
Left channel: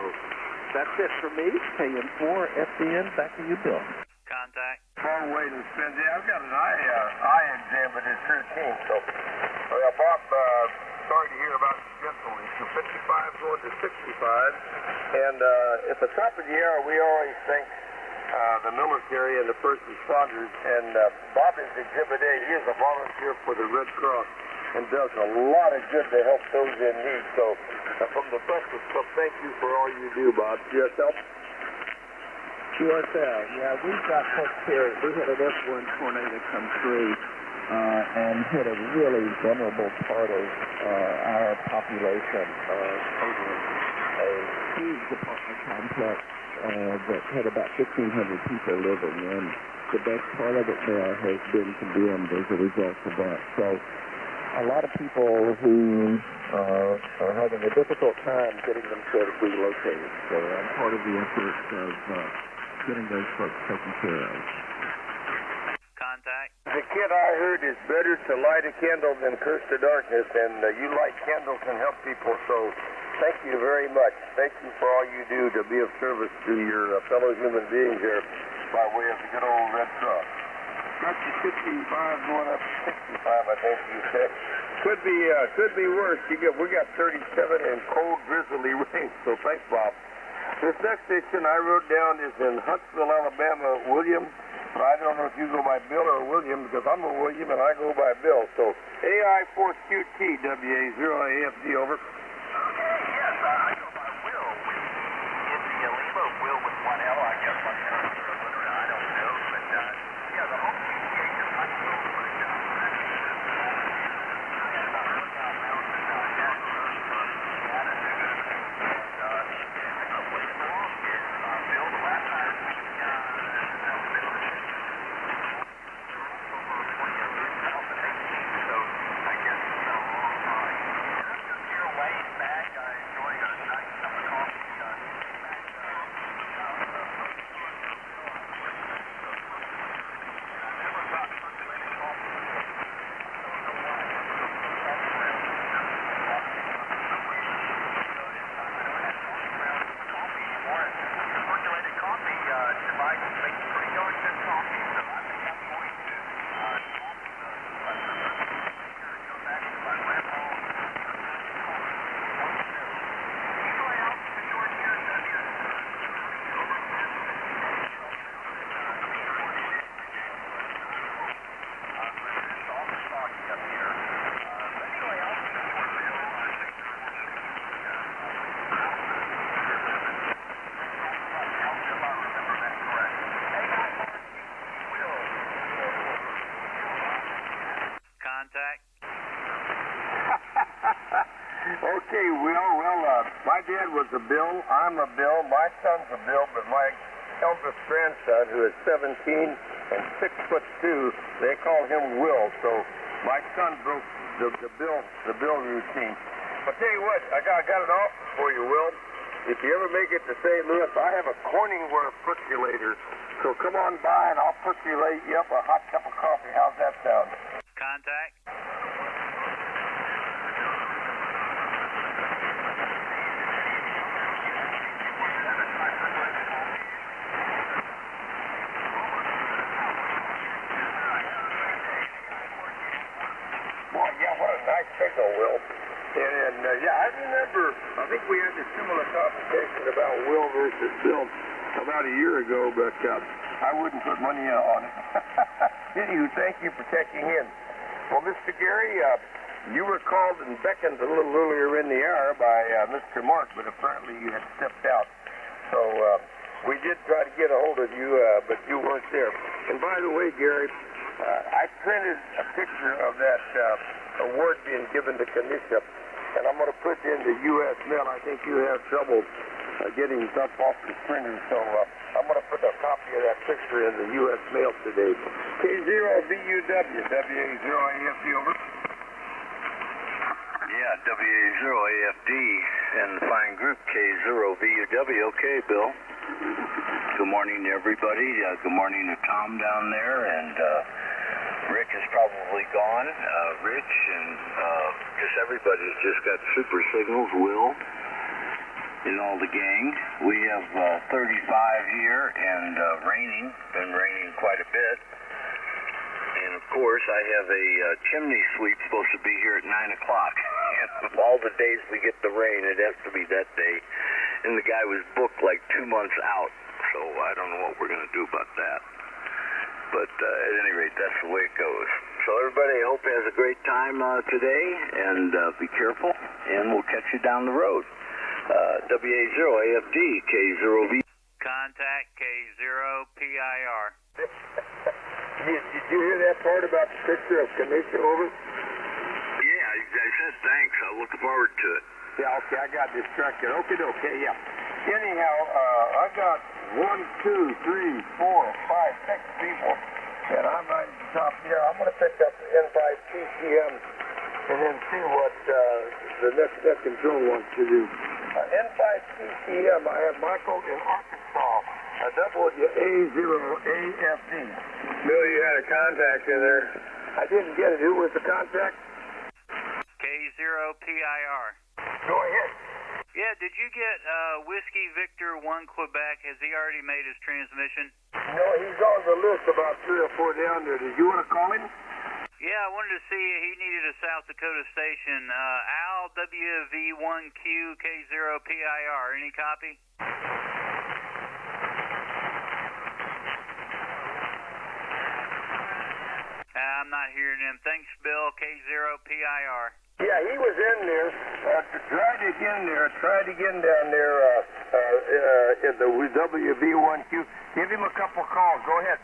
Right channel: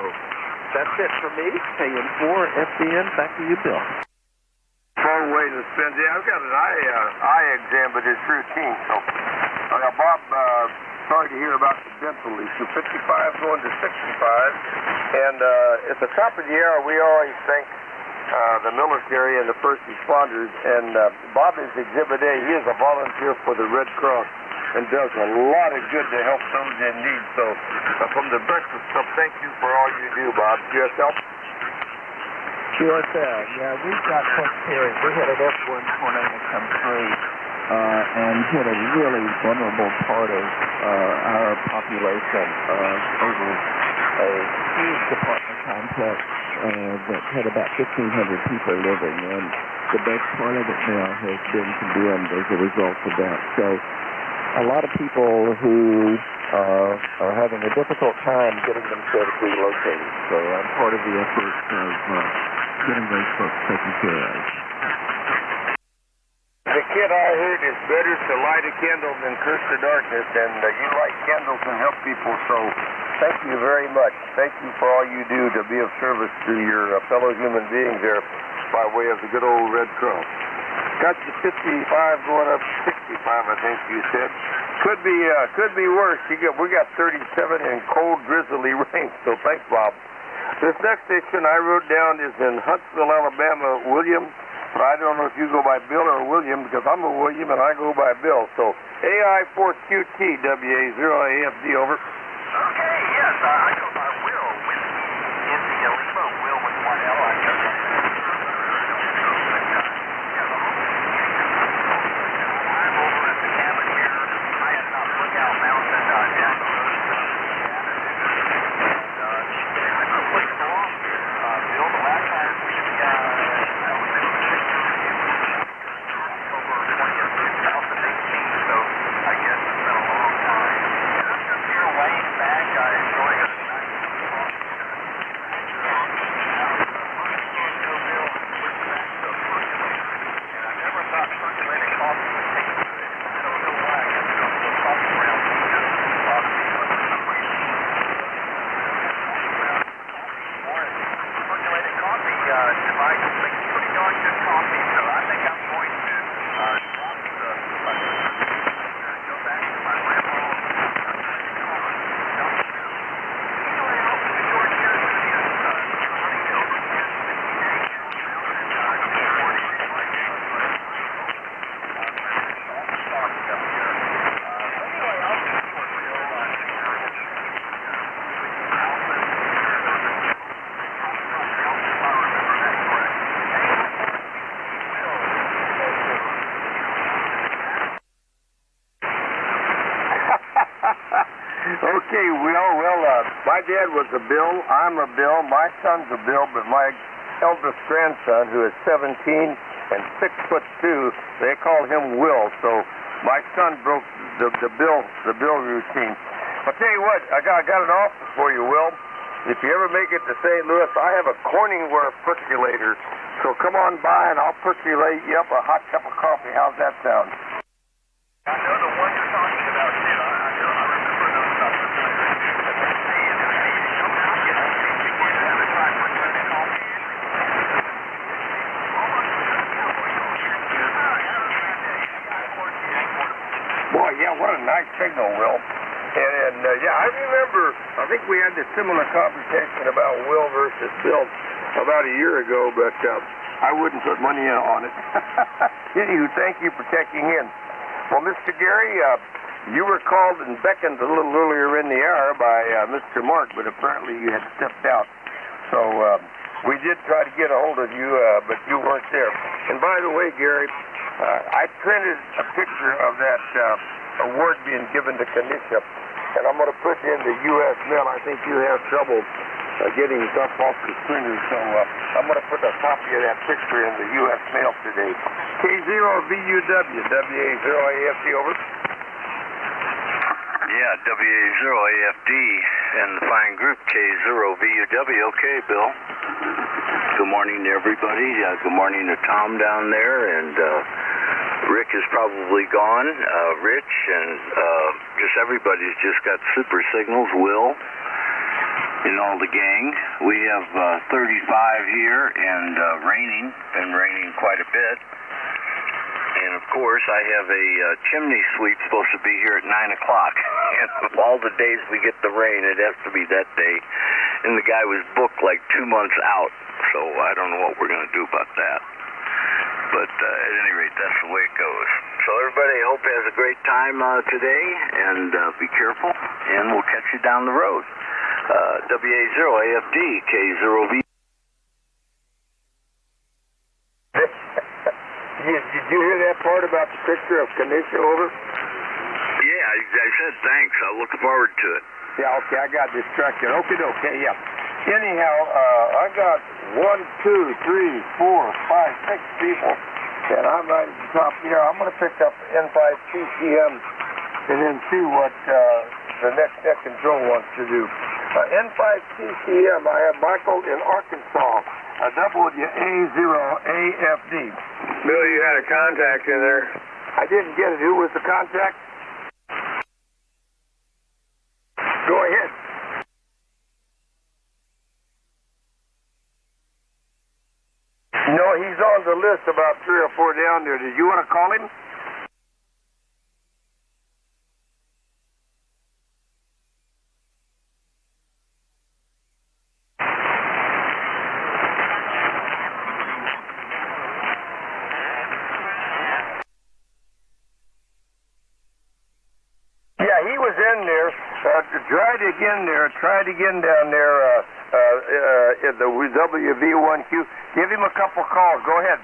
that's it for me. KN4 FBN. Back to you, Bill. Contact. Phone waiting to spin. Yeah, I've got an eye exam, but it's routine. So, Bob, sorry to hear about the dental issue. 55 going to 65. And at the top of the hour, we always thank the military and the first responders. And Bob is Exhibit A. He is a volunteer for the Red Cross and does a lot of good to help those in need. So, from the Breakfast Club, thank you for all you do, Bob. QSL? QSL, yeah, we've got Coach Perry. We had an F1 tornado come through and hit a really vulnerable part of our population over a huge apartment complex that had about 1,500 people living. And the best part of it now has been condemned as a result of that. So a lot of people who are having a difficult time getting themselves relocated. So I'm part of the effort of getting those folks taken care of. Contact. The kid I heard is better to light a candle than curse the darkness, and you light candles and help people, so thank you very much. Thank you for all you do to be of service to your fellow human beings there by way of the good old Red Cross. Got you 55 going up to 65, I think you said. Could be worse. We got 37 and cold, drizzly rain, so thanks, Bob. This next station I wrote down is in Huntsville, Alabama, William. But I don't know if you go by Bill or William, because I'm a William and I go by Bill. So AI4QT, WA0AFD, over. Okay, yes, I go by Will. Whiskey, India, Lima, Will with one L. I guess. Okay, my dad was a Bill, I'm a Bill, my son's a Bill, but my eldest grandson, who is 17 and 6'2", they call him Will. So my son broke the Bill routine. I'll tell you what, I got an offer for you, Will. If you ever make it to St. Louis, I have a Corningware percolator. So come on by and I'll percolate you up a hot cup of coffee. How's that sound? Contact. I know the one you're talking about, too. I remember those stuff. Boy, yeah, what a nice signal, Will. And yeah, I remember, I think we had a similar conversation about Will versus Bill about a year ago, but I wouldn't put money on it. Anywho, thank you for checking in. Well, Mr. Gary, You were called and beckoned a little earlier in the hour by Mr. Mark, but apparently you had stepped out. So we did try to get a hold of you, but you weren't there. And by the way, Gary, I printed a picture of that award being given to Kanisha, and I'm going to put it in the U.S. mail. I think you have trouble getting stuff off the screen, so I'm going to put a copy of that picture in the U.S. mail today. K0VUW, WA0AFD, over. Yeah, WA0AFD and the fine group K0VUW. Okay, Bill. Good morning to everybody. Good morning to Tom down there, and Rick is probably gone. Rich and just everybody's just got super signals. Will and all the gang. We have 35 here and raining quite a bit. And of course, I have a chimney sweep supposed to be here at 9 o'clock. Of all the days we get the rain, it has to be that day. And the guy was booked like 2 months out, so I don't know what we're going to do about that. But at any rate, that's the way it goes. So everybody, I hope has a great time today, and be careful, and we'll catch you down the road. WA0AFD, K0V. Contact K0PIR. Did you hear that part about the picture of Kanisha, over? Yeah, I said thanks. I'll look forward to it. Yeah, okay, I got distracted. Okay, yeah. Anyhow, I got 1, 2, 3, 4, 5, 6 people, and I'm right at the top here. I'm going to pick up N5 TCM and then see what the next net control wants to do. N5 TCM, I have Michael in Arkansas, WA0AFD. Bill, you had a contact in there. I didn't get it. Who was the contact? K0PIR. Go ahead. Yeah, did you get Whiskey Victor 1 Quebec? Has he already made his transmission? No, he's on the list, about 3 or 4 down there. Did you want to call him? Yeah, I wanted to see he needed a South Dakota station. Al WV1Q K0PIR. Any copy? I'm not hearing him. Thanks, Bill. K0PIR. Yeah, he was in there. Tried again down there at the WV1Q. Give him a couple calls. Go ahead.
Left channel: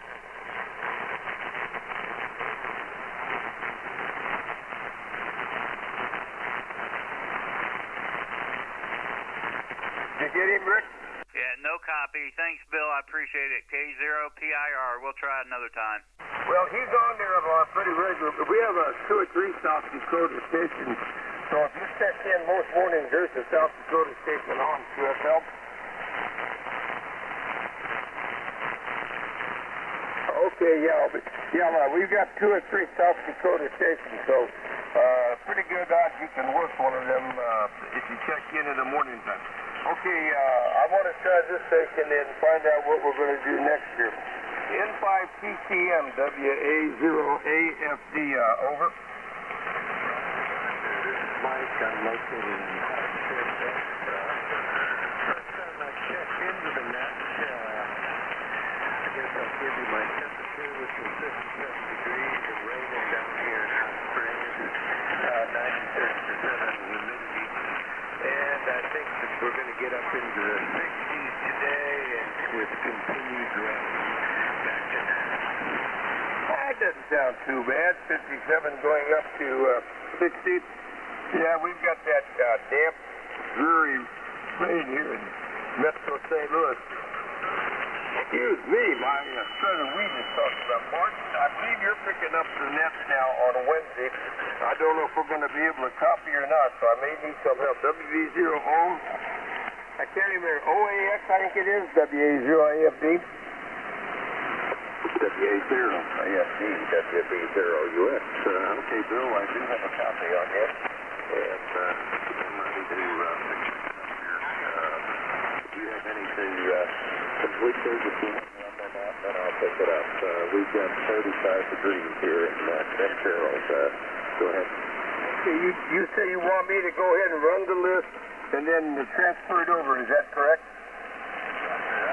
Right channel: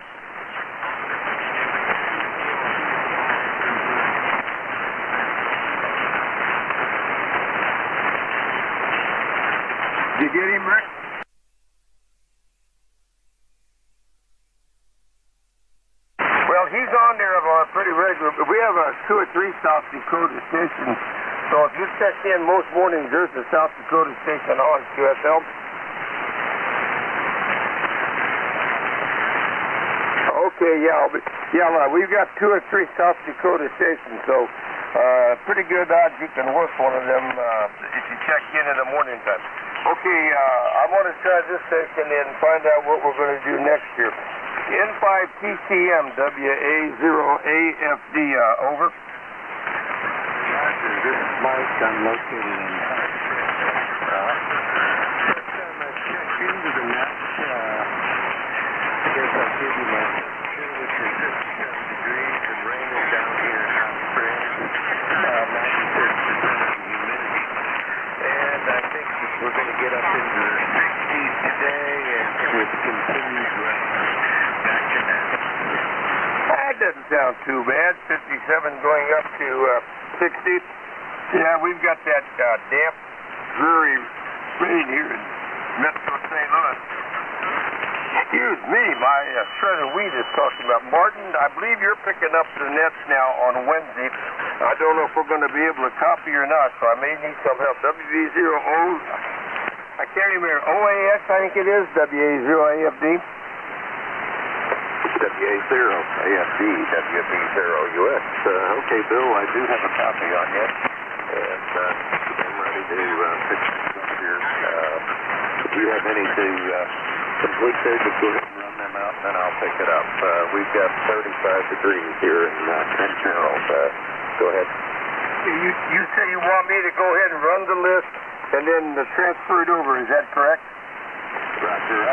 Did you get him, Rick? Yeah, no copy. Thanks, Bill. I appreciate it. K0PIR. We'll try it another time. Well, he's on there pretty regular. We have 2 or 3 South Dakota stations. So if you check in most mornings, there's a South Dakota station on QSL. Okay, yeah, we've got 2 or 3 South Dakota stations. So pretty good odds you can work one of them if you check in the morning time. Okay, I'm going to try this station and find out what we're going to do next here. N5 TCM, WA0AFD, over. I'm located in Doesn't sound too bad. 57 going up to 60. Yeah, we've got that damp, dreary rain here in Metro St. Louis. Excuse me, my shredded wheat is talking about. Martin, I believe you're picking up the nets now on Wednesday. I don't know if we're going to be able to copy or not, so I may need some help. WV0O, I can't remember. OAS, I think it is. WA0AFD. WA0AFD, WB0US. Okay, Bill, I do have a copy on this. If you have anything good paper, go ahead and run them out, and I'll pick it up. We've got 35 degrees here in General. Go ahead. You say you want me to go ahead and run the list and then transfer it over, is that correct? Roger.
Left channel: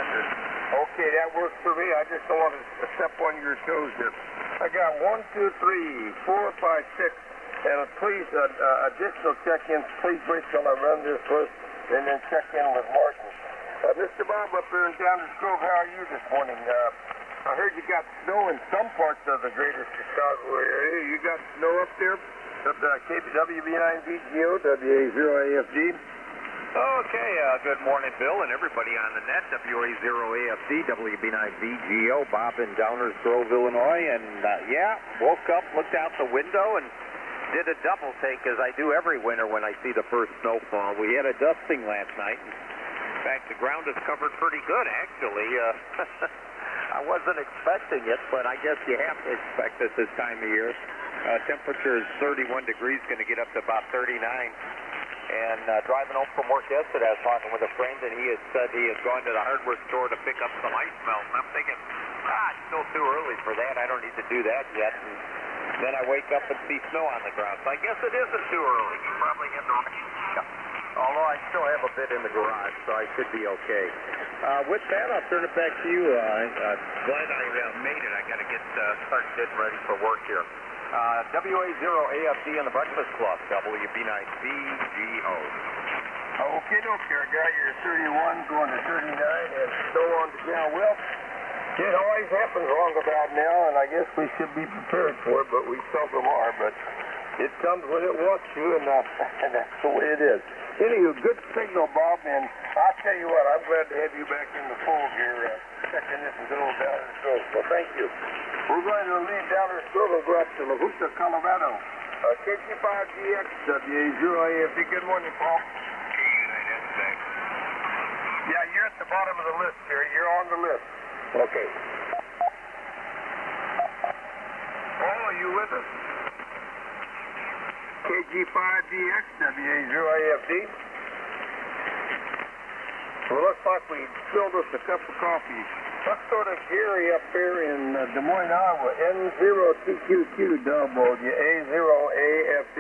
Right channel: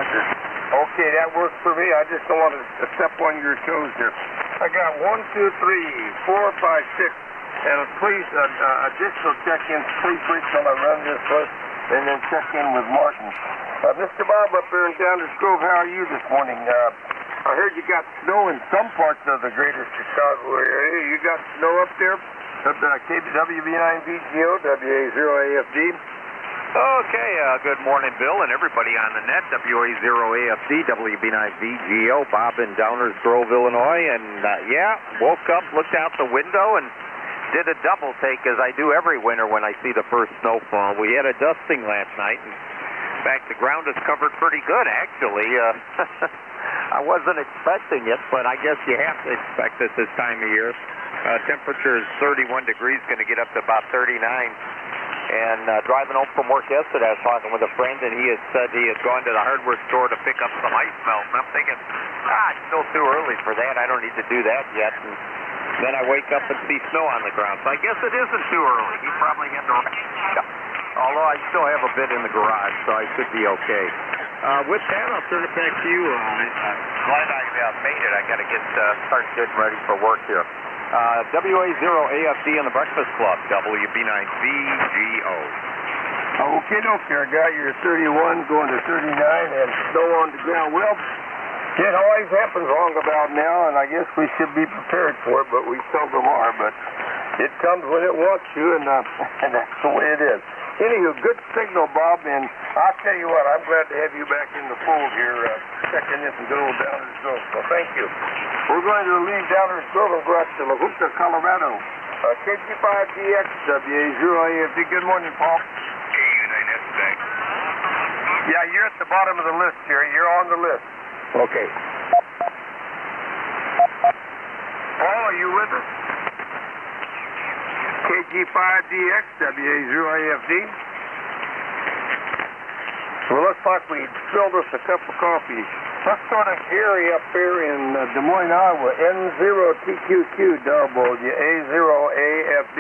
Okay, that works for me. I just don't want to step on your toes here. I got 1, 2, 3, 4, 5, 6, And please, additional check-ins, please wait till I run this one, and then check in with Martin. Mr. Bob up there in Downers Grove, how are you this morning? I heard you got snow in some parts of the greater Chicago area. You got snow up there? At WB9VGO, WA0AFD. Okay, good morning, Bill, and everybody on the net. WA0AFD, WB9VGO, Bob in Downers Grove, Illinois. And, woke up, looked out the window, and did a double take, as I do every winter when I see the first snowfall. We had a dusting last night. In fact, the ground is covered pretty good, actually. I wasn't expecting it, but I guess you have to expect it this time of year. Temperature is 31 degrees, going to get up to about 39. And driving home from work yesterday, I was talking with a friend, and he had said he had gone to the hardware store to pick up some ice melt. And I'm thinking, it's still too early for that. I don't need to do that yet. And then I wake up and see snow on the ground. So I guess it isn't too early. He probably hit the right. Although I still have a bit in the garage, so I should be okay. With that, I'll turn it back to you. Glad I made it. I got to get start getting ready for work here. WA0AFD on the Breakfast Club, WB9VGO. Okay, I got your 31 going to 39 and snow on the ground. Well, it always happens long about now, and I guess we should be prepared for it, but we seldom are. But it comes when it wants to, and that's the way it is. Anywho, good signal, Bob, and I'll tell you what, I'm glad to have you back in the fold here, checking in and going Downers Grove, so thank you. We're going to leave Downers Grove and go out to La Junta, Colorado. KG5DX, WA0AFD. Good morning, Paul. Yeah, you're at the bottom of the list, Jerry. You're on the list. Okay. Paul, are you with us? KG5DX, WA0AFD. Well, looks like we filled us a cup of coffee. Let's go to Gary up here in Des Moines, Iowa. N0TQQ, WA0AFD.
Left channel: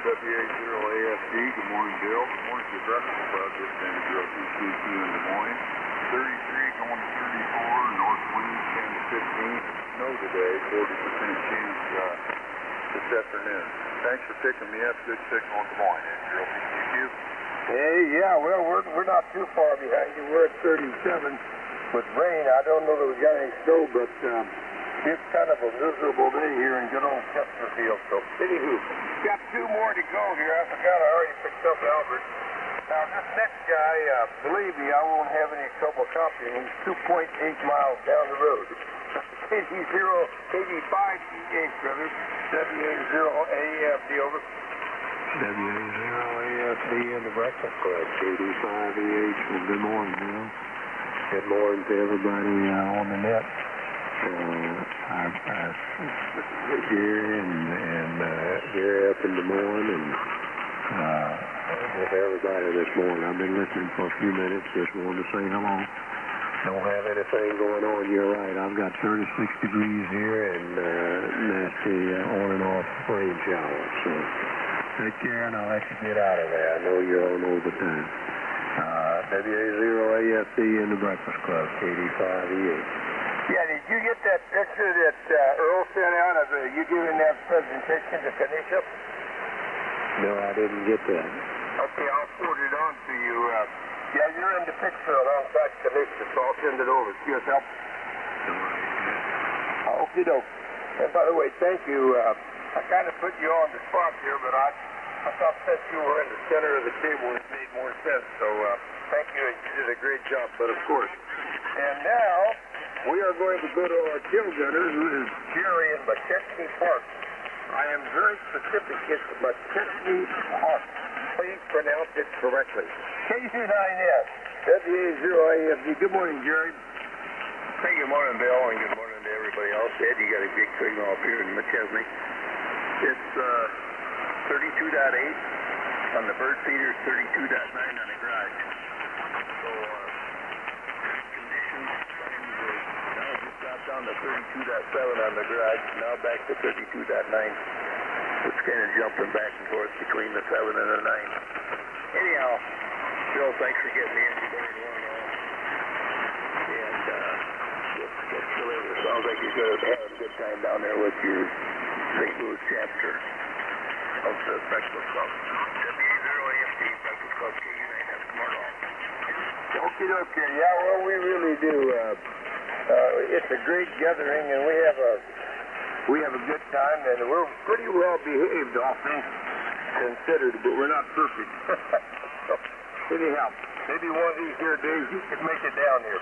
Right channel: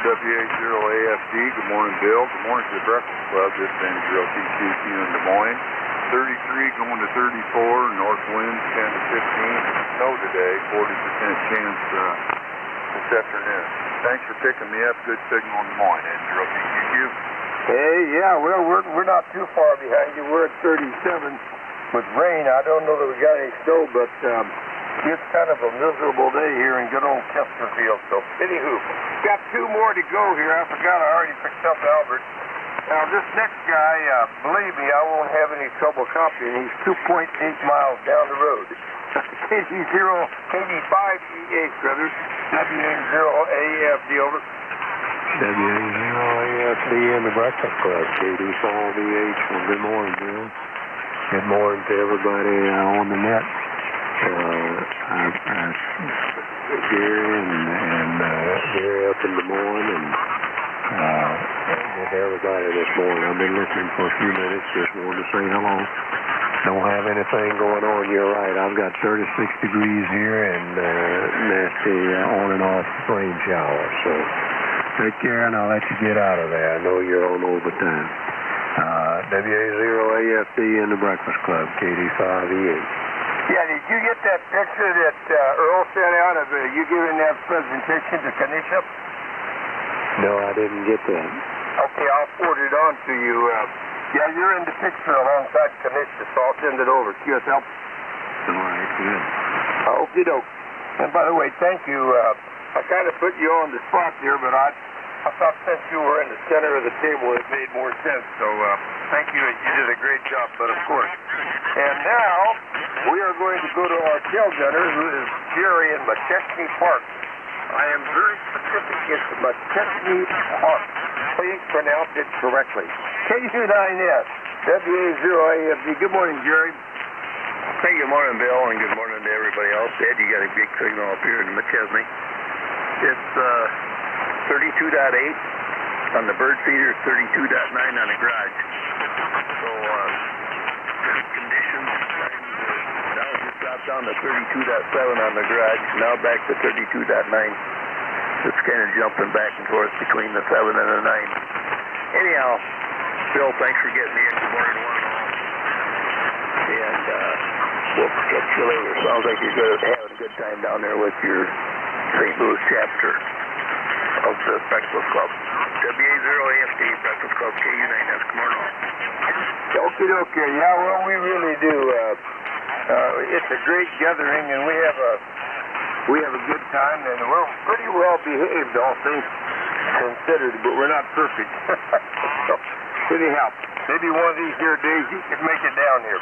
WA0AFD, good morning, Bill. Good morning to the Breakfast Club. This is N0TQQ in Des Moines. 33 going to 34, north wind 10 to 15. Snow today, 40% chance this afternoon. Thanks for picking me up. Good signal in the morning. N0TQQ. Hey, yeah, well, we're not too far behind you. We're at 37 with rain. I don't know that we got any snow, but it's kind of a miserable day here in good old Chesterfield. So, anywho, got two more to go here. I forgot I already picked up Albert. Now, this next guy, believe me, I won't have any trouble copying. He's 2.8 miles down the road. KG085DH, brothers. WA0AFD, over. WA0AFD in the Breakfast Club, KD5DH. Good morning, Bill. Good morning to everybody on the net. Here and here up in Des Moines and with everybody this morning. I've been listening for a few minutes, just wanted to say hello. Don't have anything going on. You're right. I've got 36 degrees here and that's the on and off rain shower. So take care and I'll let you get out of there. I know you're on overtime. WA0AFD in the Breakfast Club, KD5DH. Yeah, did you get that picture that Earl sent out of you giving that presentation to Kanisha? No, I didn't get that. Okay, I'll forward it on to you. Yeah, you're in the picture alongside Kanisha, so I'll send it over. QSL? All right, good. Okie doke. And by the way, thank you. I kind of put you on the spot here, but I thought since you were in the center of the table, it made more sense. So thank you. You did a great job, but of course. And now we are going to go to our tail gunner, who is Jerry in McChesney Park. I am very specific. It's McChesney Park. Please pronounce it correctly. KU9S, WA0AFD. Good morning, Jerry. Hey, good morning, Bill, and good morning to everybody else. Ed, you got a big signal up here in McChesney. It's 32.8 on the bird feeder, 32.9 on the garage. So, conditions dropped down to 32.7 on the garage, now back to 32.9. Just kind of jumping back and forth between the 7 and the 9. Anyhow, Bill, thanks for getting me in this morning. And we'll catch you later. Sounds like you're going to have a good time down there with your St. Louis chapter. Breakfast Club. WA0AFD, Breakfast Club, KU9, that's commercial. Okay, yeah, well, we really do. It's a great gathering, and we have a good time, and we're pretty well behaved, all things considered, but we're not perfect. So, anyhow, maybe one of these here days you can make it down here.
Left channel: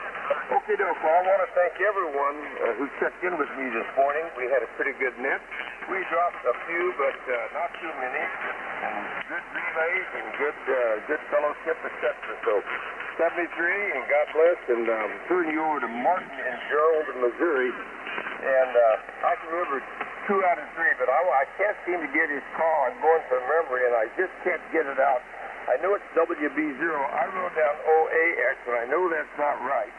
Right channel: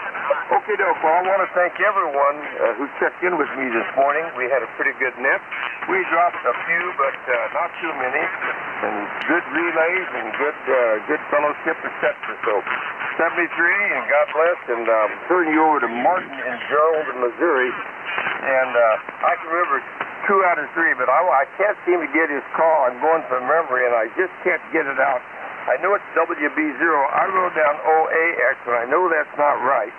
Okay, Doc, well, I want to thank everyone who checked in with me this morning. We had a pretty good net. We dropped a few, but not too many, and good relays and good fellowship, etc. So, 73, and God bless, and turn you over to Martin in Gerald, Missouri. And I can remember 2 out of 3, but I can't seem to get his call. I'm going from memory, and I just can't get it out. I know it's WB0. I wrote down OAX, and I know that's not right.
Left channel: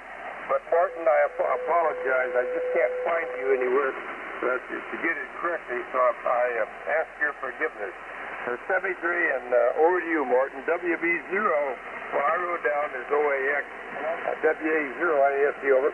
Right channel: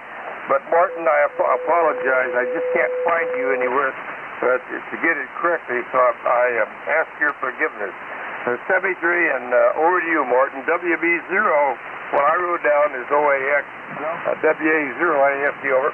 But Martin, I apologize. I just can't find you anywhere to get it correctly, so I ask your forgiveness. 73, and over to you, Martin. WB0, what I wrote down is OAX. WA0, AFD, over.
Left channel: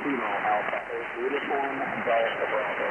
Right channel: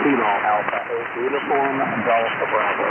Kilo Alpha, uniform Delta Bravo.